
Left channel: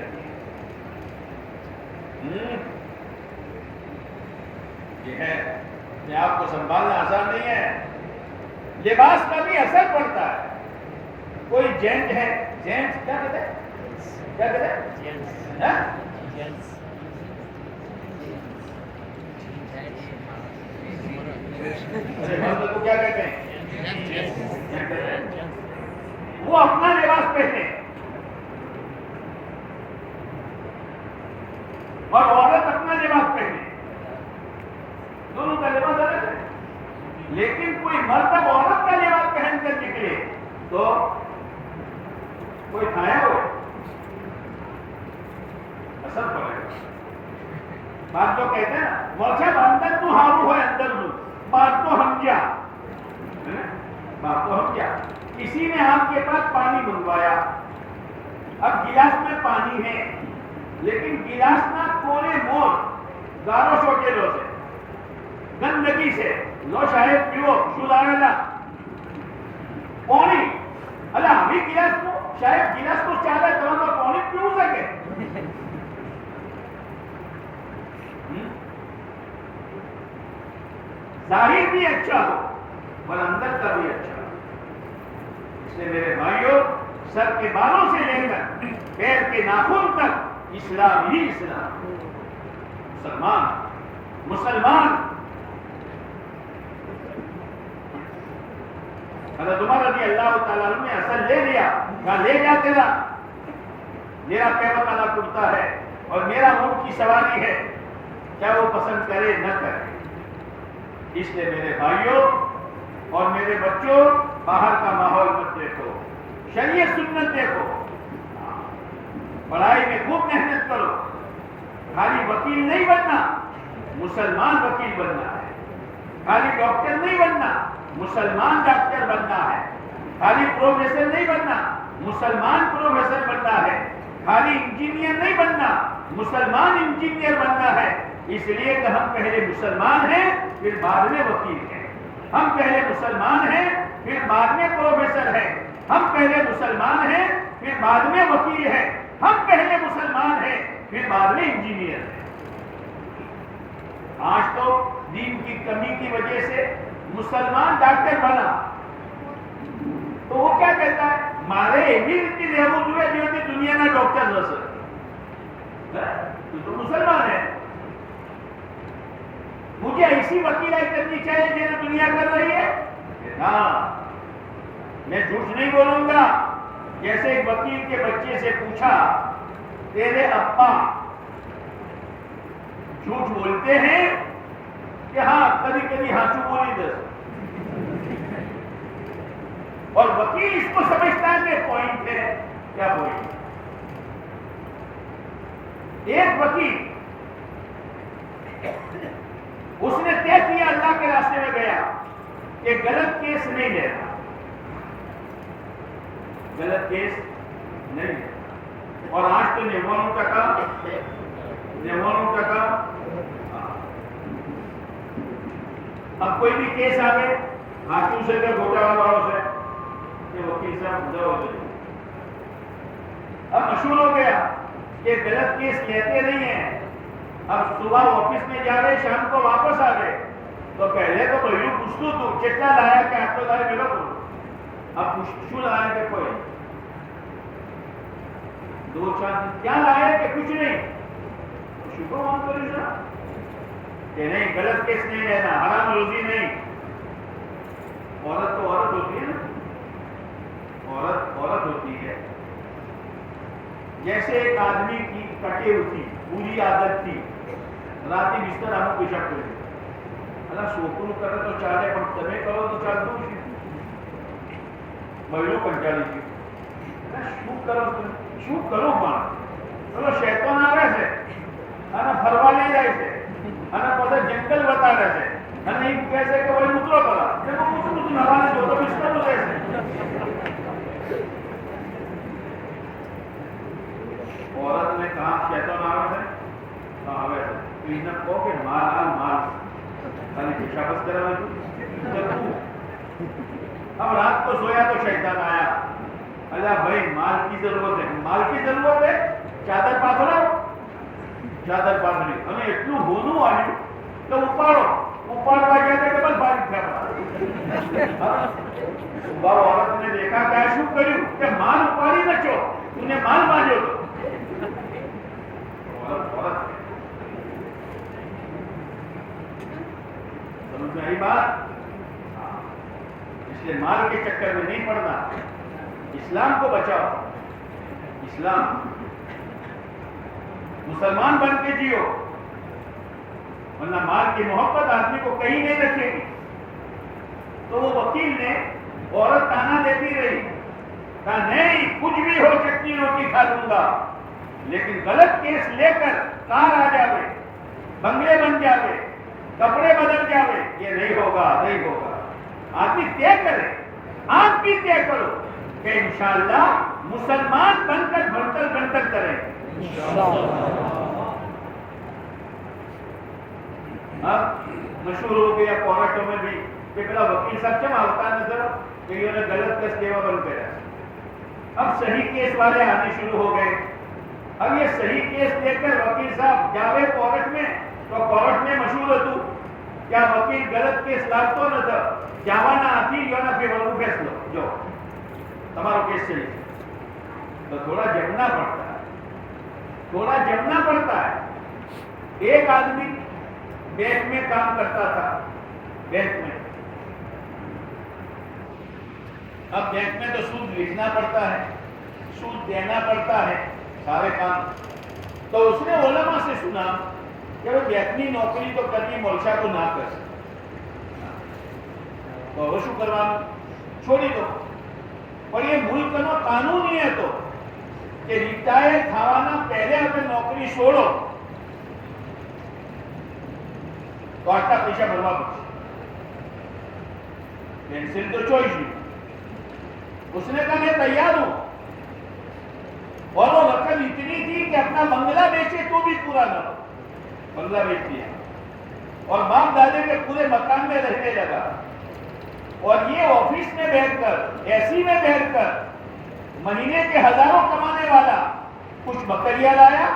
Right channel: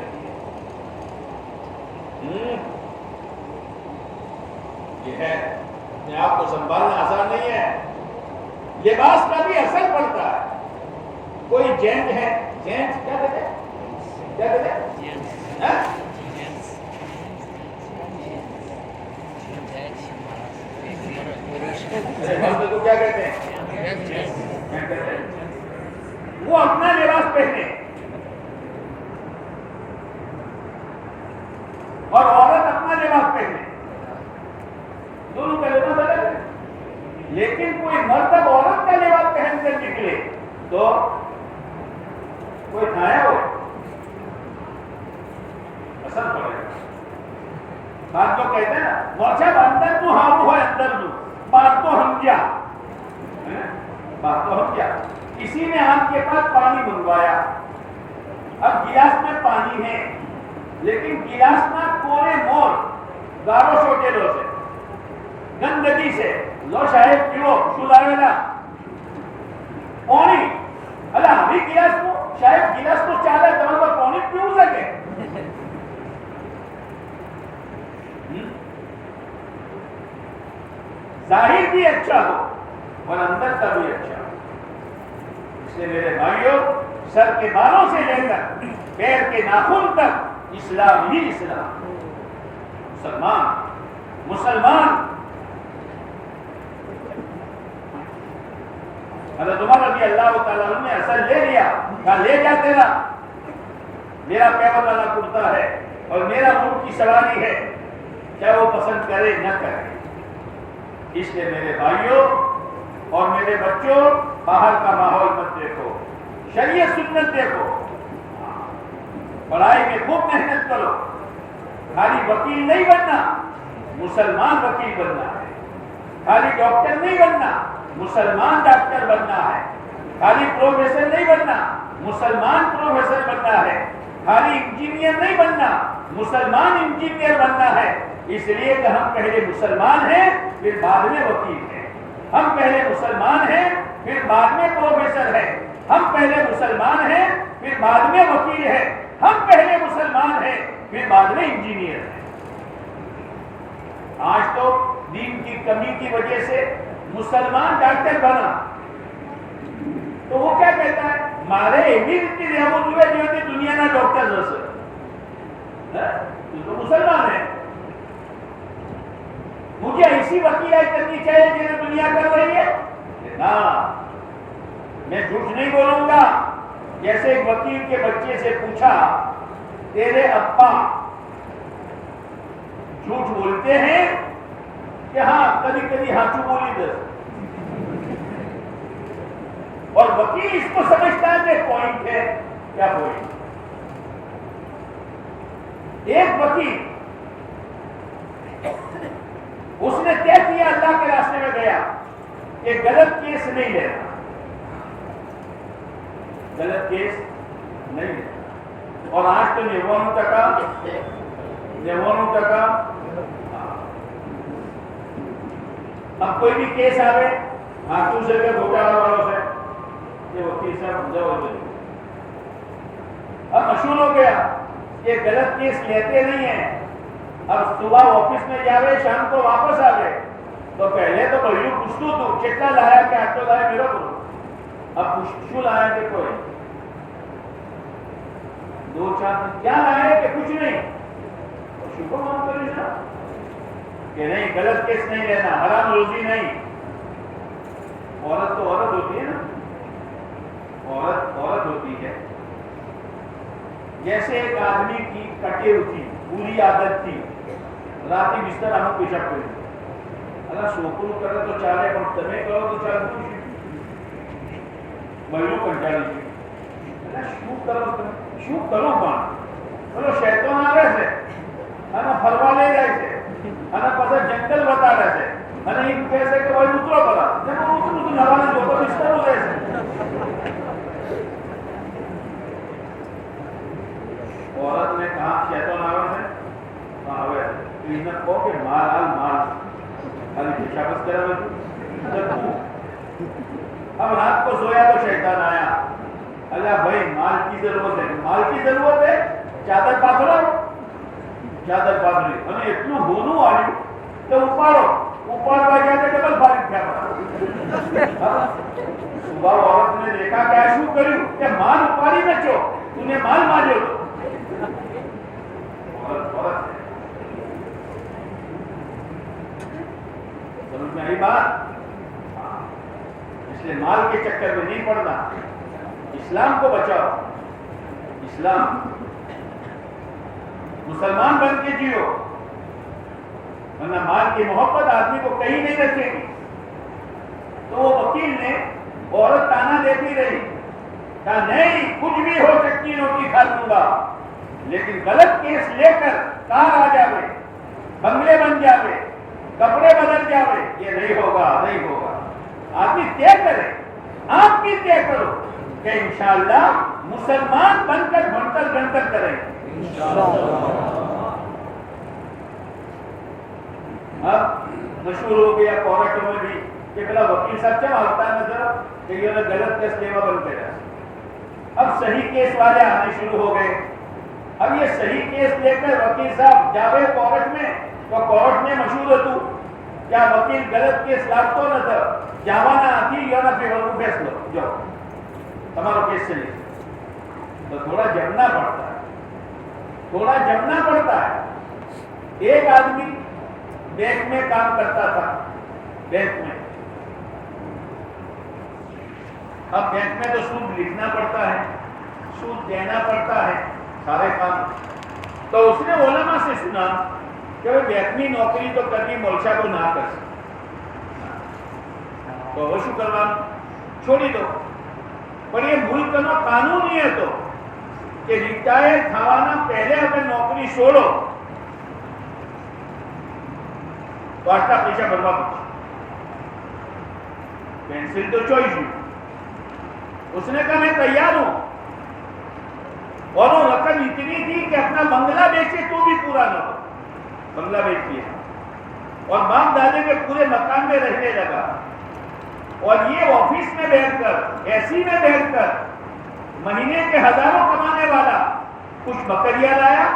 یہ ہے, اپنے آپ کو سنبھالنا آسان نہیں ہے. لباس کا بھی اثر پڑتا ہے. کوئی جینٹ ہے, جینٹ کیا کہتے ہیں, کیا کہتے ہیں, کو کیا کہتے ہیں, وہ اپنا لباس پہنے, اور عورت اپنا لباس پہنے, دونوں کا لباس الگ ہے. لیکن کوئی مرتب عورت کا لباس پہن کر نکلے تو کوئی کھایا ہو, اثر پڑے گا. بات تو کہتے ہیں نا, ورچہ اندر تو ہارو ہے, اندر تو بات تو ہم کیا, بات تو ہم کیا. کسی نے آپ کے پاس پانی منگوایا, اب گلاس میں پانی ہے, لیکن گلاس نہ کولے مور گارو چھوٹے لو سے, گندگی سے, لو شاید پیو شو لائے نا پانی, اللہ ابھی گلاس کو شاید گلاس کو چاہے تو پانی پیو سکے. ظاہر بھی اچھا ہو اور اندر کا بھی اچھا ہو. اس لیے میرے بھائیوں, سر کے بالوں سے لے کر پیر کے ناخن تک اسلام ہی اسلام. مسلمان حضرت عمر رضی اللہ تعالیٰ عنہ نے اثر لے لیا, کہا لے جا تیرا, میرا پیغمبر والا کرتا ہے اور میرا اونٹ کی سواری ہے, چاہے وہ پسند کرے نہ کرے. اس لیے میرے بھائیوں اور میرے بچوں, باہر کا ماحول مت دیکھو, شریعت سنت دیکھو. پڑھائی میں خوب محنت کرو. خالی وکیل نہیں بننا, مسلمان وکیل بننا ہے. خالی ڈاکٹر نہیں بننا, مسلمان ڈاکٹر بننا ہے. خالی پروفیسر نہیں بننا, مسلمان پروفیسر بننا ہے. خالی انجینئر نہیں بننا, مسلمان انجینئر بننا ہے. اس لیے کہ ہم پہلے مسلمان ہیں پھر بعد میں وکیل ہیں. ہم پہلے مسلمان ہیں پھر بعد میں پروفیسر ہیں. ہم پہلے مسلمان ہیں پھر بعد میں وکیل ہیں. ہم پہلے مسلمان ہیں پھر بعد میں انجینئر ہیں. آج تو دین کی کمی کی وجہ سے مسلمان ڈاکٹر بنا تو وہ کیا کہتا ہے, مارے ایوی ریتی ریبو ہوئے جو دنیا میں ڈاکٹر رسے, تو مسلمان ہے. مجھے ایسی وکیلائی کرنی چاہیے جنہیں دنیا کر رہی ہے. ہاں, میں جھوٹ نہیں بولوں گا. جیسے ایک وکیل کے بچے سے پوچھا, تیرے ابا جھوٹ بولتے ہیں کہ ہاں کبھی کبھی ہاتھوں بولی دے, اور وکیل اس کو سمجھتا ہے کہ پوائنٹ ہے. کیا پوائنٹ؟ ایک وکیل اس نے طے کیا, اللہ کے راستے میں گیا کہ غلط کیس نہیں لینا, غلط کیس نہیں لینا. اور آج تو 99%. اب کوئی بھی کیس آئے ہاتھوں سے کیا گھوٹالہ والوں سے, یہ وکیل صاحب اب مشہور ہو گیا کہ غلط کیس لیتے نہیں ہیں. اب صبح آفس میں جا رہے, شام کو واپس آ گئے, تو پہلے تو بڑی پوچھتو تو کتنا لایا کہ آپ تو لائے میرا کو, اب پوچھو لایا کہ کوئی 2-4 کیا لائے کہ کچھ نہیں, شکر مان کری نا. کہ نہیں غلط کیس نہیں لینا، حرام روزی نہیں. عورت تو عورت ہوتی ہے نا، عورت ہوتی ہے. جیسے ایک آدمی کی کٹے ہوئی پوری عادت تھی راتی بستر ہم پیشاب کریں اللہ سوکر کرے تو چالے پر تمہیں کرو تو چال دو مہینوں کنٹا لیجیے شو کرو پان چلو شیطان آ رہے سے ہنا فروا لے رہے سے ہنا پتا جنگل بتا رہے سے ہنا ایک کیسے کہ بھائی اترو پڑا جب وہ اترو تو نوانے جو تو بستر ہو رہے سے. عورت نے کہا شیطان آ رہے سے کہا ہوئے تو انہیں کہو کہ مال خالی پیشابت کرا میں اب رات کو سویا تو شیطان آیا اللہ بھائی مال کی ضرورت ہے چادر پاتھرو چادر پاتھری ہمیں اتنو ہونو آلی تو اوپر بائی جاتے ڈبل فارغ کیا پڑا. صبح عورت نے دیکھا کیا شو کریو کہ مال اوپاری نہ چو انہیں مال مانجو عورت سمجھ میں آئی بات. اس لیے مال کے چکر میں نہیں پڑنا، اسلام کو بچاؤ. اسلام مسلمان بن کے جیو ورنہ مال کی محبت آدمی کو کہیں نہیں رکھے گی. تو وہ وکیل نے عورت تانا دیتی رہی کہا نہیں کچھ بھی ہو سکتی روٹی کھا لوں گا لیکن غلط کیس لے کر کار آ جاوے بنگلے بن جاوے کپڑے بدل جاوے یہ نہیں ہوگا. آدمی طے کرے، آپ بھی طے کرو کہ انشاءاللہ مسلمان بن کر بھنتر گنتر کریں. اب مشہور ہو گیا کورٹوں میں بھی کہ بلا وکیل صاحب چل آتا ہے نظر کہ یہ غلط کیس لیوا بنتے رہے. اب صحیح کیس والے آنے شروع ہو گئے. اب یہ صحیح کیس لے کر وکیل صاحب جاوے کورٹ میں تو کورٹ میں مشہور ہو تو کیا وکیل غلط کیس لاگتو نہ تھا جاوانا آتی یا نہ فیورو فیصلو جو تمہارا کیس چلی تو تھوڑا جمنا پڑتا ہے. ایک آدمی بینک میں کام کرتا تھا بینک میں. اب بینک میں تو سود لکھنا پڑتا ہے سود دینا پڑتا ہے سارے کام. تو اس نے علماء سے سنا کہ بینکنی نوکری تو کرنی مولشا کو نہ کر سکتے تو وہ شو کروانا چھوڑی دو. پر یہ ملک کا قانون ہی ہے تو کہ ریٹائر تھاوانا پہلے اگر نوکری چھوڑو تو آٹھا پیشہ بنوا پڑے پینسل تو چوئیس. اس نے کہا میں تیار ہوں اور وہ رقم اتنی تھی کہ اپنا بنگلہ بیچے تو بھی پورا نہ ہو. بنگلہ بیچ دیا اور باپ دادے کے پورے مکان میں رہنے لگا اور یہ آفس میں بیٹھ کر اے سی میں بیٹھ کر مہینے کے ہزاروں کمانے والا کچھ بکریاں لایا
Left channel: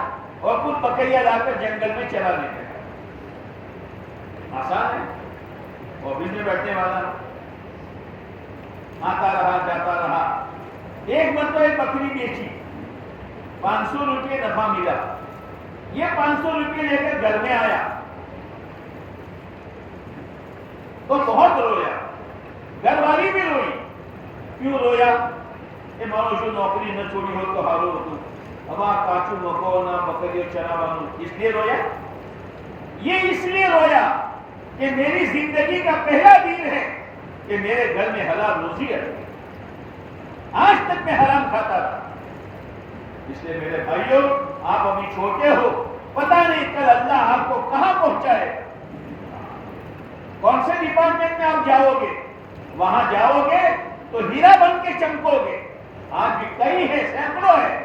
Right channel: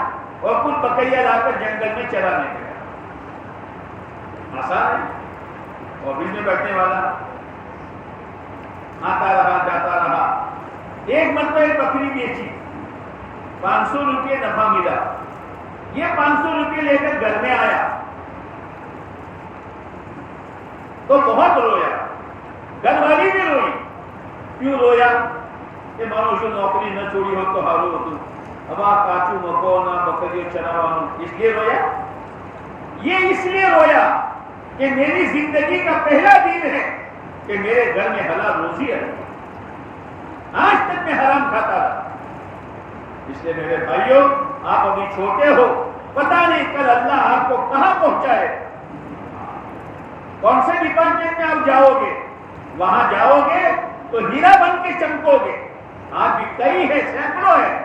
اور کچھ بکریاں لا کر جنگل میں چلانے گیا. آسان ہے آفس میں بیٹھنے والا آتا رہا جاتا رہا. ایک مرتبہ ایک بکری بیچی 500 روپے نفع ملا. یہ 500 روپے لے کر گھر میں آیا تو بہت رویا. گھر والی بھی روئی. کیوں رویا کہ مانو شو نوکری نہ چھوڑی ہو تو حالو ہو تو اب آپ کاچو مکو نہ بکریو چراوانو اس لیے رویا. یہ اس لیے رویا کہ میری زندگی کا پہلا دن ہے کہ میرے گھر میں حلال روزی ہے. آج تک میں حرام کھاتا رہا. اس لیے میرے بھائیوں آپ ابھی چھوٹے ہو پتہ نہیں کل اللہ آپ کو کہاں پہنچائے. کون سے ڈپارٹمنٹ میں آپ جاؤ گے وہاں جاؤ گے تو ہیرا بن کے چمکو گے. آج بھی کئی ہے سینکڑوں ہے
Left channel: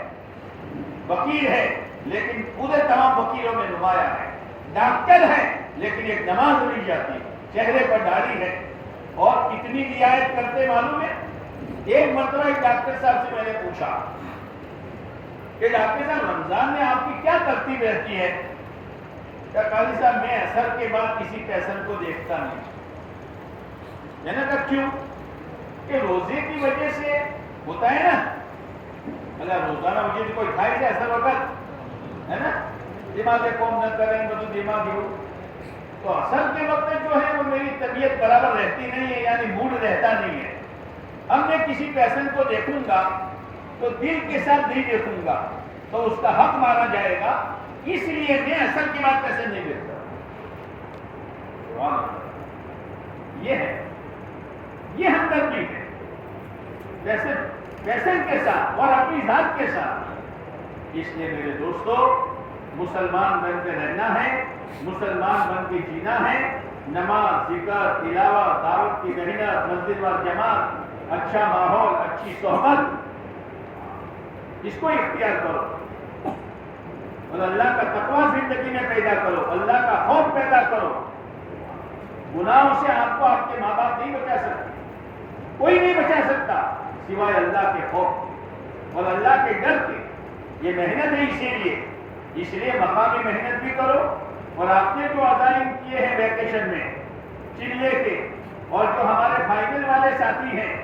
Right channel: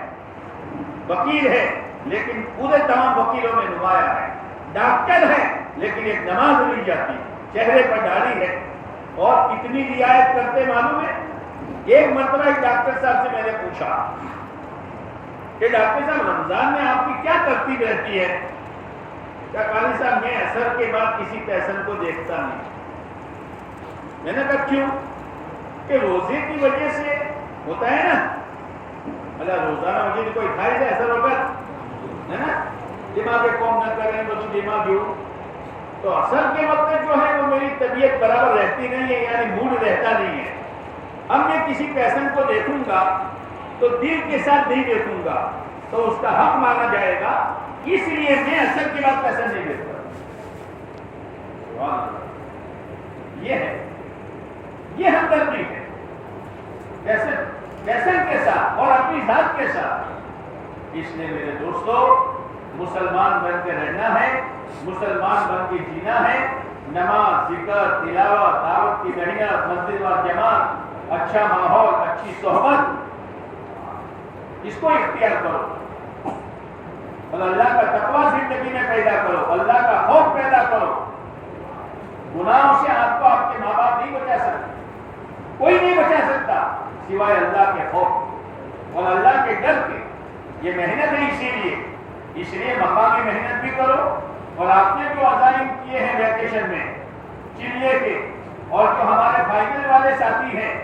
وکیل ہے لیکن پورے تمام وکیلوں میں نمایاں ہے. ڈاکٹر ہے لیکن ایک نماز نہیں جاتی چہرے پر داڑھی ہے اور کتنی رعایت کرتے معلوم ہے. ایک مرتبہ ایک ڈاکٹر صاحب سے میں نے پوچھا کہ ڈاکٹر صاحب رمضان میں آپ کی کیا ترتیب رہتی ہے؟ کہا قاضی صاحب میں اثر کے بعد کسی پیشنٹ کو دیکھتا نہیں. میں نے کہا کیوں؟ کہ روزے کی وجہ سے ہوتا ہے نا مطلب روزانہ وجہ سے کوئی کھائے سے اثر وقت ہے نا دماغ قوم نہ کریں مجھے دماغ ہو تو اصل کے وقت جو ہے وہ میری طبیعت برابر رہتی نہیں ہے، یعنی موڈ رہتا نہیں ہے. اب میں کسی پیشن کو دیکھوں گا تو دل کے ساتھ نہیں دیکھوں گا تو اس کا حق مانا جائے گا، اس لیے میں اصل کے بعد پیشن نہیں دیکھتا. یہ ہے، یہ ہمدردی ہے پیشن کے ساتھ اور اپنی ذات کے ساتھ. اس لیے میرے دوستو مسلمان بن کے رہنا ہے، مسلمان بن کے جینا ہے. نماز، ذکر، تلاوت، دعوت کی محنت، مسجد و جماعت، اچھا ماحول، اچھی صحبت، اس کو اختیار کرو اور اللہ کا تقوی زندگی میں پیدا کرو، اللہ کا خوف پیدا کرو. گناہوں سے آپ کو آپ کے ماں باپ نہیں بچا سکتے، کوئی نہیں بچا سکتا سوائے اللہ کے خوف اور اللہ کے ڈر کے. یہ محنت ہے، اس لیے مقامی محنت بھی کرو. اور آپ نے جو عزائم کیے ہیں ویکیشن میں چلے کے، اور جو ہمارے فائنل والے ساتھی ہیں،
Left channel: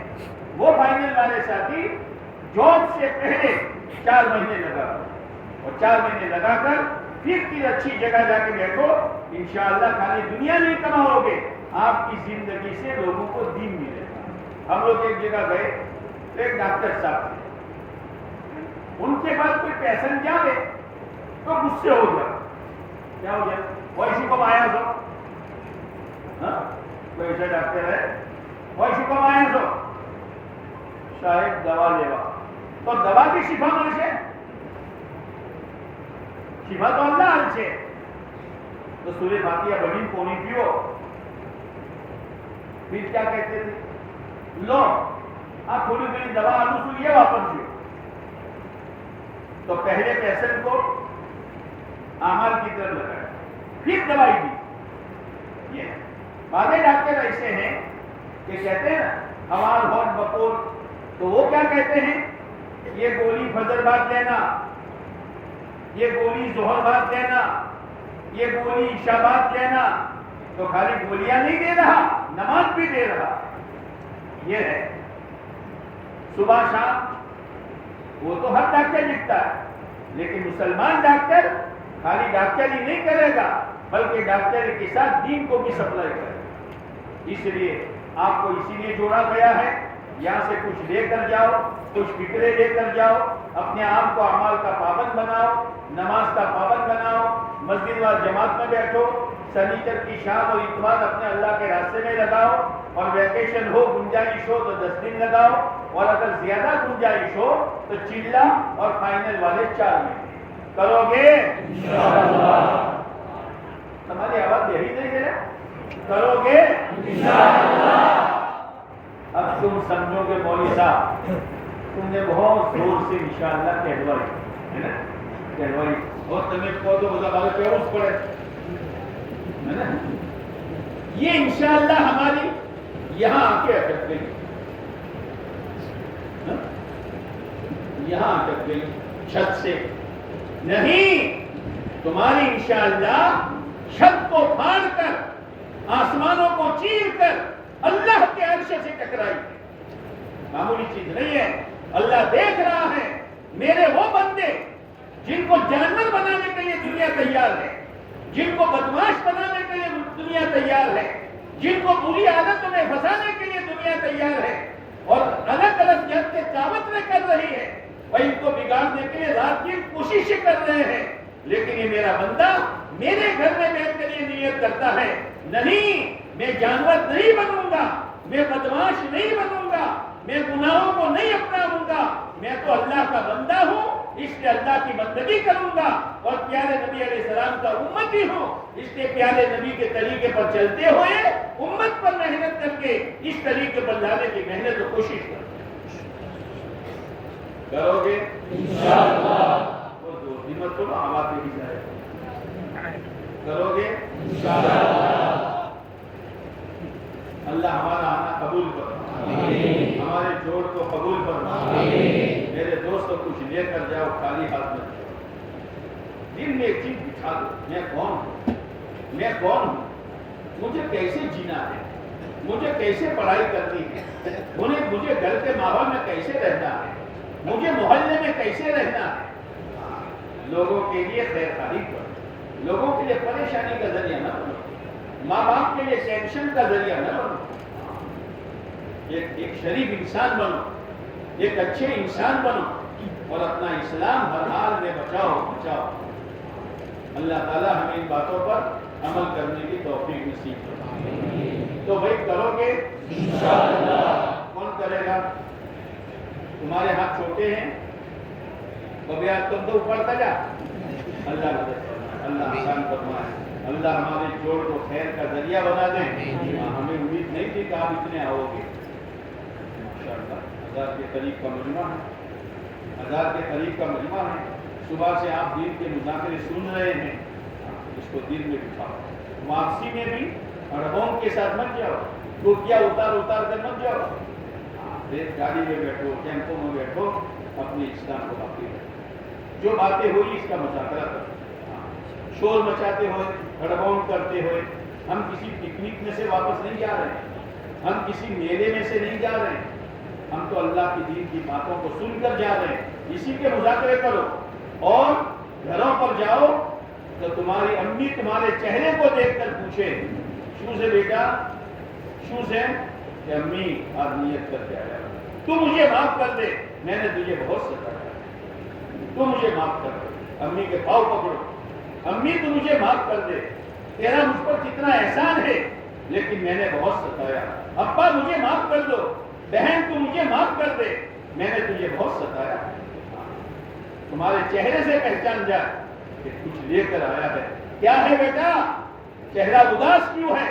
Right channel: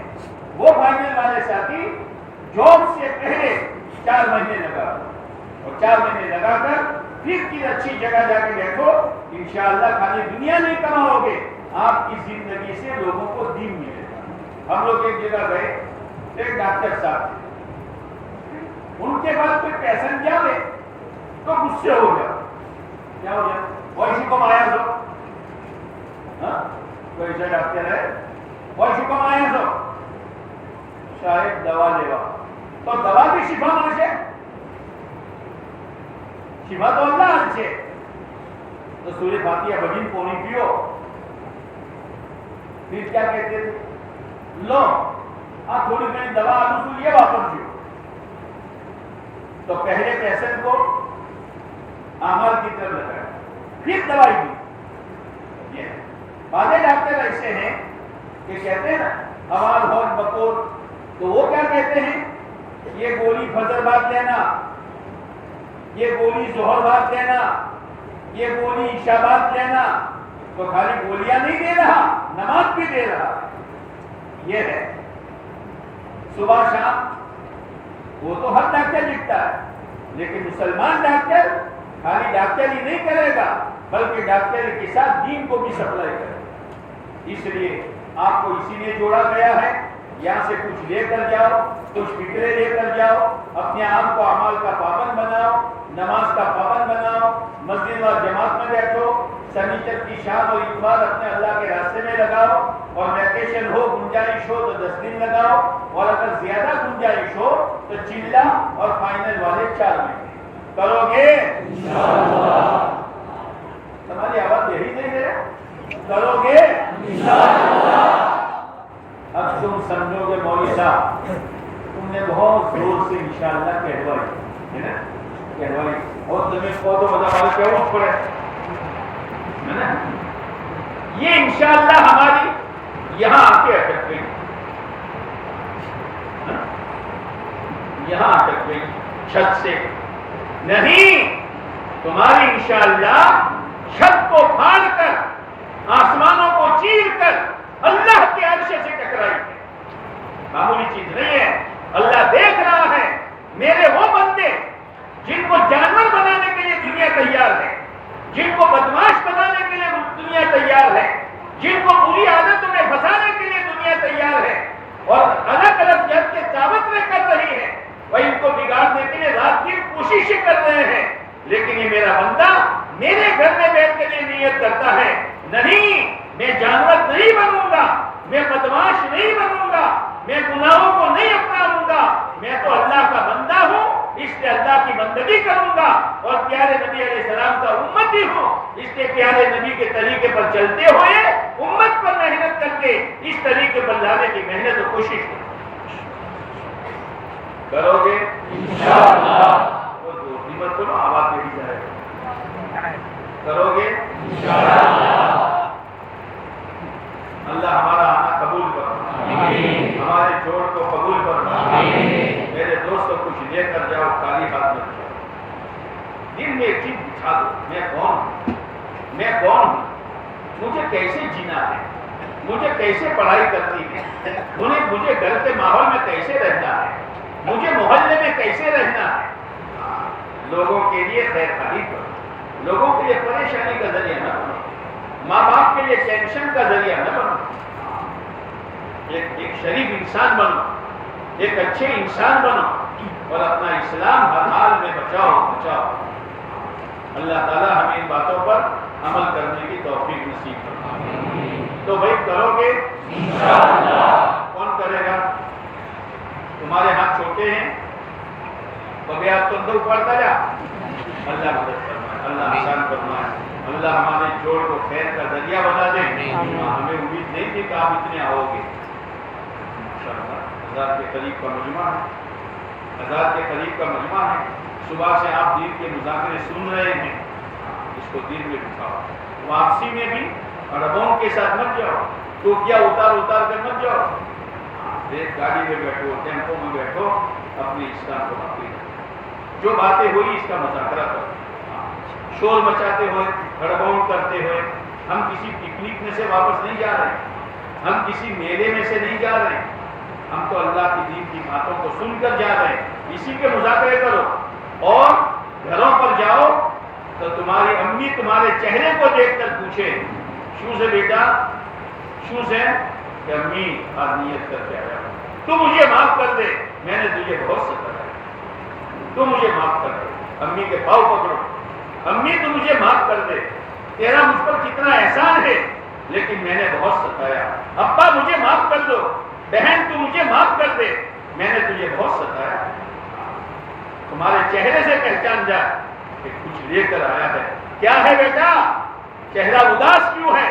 وہ فائنل والے ساتھی جاب سے پہلے 4 مہینے لگا اور 4 مہینے لگا کر پھر کی اچھی جگہ جا کے بیٹھو. انشاءاللہ خالی دنیا نہیں کماؤ گے، آپ کی زندگی سے لوگوں کو دین ملے گا. ہم لوگ ایک جگہ گئے، ایک ڈاکٹر صاحب، ان کے بعد کوئی پیشنٹ جاوے تو غصے ہو گیا. کیا ہو گیا؟ وہی شکم آیا سو، کوئی ایسا ڈاکٹر ہے وہی شکم آیا سو شاید دوا لیوا تو دوا کی شفا من سے، شفا تو اللہ حل سے. تو سورہ فاتحہ بڑی پونی پیو. پھر کیا کہتے تھے؟ لو آپ تھوڑی میری دوا آلو سو یہ واپس دیو. تو پہلے پیشنٹ کو اعمال کی طرف لگایا، پھر دوائی دی. یہ بعض ڈاکٹر ایسے ہیں کہ کہتے ہیں نا حوال ہون بکول، تو وہ کیا کہتے ہیں؟ یہ گولی فجر بعد لینا، یہ گولی ظہر بعد لینا، یہ گولی عشاء بعد لینا. تو خالی گولیاں نہیں دے رہا، نماز بھی دے رہا. یہ ہے صبح شام. وہ تو ہر ڈاکٹر لکھتا ہے، لیکن مسلمان ڈاکٹر خالی ڈاکٹر ہی نہیں کرے گا بلکہ ڈاکٹر کے ساتھ دین کو بھی سپلائی کرے گا. اس لیے آپ کو اسی لیے جوڑا گیا ہے. یہاں سے کچھ لے کر جاؤ، کچھ فکرے لے کر جاؤ، اپنے آپ کو اعمال کا پابند بناؤ، نماز کا پابند بناؤ، مسجد و جماعت میں بیٹھو، سنیچر کی شام اور اتوار اپنے اللہ کے راستے میں لگاؤ. اور ویکیشن ہو، گنجائش ہو تو 10 دن لگاؤ، اور اگر زیادہ گنجائش ہو تو چلا اور فائنل والے 4 مہینے کرو گے انشاءاللہ. تمہاری آواز یہی نہیں ہے، کرو گے انشاءاللہ. اب تم سمجھو گے مولوی صاحب تم نے بہت زور سے انشاءاللہ کہلوائی ہے نا، کہلوائی اور تمہیں کو تو مطلب ہمارے پیروز پڑے ہے نا. یہ انشاءاللہ ہماری یہاں آ کے اٹک گئی، یہاں اٹک گئی چھت سے نہیں. تمہاری انشاءاللہ چھت کو پھاڑ کر آسمانوں کو چیر کر اللہ کے عرش سے ٹکرائی ہے. معمولی چیز نہیں ہے. اللہ دیکھ رہا ہے میرے وہ بندے جن کو جانور بنانے کے لیے دنیا تیار ہے، جن کو بدماش بنانے کے لیے دنیا تیار ہے، جن کو بری عادتوں میں پھنسانے کے لیے دنیا تیار ہے اور الگ الگ جد کے دعوت میں کر رہی ہے. وہ ان کو بگاڑنے کے لیے رات کی کوششیں کر رہے ہیں. لیکن یہ میرا بندہ میرے گھر میں بیٹھ کے لیے نیت کرتا ہے نہیں میں جانور نہیں بنوں گا، میں بدماش نہیں بنوں گا، میں گناہوں کو نہیں اپناؤں گا، میں تو اللہ کا بندہ ہوں، اس لیے اللہ کی بندگی کروں گا اور پیارے نبی علیہ السلام کا امتی ہوں. اس لیے پیارے نبی کے طریقے پر چلتے ہوئے امت پر محنت کر کے اس طریقے پر لانے کی محنت اور کوشش کرو گے انشاءاللہ. ہمت کرو، آواز نہیں جائے کرو گے انشاءاللہ. اللہ ہمارا آنا قبول کرو، ہمارے جوڑ کو قبول کرو. میرے دوستوں کچھ لے کر جاؤ، خالی ہاتھ میں جاؤ. دل میں ایک چیز بٹھا دو، میں کون ہوں، میں کون ہوں، مجھے کیسے جینا ہے، مجھے کیسے پڑھائی کرنی ہے، مجھے گھر کے ماحول میں کیسے رہنا ہے، مجھے محلے میں کیسے رہنا ہے. لوگوں کے لیے خیر خواہی کرو، لوگوں کے لیے پریشانی کا ذریعہ نہ بنو. ماں باپ کے لیے ٹینشن کا ذریعہ نہ بنو، ایک شریف انسان بنو، ایک اچھے انسان بنو، اور اپنا اسلام ہر حال میں بچاؤ۔ اللہ تعالیٰ ہمیں ان باتوں پر عمل کرنے کی توفیق نصیب کرے۔ تو بھائی کرو گے انشاءاللہ؟ کون کرے گا؟ تمہارے ہاتھ چھوٹے ہیں، کبھی آپ تو اندر پڑتا جا۔ اللہ مدد فرمائے، اللہ آسان فرمائے، اللہ ہمارے جوڑ کو خیر کا ذریعہ بنا دے۔ ہمیں امید نہیں تھی کہ آپ اتنے آؤ گے۔ ماشاءاللہ 1000 کے قریب کا مجمع ہے، 1000 کے قریب کا مجمع ہے۔ صبح سے آپ دین کے مذاکرے سن رہے ہیں، اس کو دین میں اٹھاؤ۔ واپسی میں بھی اڑبوں کے ساتھ مت جاؤ، ٹوکیاں اتار کر مت جاؤ۔ ایک گاڑی میں بیٹھو، ٹیمپو میں بیٹھو، اپنے اسلام کو باقی رکھو۔ جو باتیں ہوئی اس کا مذاکرہ کرو، شور مچاتے ہوئے، ہڑبڑ کرتے ہوئے۔ ہم کسی پکنک میں سے واپس نہیں جا رہے، ہم کسی میلے میں سے نہیں جا رہے، ہم تو اللہ کی دین کی باتوں کو سن کر جا رہے ہیں۔ اسی کے مذاکرے کرو، اور گھروں پر جاؤ تو تمہاری امی تمہارے چہرے کو دیکھ کر پوچھے، شو سے بیٹا، شو سے کہ امی آج نیت کر کے آیا، تو مجھے معاف کر دے، میں نے تجھے بہت ستایا، تو مجھے معاف کر دے۔ امی کے پاؤں پکڑو، امی تو مجھے معاف کر دے، تیرا مجھ پر کتنا احسان ہے، لیکن میں نے بہت ستایا۔ ابا مجھے معاف کر دو، بہن تو مجھے معاف کر دے، میں نے تجھے بہت ستایا۔ تمہارے چہرے سے پہچان جا کہ کچھ لے کر آیا ہے۔ کیا ہے بیٹا؟ چہرہ اداس کیوں ہے؟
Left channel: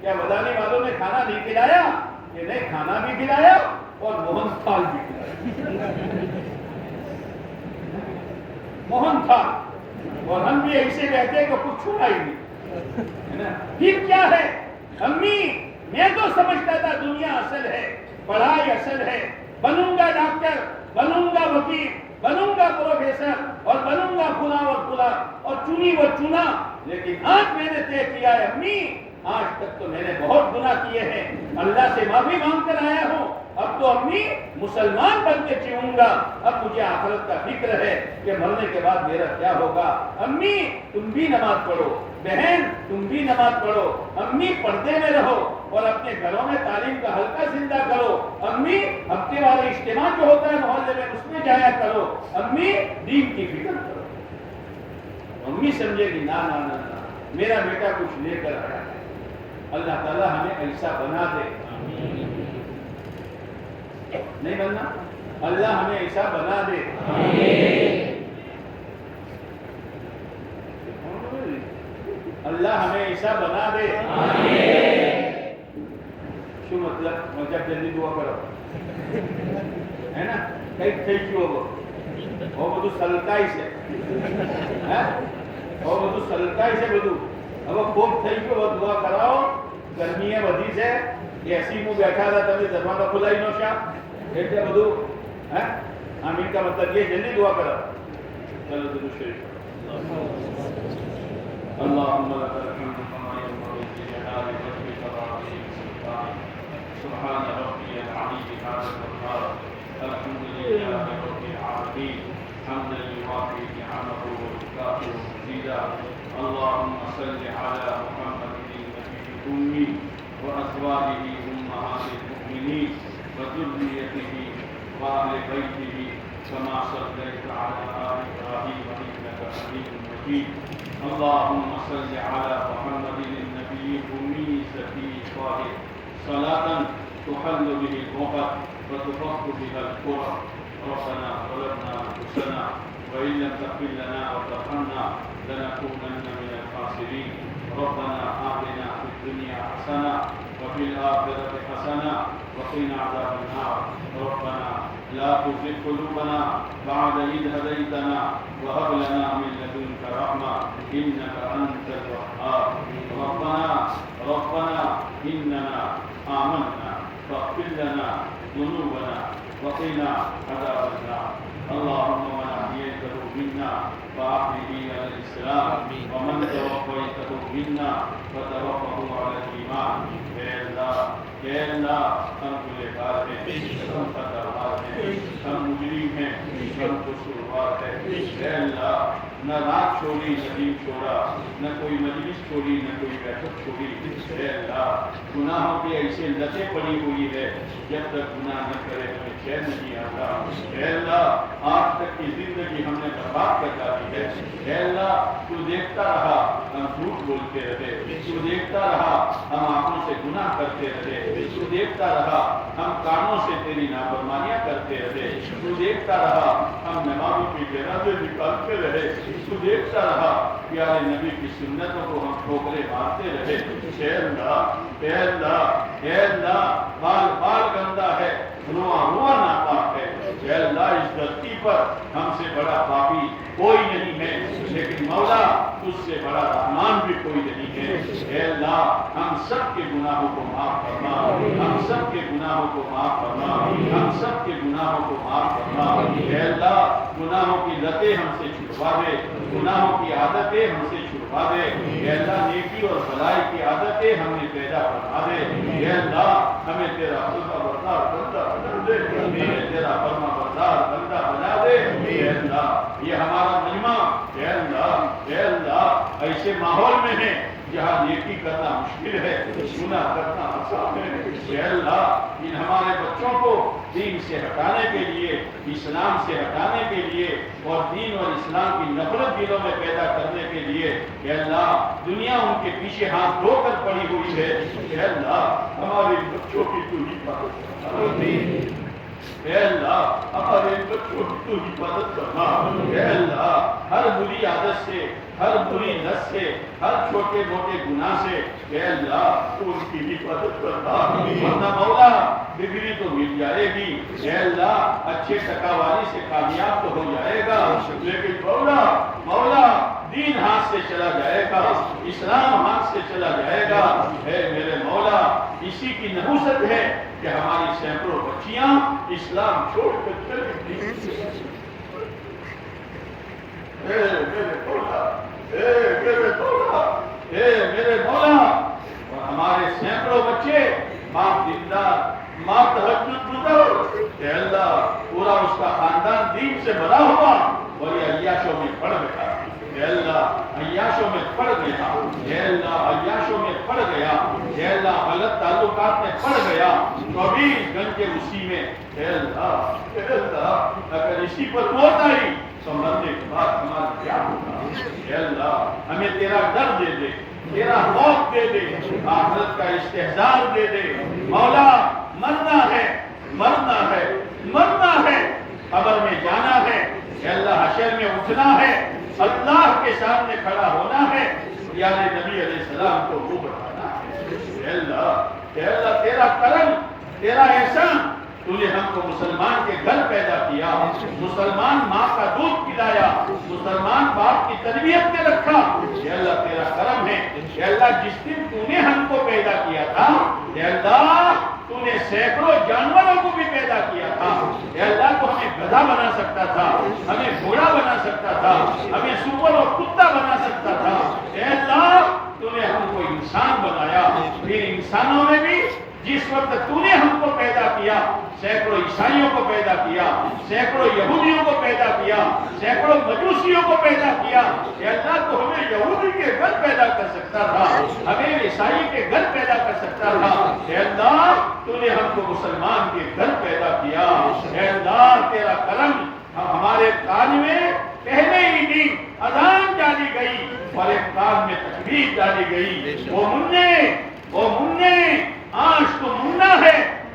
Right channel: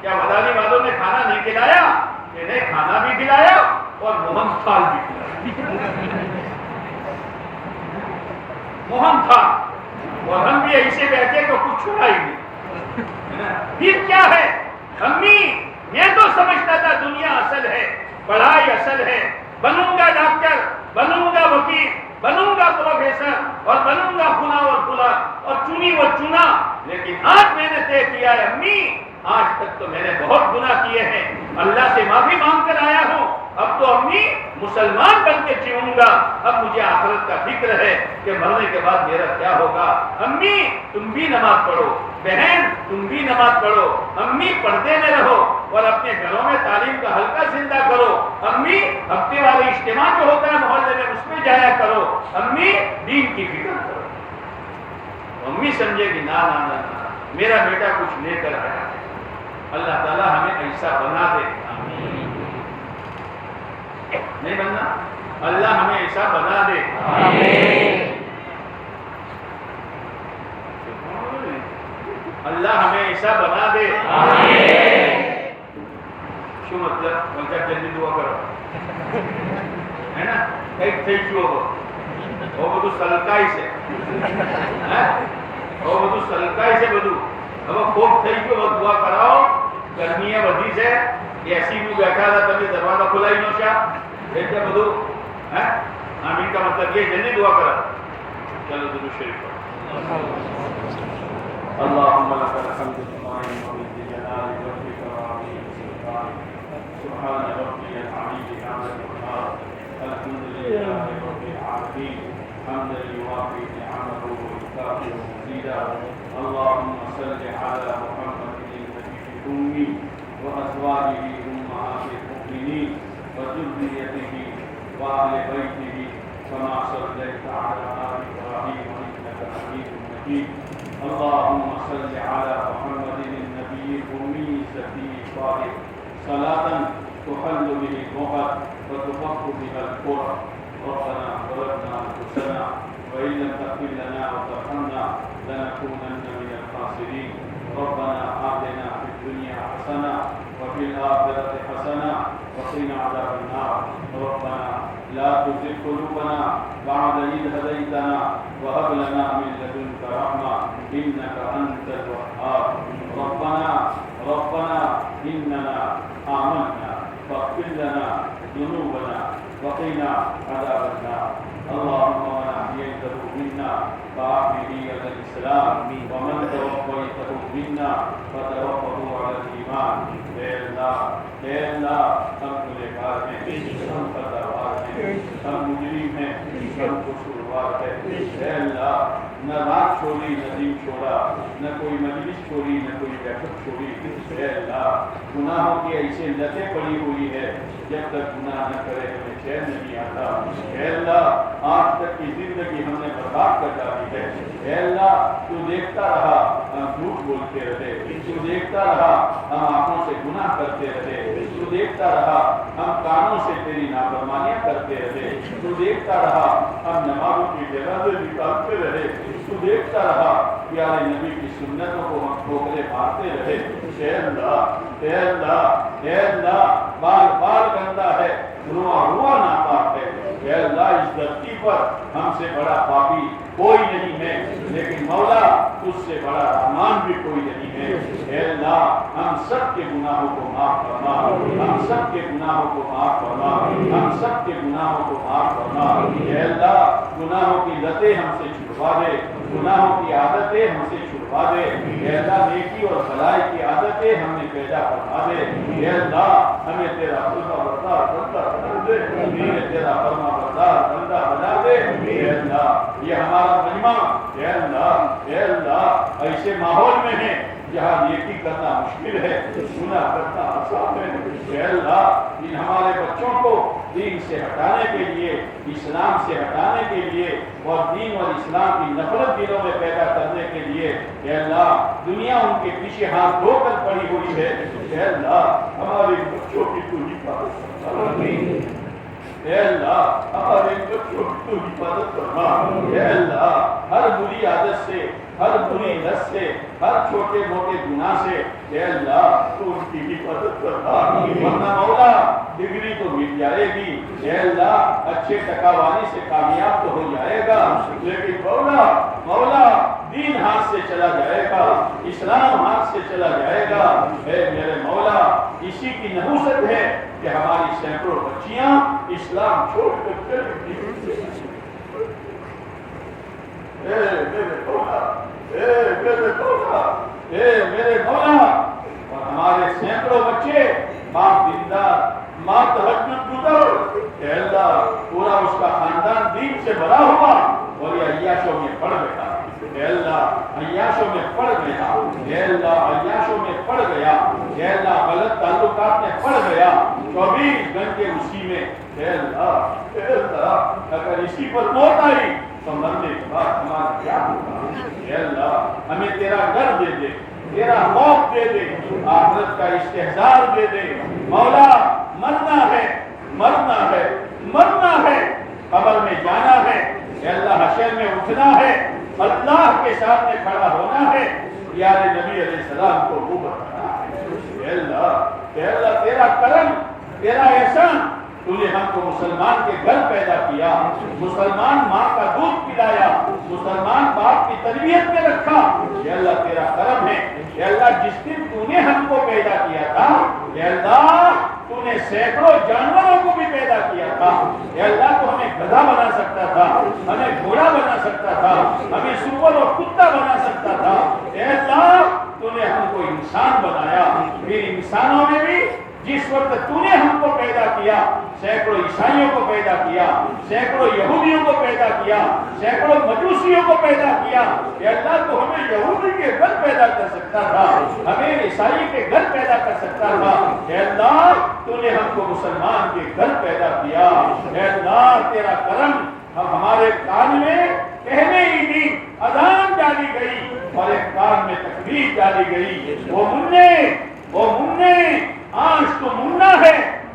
کیا مدانی والوں نے کھانا نہیں کھلایا؟ انہیں کھانا بھی کھلایا اور موہن تھال بھی کھلایا، موہن تھال، اور ہم بھی ایسے بیٹھے تو کچھ چھوڑا ہی نہیں۔ پھر کیا ہے؟ امی میں تو سمجھتا تھا دنیا اصل ہے، پڑھائی اصل ہے، بنوں گا ڈاکٹر، بنوں گا وکیل، بنوں گا پروفیسر، اور بنوں گا فلاں اور فلاں، اور چنی وہ چنا، لیکن آج میں نے طے کیا ہے امی، آج تک تو میں نے بہت گناہ کیے ہیں، اللہ سے معافی مانگ کر آیا ہوں، اب تو امی مسلمان بن کے جیوں گا، اب مجھے آخرت کا فکر ہے کہ مرنے کے بعد میرا کیا ہوگا۔ امی تم بھی نماز پڑھو، بہن تم بھی نماز پڑھو، امی پردے میں رہو، اور اپنے گھروں میں تعلیم کا حلقہ زندہ کرو، امی ہفتے والے اجتماع جو ہوتا ہے محلے میں اس میں جایا کرو، امی دین کی فکر کرو۔ امی سمجھے گی نا نا نا نا میرا بیٹا کچھ لے کر آیا ہے۔ اللہ تعالیٰ ہمیں ایسا بنا دے، نہیں بننا، اللہ ہمیں ایسا بنا دے، اللہ ہمیں ایسا بنا دے۔ شو مطلب جلدی دعا کرو ہے نا، کئی تھئی شو وہ بدو سلکائی سے وہ بدو سلکائی سے بدو اب خوب تھئی کو دعا کراؤ، گرمی ہے ودی سے ایسی میں بیٹھا تھا تبھی دروازہ کھلا ہی نوشا بیٹھے بدو آمین کا مطلب یہ جلدی دعا کرا۔ چلو درود شریف اللهم لك الحمد بما ينبغي لجلال وجهك وعظيم سلطانك سبحان ربي العلي هذا القهار الحمد لله رب العالمين حمدا يوافي نعمه ويكافئ مزيدا اللهم صل على محمد النبي الأمي وأزواجه أمهات المؤمنين وذريته وأهل بيته كما صليت على آل إبراهيم إنك حميد مجيد اللهم صل على محمد النبي الأمي الزكي الطاهر صلاة تحل به الغفر وتفك بها الكرة ربنا ظلمنا أنفسنا وإن لم تغفر لنا وترحمنا لنكونن من الخاسرين ربنا آتنا في الدنيا حسنة وفي الآخرة حسنة وقنا عذاب النار ربنا لا تزغ قلوبنا بعد إذ هديتنا وهب لنا من لدنك رحمة إنك أنت الوهاب ربنا إننا آمنا فاغفر لنا ذنوبنا وقنا عذاب النار اللهم من أحييته منا فأحيه على الإسلام ومن توفيته منا فتوفه على الإيمان اے اللہ ہم گنہگار ہیں، ہم خطاوار ہیں، ہم مجرم ہیں، ہم قصوروار ہیں، اے اللہ نہ رات چھوڑی نہ دن چھوڑا، نہ کوئی مجلس چھوڑی نہ کوئی بیٹھک چھوڑی۔ اے اللہ گناہوں کی ایسے لتیں پڑی ہوئی ہے، جب تک گناہ نہ کرے ہمیں چین نہیں آتا۔ اے اللہ آج تک کی زندگی ہم نے برباد کر ڈالی ہے۔ اے اللہ تو دیکھتا رہا ہم جھوٹ بولتے رہے، تو دیکھتا رہا ہم آنکھوں سے گناہ کرتے رہے، تو دیکھتا رہا ہم کانوں سے تیری نافرمانیاں کرتے رہے، تو دیکھتا رہا ہم نمازوں کی جگہ سے نکالتے رہے، تو دیکھتا رہا پیارے نبی کی سنتوں کو ہم ٹھوکرے مارتے رہے۔ اے اللہ اے اللہ اے اللہ بال بال گندا ہے، رواں رواں ناپاک ہے۔ اے اللہ اس دھرتی پر ہم سے بڑا پاپی کوئی نہیں ہے، لیکن مولا تجھ سے بڑا رحمان بھی کوئی نہیں ہے۔ اے اللہ ہم سب کے گناہوں کو معاف فرما، ہم سب کے گناہوں کو معاف فرما، ہم سب کے گناہوں کو معاف فرما۔ اے اللہ گناہوں کی لتیں ہم سے چھڑوا دے، گناہوں کی عادتیں ہم سے چھڑوا دے۔ اے اللہ نیکی اور بھلائی کی عادتیں ہم نے پیدا فرما دے۔ اے اللہ ہمیں تیرا فرما بردار بندہ بنا دے، ہمیں تیرا فرما بردار بندہ بنا دے۔ اے اللہ یہ ہمارا مجمع اے اللہ ایسے ماحول میں ہے جہاں نیکی کرنا مشکل ہے، گناہ کرنا آسان ہے۔ اے اللہ ان ہمارے بچوں کو دین سے ہٹانے کے لیے، اسلام سے ہٹانے کے لیے اور دین اور اسلام کی نفرت دلوں میں پیدا کرنے کے لیے اے اللہ دنیا ان کے پیچھے ہاتھ دھو کر پڑی ہوئی ہے۔ اے اللہ ہمارے بچوں کی تو حفاظت فرما، اے اللہ ہمارے بچوں کی تو حفاظت فرما۔ اے اللہ ہر بری عادت سے، ہر بری لت سے، ہر چھوٹے موٹے گناہ سے اے اللہ تو ان کی حفاظت فرما، ورنہ مولا ڈگری تو مل جائے گی، اے اللہ اچھے ٹکا والی سے کامیاب تو ہو جائے گا، لیکن مولا دین ہاتھ سے چلا جائے گا، اسلام ہاتھ سے چلا جائے گا۔ اے میرے مولا اسی کی نحوست ہے کہ ہماری سینکڑوں بچیاں اسلام چھوڑ کر چلی گئی۔ اے میرے مولا اے میرے مولا اے میرے مولا، اور ہمارے سینکڑوں بچے باپ دیندار، ماں تہجد گزار، اے اللہ پورا اس کا خاندان دین سے بڑا ہوا اور یہ عیاشوں میں پڑ گیا۔ اے اللہ عیاشوں میں پڑ گیا، اے اللہ عیاشوں میں پڑ گیا، اے اللہ غلط تعلقات میں پڑ گیا، 24 گھنٹے اسی میں۔ اے اللہ اگر اسی پر موت آئی تو مرنے کے بعد ہمارا کیا ہوگا؟ اے اللہ ہمیں تیرا ڈر دے دے، تیرا خوف دے دے، آخرت کا استحضار دے دے۔ مولا مرنا ہے، مرنا ہے، مرنا ہے، قبر میں جانا ہے، اے اللہ حشر میں اٹھنا ہے، اللہ کے سامنے کھڑا ہونا ہے، پیارے نبی علیہ السلام کو وہ بتانا ہے۔ اے اللہ تیرا کرم، تیرا احسان، تو نے ہم کو مسلمان کے گھر پیدا کیا، مسلمان ماں کا دودھ پلایا، مسلمان باپ کی تربیت میں رکھا۔ اے اللہ تیرا کرم ہے۔ اے اللہ جس دن تو نے ہم کو پیدا کیا تھا، اے اللہ تو نے سینکڑوں جانوروں کو بھی پیدا کیا تھا۔ اے اللہ تو ہمیں گدھا بنا سکتا تھا، ہمیں گھوڑا بنا سکتا تھا، ہمیں سور اور کتا بنا سکتا تھا۔ اے اللہ تو نے ہم کو انسان بنایا، پھر انسانوں میں بھی جس وقت تو نے ہم کو پیدا کیا، سینکڑوں عیسائیوں کو پیدا کیا، سینکڑوں یہودیوں کو پیدا کیا، سینکڑوں مجوسیوں کو پیدا کیا۔ اے اللہ تو ہمیں یہودی کے گھر پیدا کر سکتا تھا، ہمیں عیسائی کے گھر پیدا کر سکتا تھا۔ اے اللہ تو نے ہم کو مسلمان کے گھر پیدا کیا۔ اے اللہ تیرا کرم، ہمارے کان میں پہلے ہی دن اذان ڈالی گئی اور ایک کان میں تکبیر ڈالی گئی۔ وہ مننے آج تو مننا ہے،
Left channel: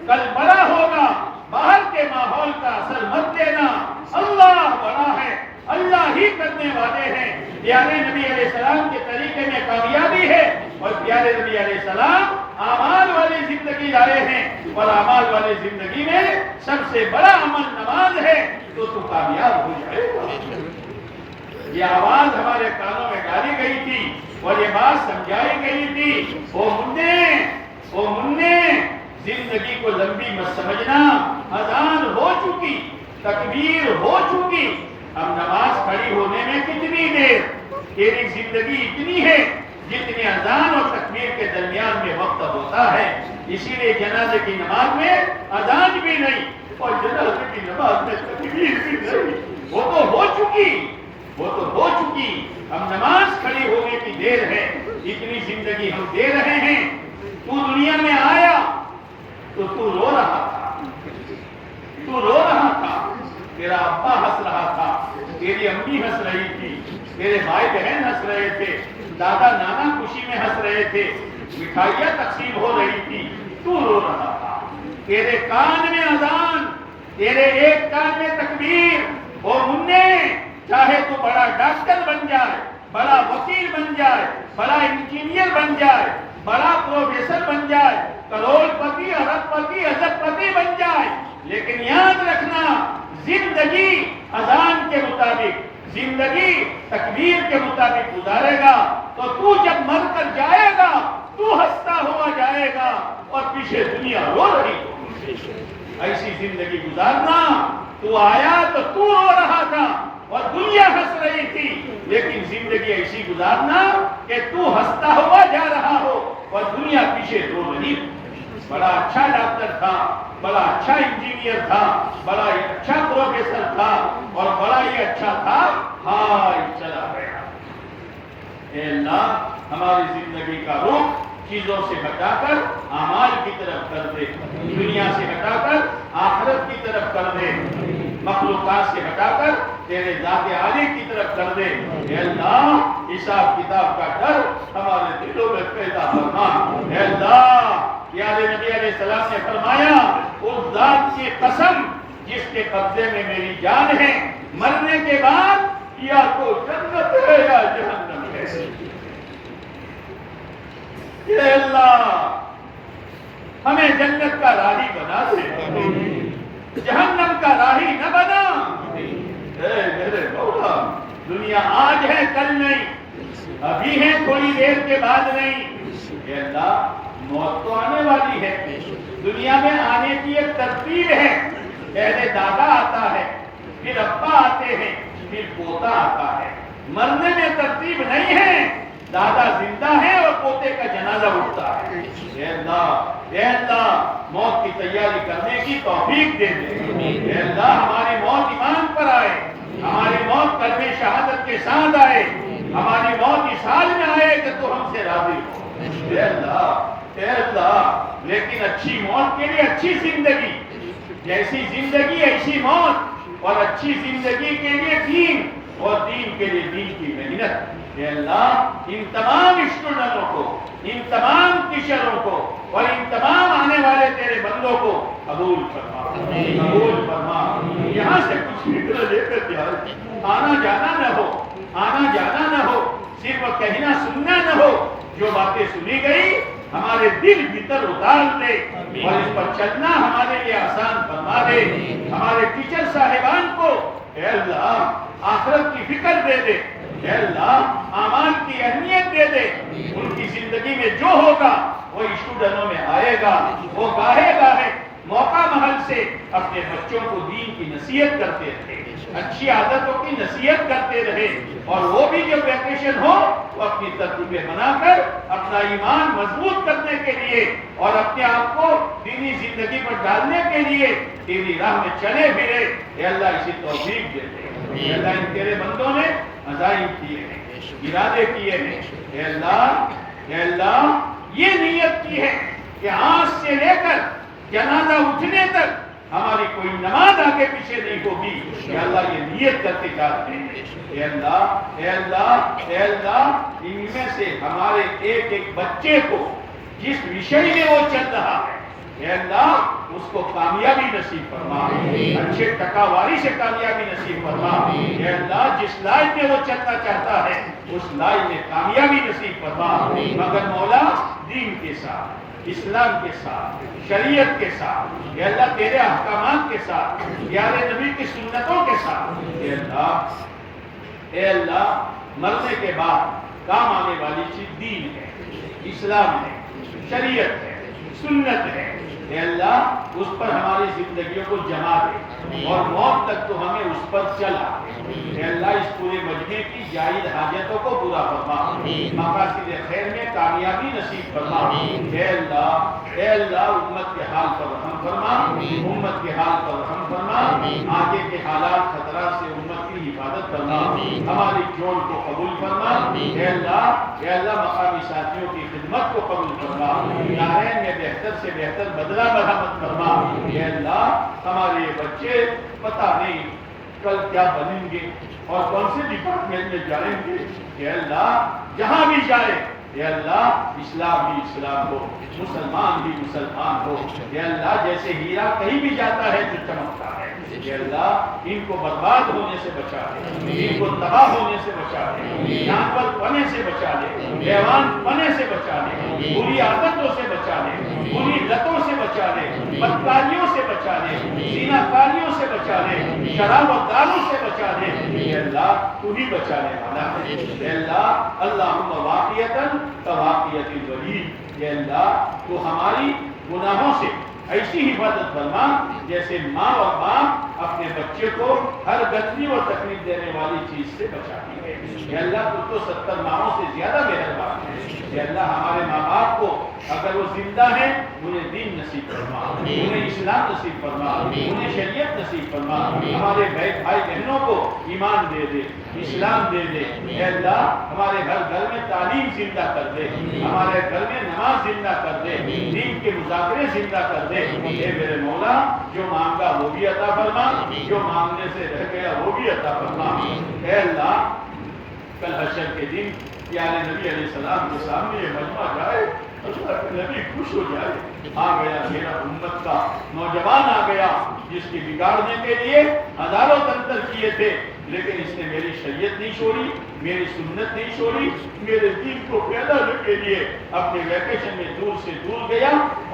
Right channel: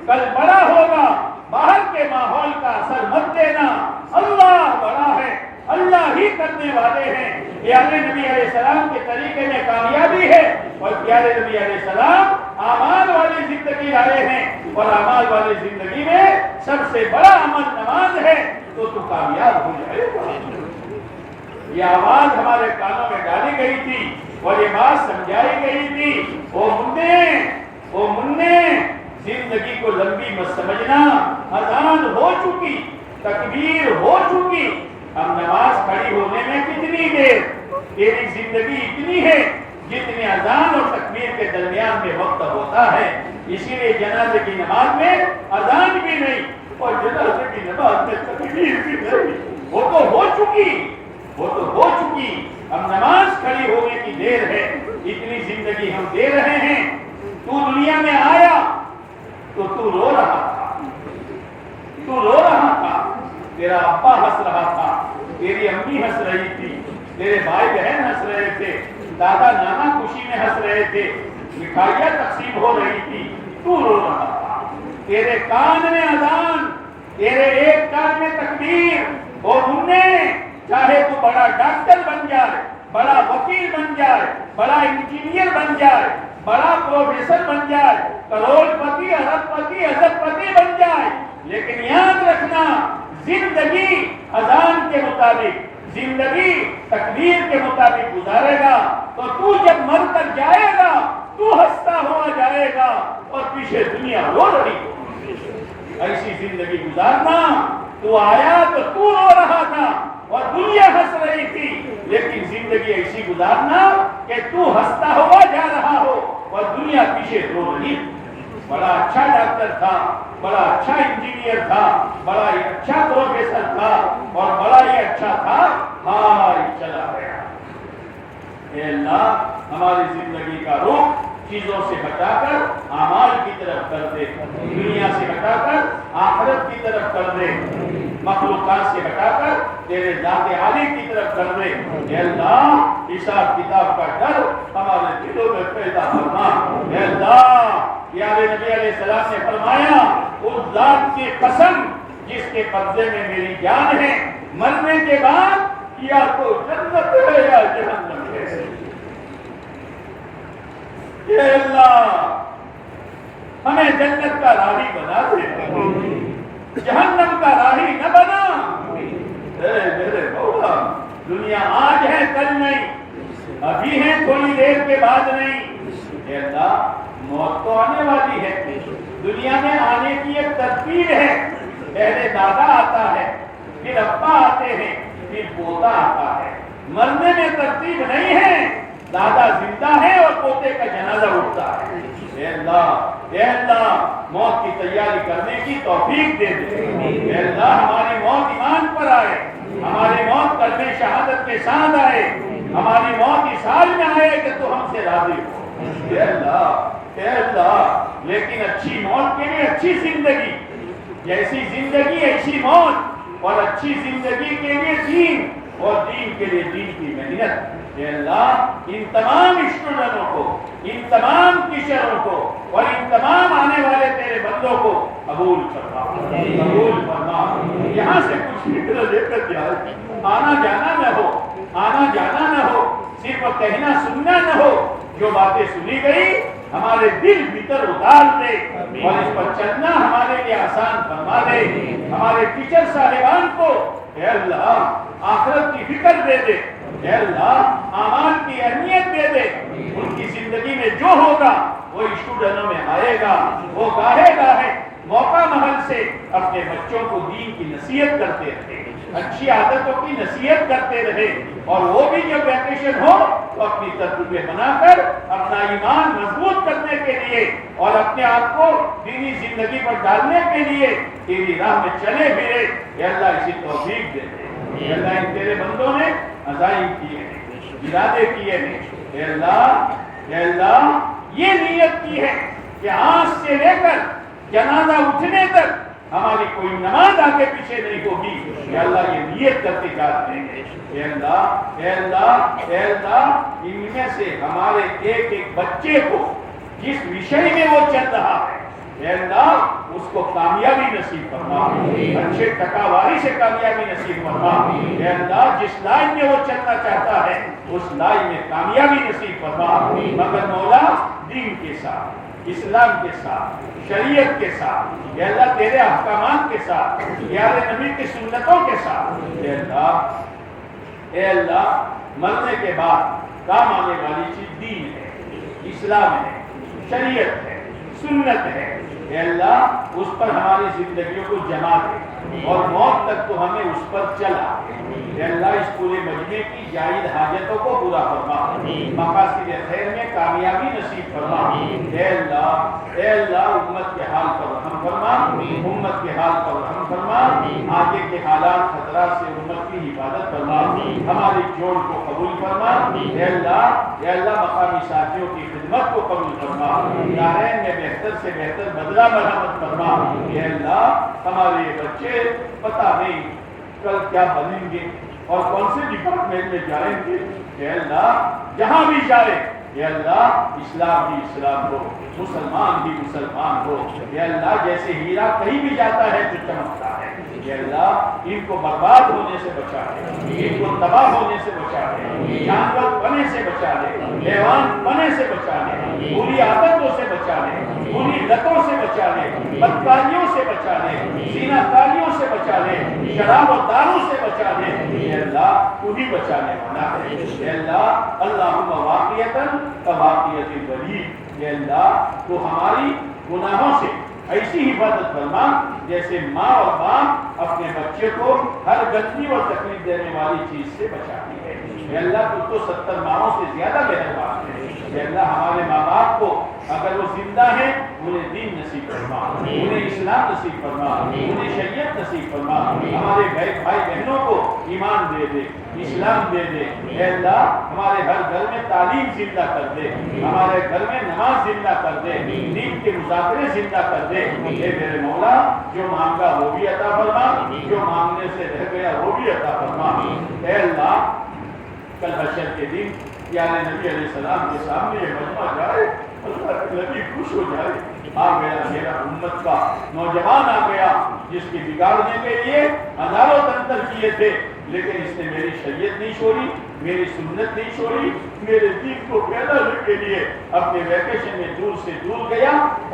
کل بڑا ہوگا، باہر کے ماحول کا اثر مت دینا، اللہ بڑا ہے، اللہ ہی کرنے والے ہیں۔ پیارے نبی علیہ السلام کے طریقے میں کامیابی ہے، اور پیارے نبی علیہ السلام اعمال والی زندگی لائے ہیں، اور اعمال والی زندگی میں سب سے بڑا عمل نماز ہے، تو کامیاب ہو جائے گا۔ یہ آواز ہمارے کانوں میں ڈالی گئی تھی اور یہ بات سمجھائی گئی تھی، او مننے زندگی کو لمبی مت سمجھنا، اذان ہو چکی، تکبیر ہو چکی، اب نماز کھڑی ہونے میں کتنی دیر؟ تیری زندگی اتنی ہے جتنے اذان اور تکبیر کے درمیان میں وقت ہوتا ہے۔ اسی لیے جنازے کی نماز میں اذان بھی نہیں اور جنازے کی نماز میں تکبیر بھی نہیں، وہ تو ہو چکی، وہ تو ہو چکی، اب نماز کھڑی ہونے کی دیر ہے۔ اتنی زندگی ہم دے رہے ہیں۔ تو دنیا میں آیا تو تو رو رہا تھا، تو رو رہا تھا، تیرا ابا ہنس رہا تھا، تیری امی ہنس رہی تھی، تیرے بھائی بہن ہنس رہے تھے، دادا نانا خوشی میں ہنس رہے تھے، مٹھائیاں تقسیم ہو رہی تھی، تو رو رہا تھا۔ تیرے کان میں اذان، تیرے ایک کان میں تکبیر، اور مننے چاہے تو بڑا ڈاکٹر بن جائے، بڑا وکیل بن جائے، بڑا انجینئر بن جائے، بڑا پروفیسر بن جائے، کروڑ پتی، ارب پتی، ازب پتی بن جائے، لیکن یاد رکھنا زندگی اذان کے مطابق، زندگی تکبیر کے مطابق گزارے گا تو جب مر کر جائے گا تو ہنستا ہوا جائے گا اور پیچھے دنیا رو رہی ہوگی۔ ایسی زندگی گزارنا، تو آیا تو رو رہا تھا اور دنیا ہنس رہی تھی، لیکن زندگی ایسی گزارنا کہ تو ہنستا ہوا جا رہا ہو اور دنیا پیچھے رو رہی۔ بڑا اچھا ڈاکٹر تھا، بڑا اچھا انجینئر تھا، بڑا اچھا پروفیسر تھا، اور بڑا ہی اچھا تھا، ہائے چلا گیا۔ اے اللہ ہماری زندگی کا رخ چیزوں سے ہٹا کر اعمال کی طرف کر دے، دنیا سے ہٹا کر آخرت کی طرف کر دے، مخلوقات سے ہٹا کر تیرے ذات عالی کی طرف کر دے۔ اے اللہ حساب کتاب کا ڈر ہمارے دلوں میں پیدا فرما۔ اے اللہ پیارے نبی علیہ السلام نے فرمایا، اس ذات کی قسم جس کے قبضے میں میری جان ہے، مرنے کے بعد یا تو جنت ہے یا جہنم ہے۔ اے اللہ ہمیں جنت کا راہی بنا دے، جہنم کا راہی نہ بنا۔ اے میرے مولا، دنیا آج ہے کل نہیں، ابھی ہے تھوڑی دیر کے بعد نہیں۔ اے اللہ موت تو آنے والی ہے، دنیا میں آنے کی ایک ترتیب ہے، پہلے دادا آتا ہے، پھر ابا آتے ہیں، پھر پوتا آتا ہے۔ مرنے میں ترتیب نہیں ہے، دادا زندہ ہے اور پوتے کا جنازہ اٹھتا ہے۔ اے اللہ موت کی تیاری کرنے کی توفیق دے دے۔ اے اللہ ہماری موت ایمان پر آئے، ہماری موت کلمہ شہادت کے ساتھ آئے، ہماری موت اس حال میں آئے کہ تو ہم سے راضی ہو۔ اے اللہ لیکن اچھی موت کے لیے اچھی زندگی، جیسی زندگی ایسی موت، اور اچھی زندگی کے لیے دین، اور دین کے لیے دین کی محنت۔ اے اللہ ان تمام اسٹوڈنٹوں کو، ان تمام ٹیچروں کو، اور ان تمام آنے والے تیرے بندوں کو قبول فرما، قبول فرما۔ یہاں سے کچھ فکر لے کر جائے، آنا جانا نہ ہو، آنا جانا نہ ہو، صرف کہنا سننا نہ ہو۔ جو باتیں سنی گئی ہمارے دل بھیتر اتار دے، اور اس پر چلنا ہمارے لیے آسان فرما دے۔ ہمارے ٹیچر صاحبان کو اے اللہ آخرت کی فکر دے دے، اے اللہ اعمال کی اہمیت دے دے۔ ان کی زندگی میں جو ہوگا وہ اسٹوڈنٹوں میں آئے گا، وہ گاہے گاہے موقع محل سے اپنے بچوں کو دین کی نصیحت کرتے رہے، اچھی عادتوں کی نصیحت کرتے رہے، اور وہ بھی جب ویکیشن ہو تو اپنی ترتیبیں بنا کر اپنا ایمان مضبوط کرنے کے لیے اور اپنے آپ کو دینی زندگی پر ڈالنے کے لیے تیری راہ میں چلے پھرے۔ اے اللہ اسی توفیق دے دے۔ اے اللہ ان تیرے بندوں نے عزائم کیے ہیں، ارادے کیے ہیں، اے اللہ یہ نیت کی ہے کہ آج سے لے کر جنازہ اٹھنے تک ہماری کوئی نماز آگے پیچھے نہیں ہوگی۔ یا اللہ یہ نیت کرتے جاتے ہیں۔ اے اللہ ان میں سے ہمارے ایک ایک بچے کو جس وشے میں وہ چل رہا ہے اے اللہ اس کو کامیابی نصیب فرما، اچھے ٹکاواری سے کامیابی نصیب فرما۔ اے اللہ جس لائن میں وہ چلنا چاہتا ہے اس لائن میں کامیابی نصیب فرما، مگر مولا دین کے ساتھ، اسلام کے ساتھ، شریعت کے ساتھ، اے اللہ تیرے احکامات کے ساتھ، پیارے نبی کی سنتوں کے ساتھ۔ اے اللہ مرنے کے بعد کام آنے والی چیز دین ہے، اسلام ہے، شریعت ہے، سنت ہے۔ اے اللہ اس پر ہماری زندگیوں کو جما دے اور موت تک تو ہمیں اس پر چلا۔ اے اللہ اس پورے مجمع کی جائز حاجتوں کو پورا فرما، مقاصد خیر میں کامیابی نصیب فرما۔ اے اللہ امت کے حال پر رحم فرما، امت کے حال پر رحم فرما، آگے کے حالات خطرات سے امت کی کی حفاظت فرما، ہماری جوڑ کو قبول فرما، اے اللہ مقامی ساتھیوں کی خدمت کو قبول فرما، دارین میں بہتر سے بہتر بدلہ مرحمت فرما، اے اللہ ہمارے یہ بچے پتہ نہیں کل کیا بنیں گے اور کون سے ڈپارٹمنٹ میں جائیں گے، اے اللہ جہاں بھی جائے اے اللہ اسلام ہی اسلام ہو، مسلمان بھی مسلمان ہو، اے اللہ جیسے ہیرا کہیں بھی جاتا ہے تو چمکتا ہے، اے اللہ ان کو برباد ہونے سے بچا لے، ان کو تباہ ہونے سے بچا لے، جانور پنے سے بچا لے، حیوان پنے سے بچا لے، بری عادتوں سے بچا لے، بری لتوں سے بچا لے، بدکاریوں سے بچا لے، زنا کاریوں سے بچا لے، شراب و دارو سے بچا لے، اے اللہ تو ہی بچانے والا ہے، اے اللہ اللہم واقعیتاً کواقعیت الولید، اے اللہ تو ہماری گناہوں سے ایسی حفاظت فرما جیسے ماں اور باپ اپنے بچے کو ہر گندی اور تکلیف دینے والی چیز سے بچاتی ہے، اے اللہ تو 70 ماؤں سے زیادہ مہربان ہے، اے اللہ ہمارے ماں باپ کو اگر وہ زندہ ہیں انہیں دین نصیب فرما، انہیں اسلام نصیب فرما، انہیں شریعت نصیب فرما، ہمارے بھائی بہنوں کو ایمان دے دے، اسلام دے دے، اے اللہ ہمارے ہر گھر میں تعلیم زندہ کر دے، ہمارے گھر میں نماز زندہ کر دے، دین کے مذاکرے زندہ کر دے، اے میرے مولا جو مانگا وہ بھی عطا فرما، جو مانگنے سے رہ گیا وہ بھی عطا فرما، اے اللہ کل حشر کے دن پیارے نبی علیہ السلام کے سامنے یہ مجمع جائے، اللہ کے نبی خوش ہو جائے، آ گیا میرا امت کا نوجوان آ گیا جس کی بگاڑنے کے لیے ہزاروں تنتر کیے تھے، لیکن اس نے میری شریعت نہیں چھوڑی، میری سنت نہیں چھوڑی، میرے دین کو پھیلانے کے لیے اپنے ویکیشن میں دور سے دور گیا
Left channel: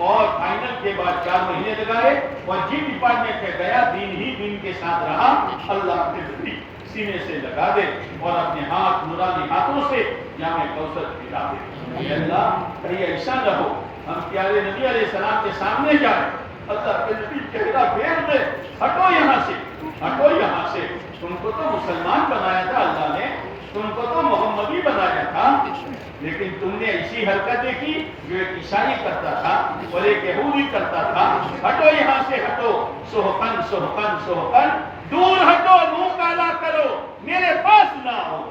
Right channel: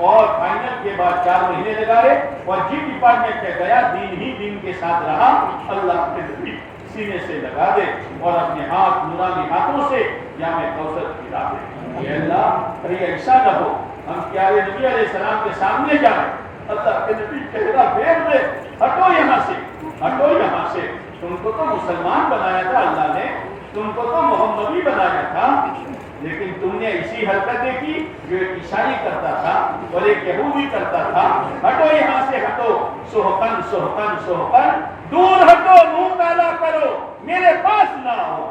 اور فائنل کے بعد 4 مہینے لگائے اور جی ڈپارٹمنٹ میں گیا دین ہی دین کے ساتھ رہا، اللہ کے نبی سینے سے لگا دے اور اپنے ہاتھ نورانی ہاتھوں سے جامع کوثر پلا دے، اے اللہ کہیں ایسا نہ ہو ہم پیارے نبی علیہ السلام کے سامنے جائیں، اللہ کے نبی چہرہ پھیر دے، ہٹو یہاں سے، ہٹو یہاں سے، تم کو تو مسلمان بنایا تھا اللہ نے، تم کو تو محمدی بنایا تھا، لیکن تم نے ایسی حرکتیں کی جو ایک عیسائی کرتا تھا اور ایک یہودی کرتا تھا، ہٹو یہاں سے، ہٹو، سحقن سحقن سحقن، دور ہٹو، منہ کالا کرو، میرے پاس نہ آؤ،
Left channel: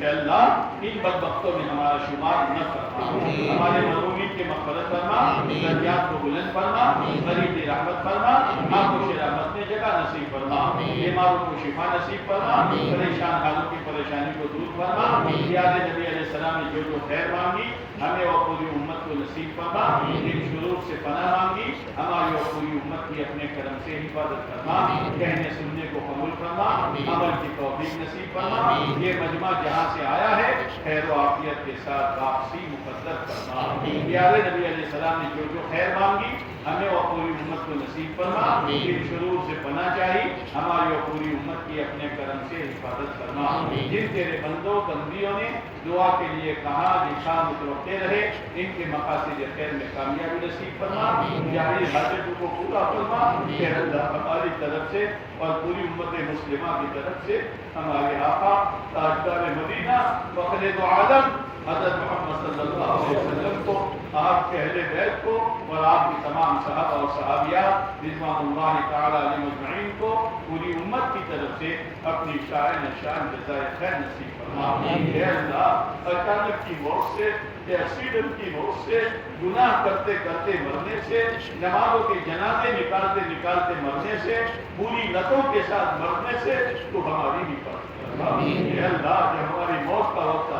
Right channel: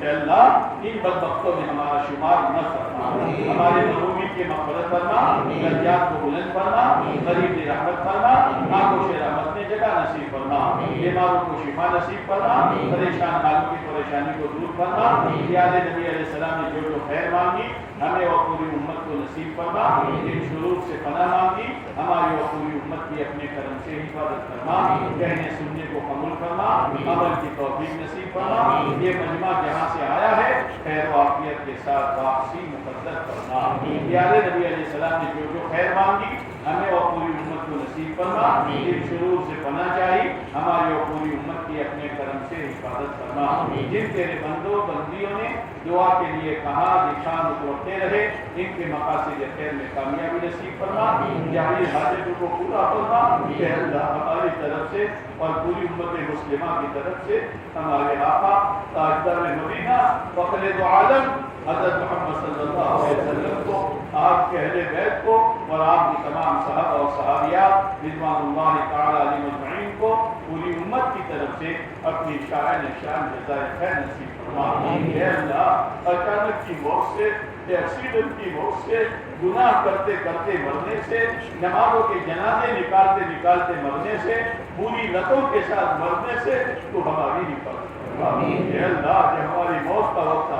اے اللہ ان بدبختوں میں ہمارا شمار نہ فرما، ہمارے محرومین کے مغفرت فرما، درجات کو بلند فرما، غریب رحمت فرما، آنکھوں سے رحمت نے جگہ نصیب فرما، بیماروں کو شفا نصیب فرما، پریشان حالوں کی پریشانی کو دور فرما، پیارے نبی علیہ السلام نے جو خیر مانگی ہمیں اور پوری امت کو نصیب فرما، جن شرور سے پناہ مانگی ہماری اور پوری امت کی اپنے کرم سے حفاظت فرما، کہنے سننے کو قبول فرما، عمل کی توفیق نصیب فرما، یہ مجمع جہاں سے آیا ہے خیر و عافیت کے ساتھ واپسی مقدر فرما، پیارے نبی علیہ السلام نے جو خیر مانگی ہمیں اور پوری امت کو نصیب فرما، جن شرور سے پناہ چاہی ہماری اور پوری امت کی اپنے کرم سے حفاظت فرما، جن تیرے بندوں بندیوں نے دعا کے لیے کہا لکھا متوقع رہے ان کے مقاصد خیر میں کامیابی نصیب فرما، جاری حاجتوں کو پورا فرما، کہ اللہ ہماری طرف سے اور پوری امت مسلمہ کی طرف سے ہمارے آقا تاجدار مدینہ فخر دو عالم حضرت محمد صلی اللہ علیہ وسلم کو، آپ کے اہل بیت کو اور آپ کی تمام صحابہ اور صحابیات رضوان اللہ تعالی علیہ مجمعین کو پوری امت کی طرف سے اپنی شان جزائے خیر نصیب فرما، اے اللہ اچانک کی موت سے، ایکسیڈنٹ کی موت سے، گناہ کرتے کرتے مرنے سے، نمازوں کے جنازے نکالتے نکالتے مرنے سے، بری لتوں کے ساتھ مرنے سے تو ہماری حفاظت فرما، اے اللہ جب ہماری موت کا وقت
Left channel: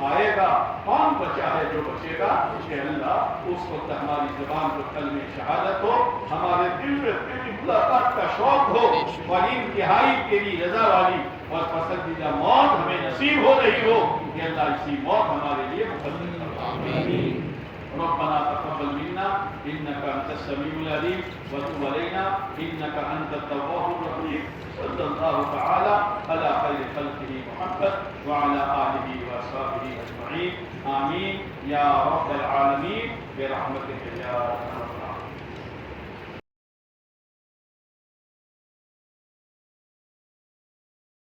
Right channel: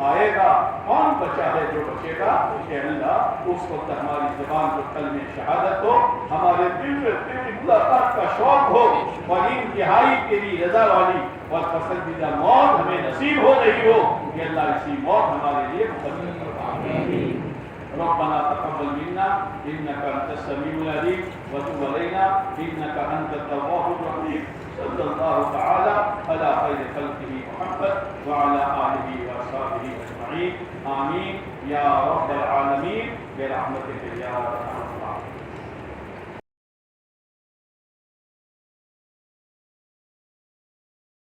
آئے گا کون بچا ہے جو بچے گا، اے اللہ اس وقت ہماری زبان کو کلمہ شہادت ہو، ہمارے دل میں تیری ملاقات کا شوق ہو اور انتہائی تیری رضا والی اور پسندیدہ موت ہمیں نصیب ہو رہی ہو، کہ اللہ اسی موت ہمارے لیے مقدر فرما، ربنا تقبل منا انك انت السميع العليم وتب علينا انك انت التواب الرحيم، صلى الله تعالى على خير خلقه محمد وعلى اله واصحابه اجمعين، آمين يا رب العالمين برحمتك يا ارحم الراحمين۔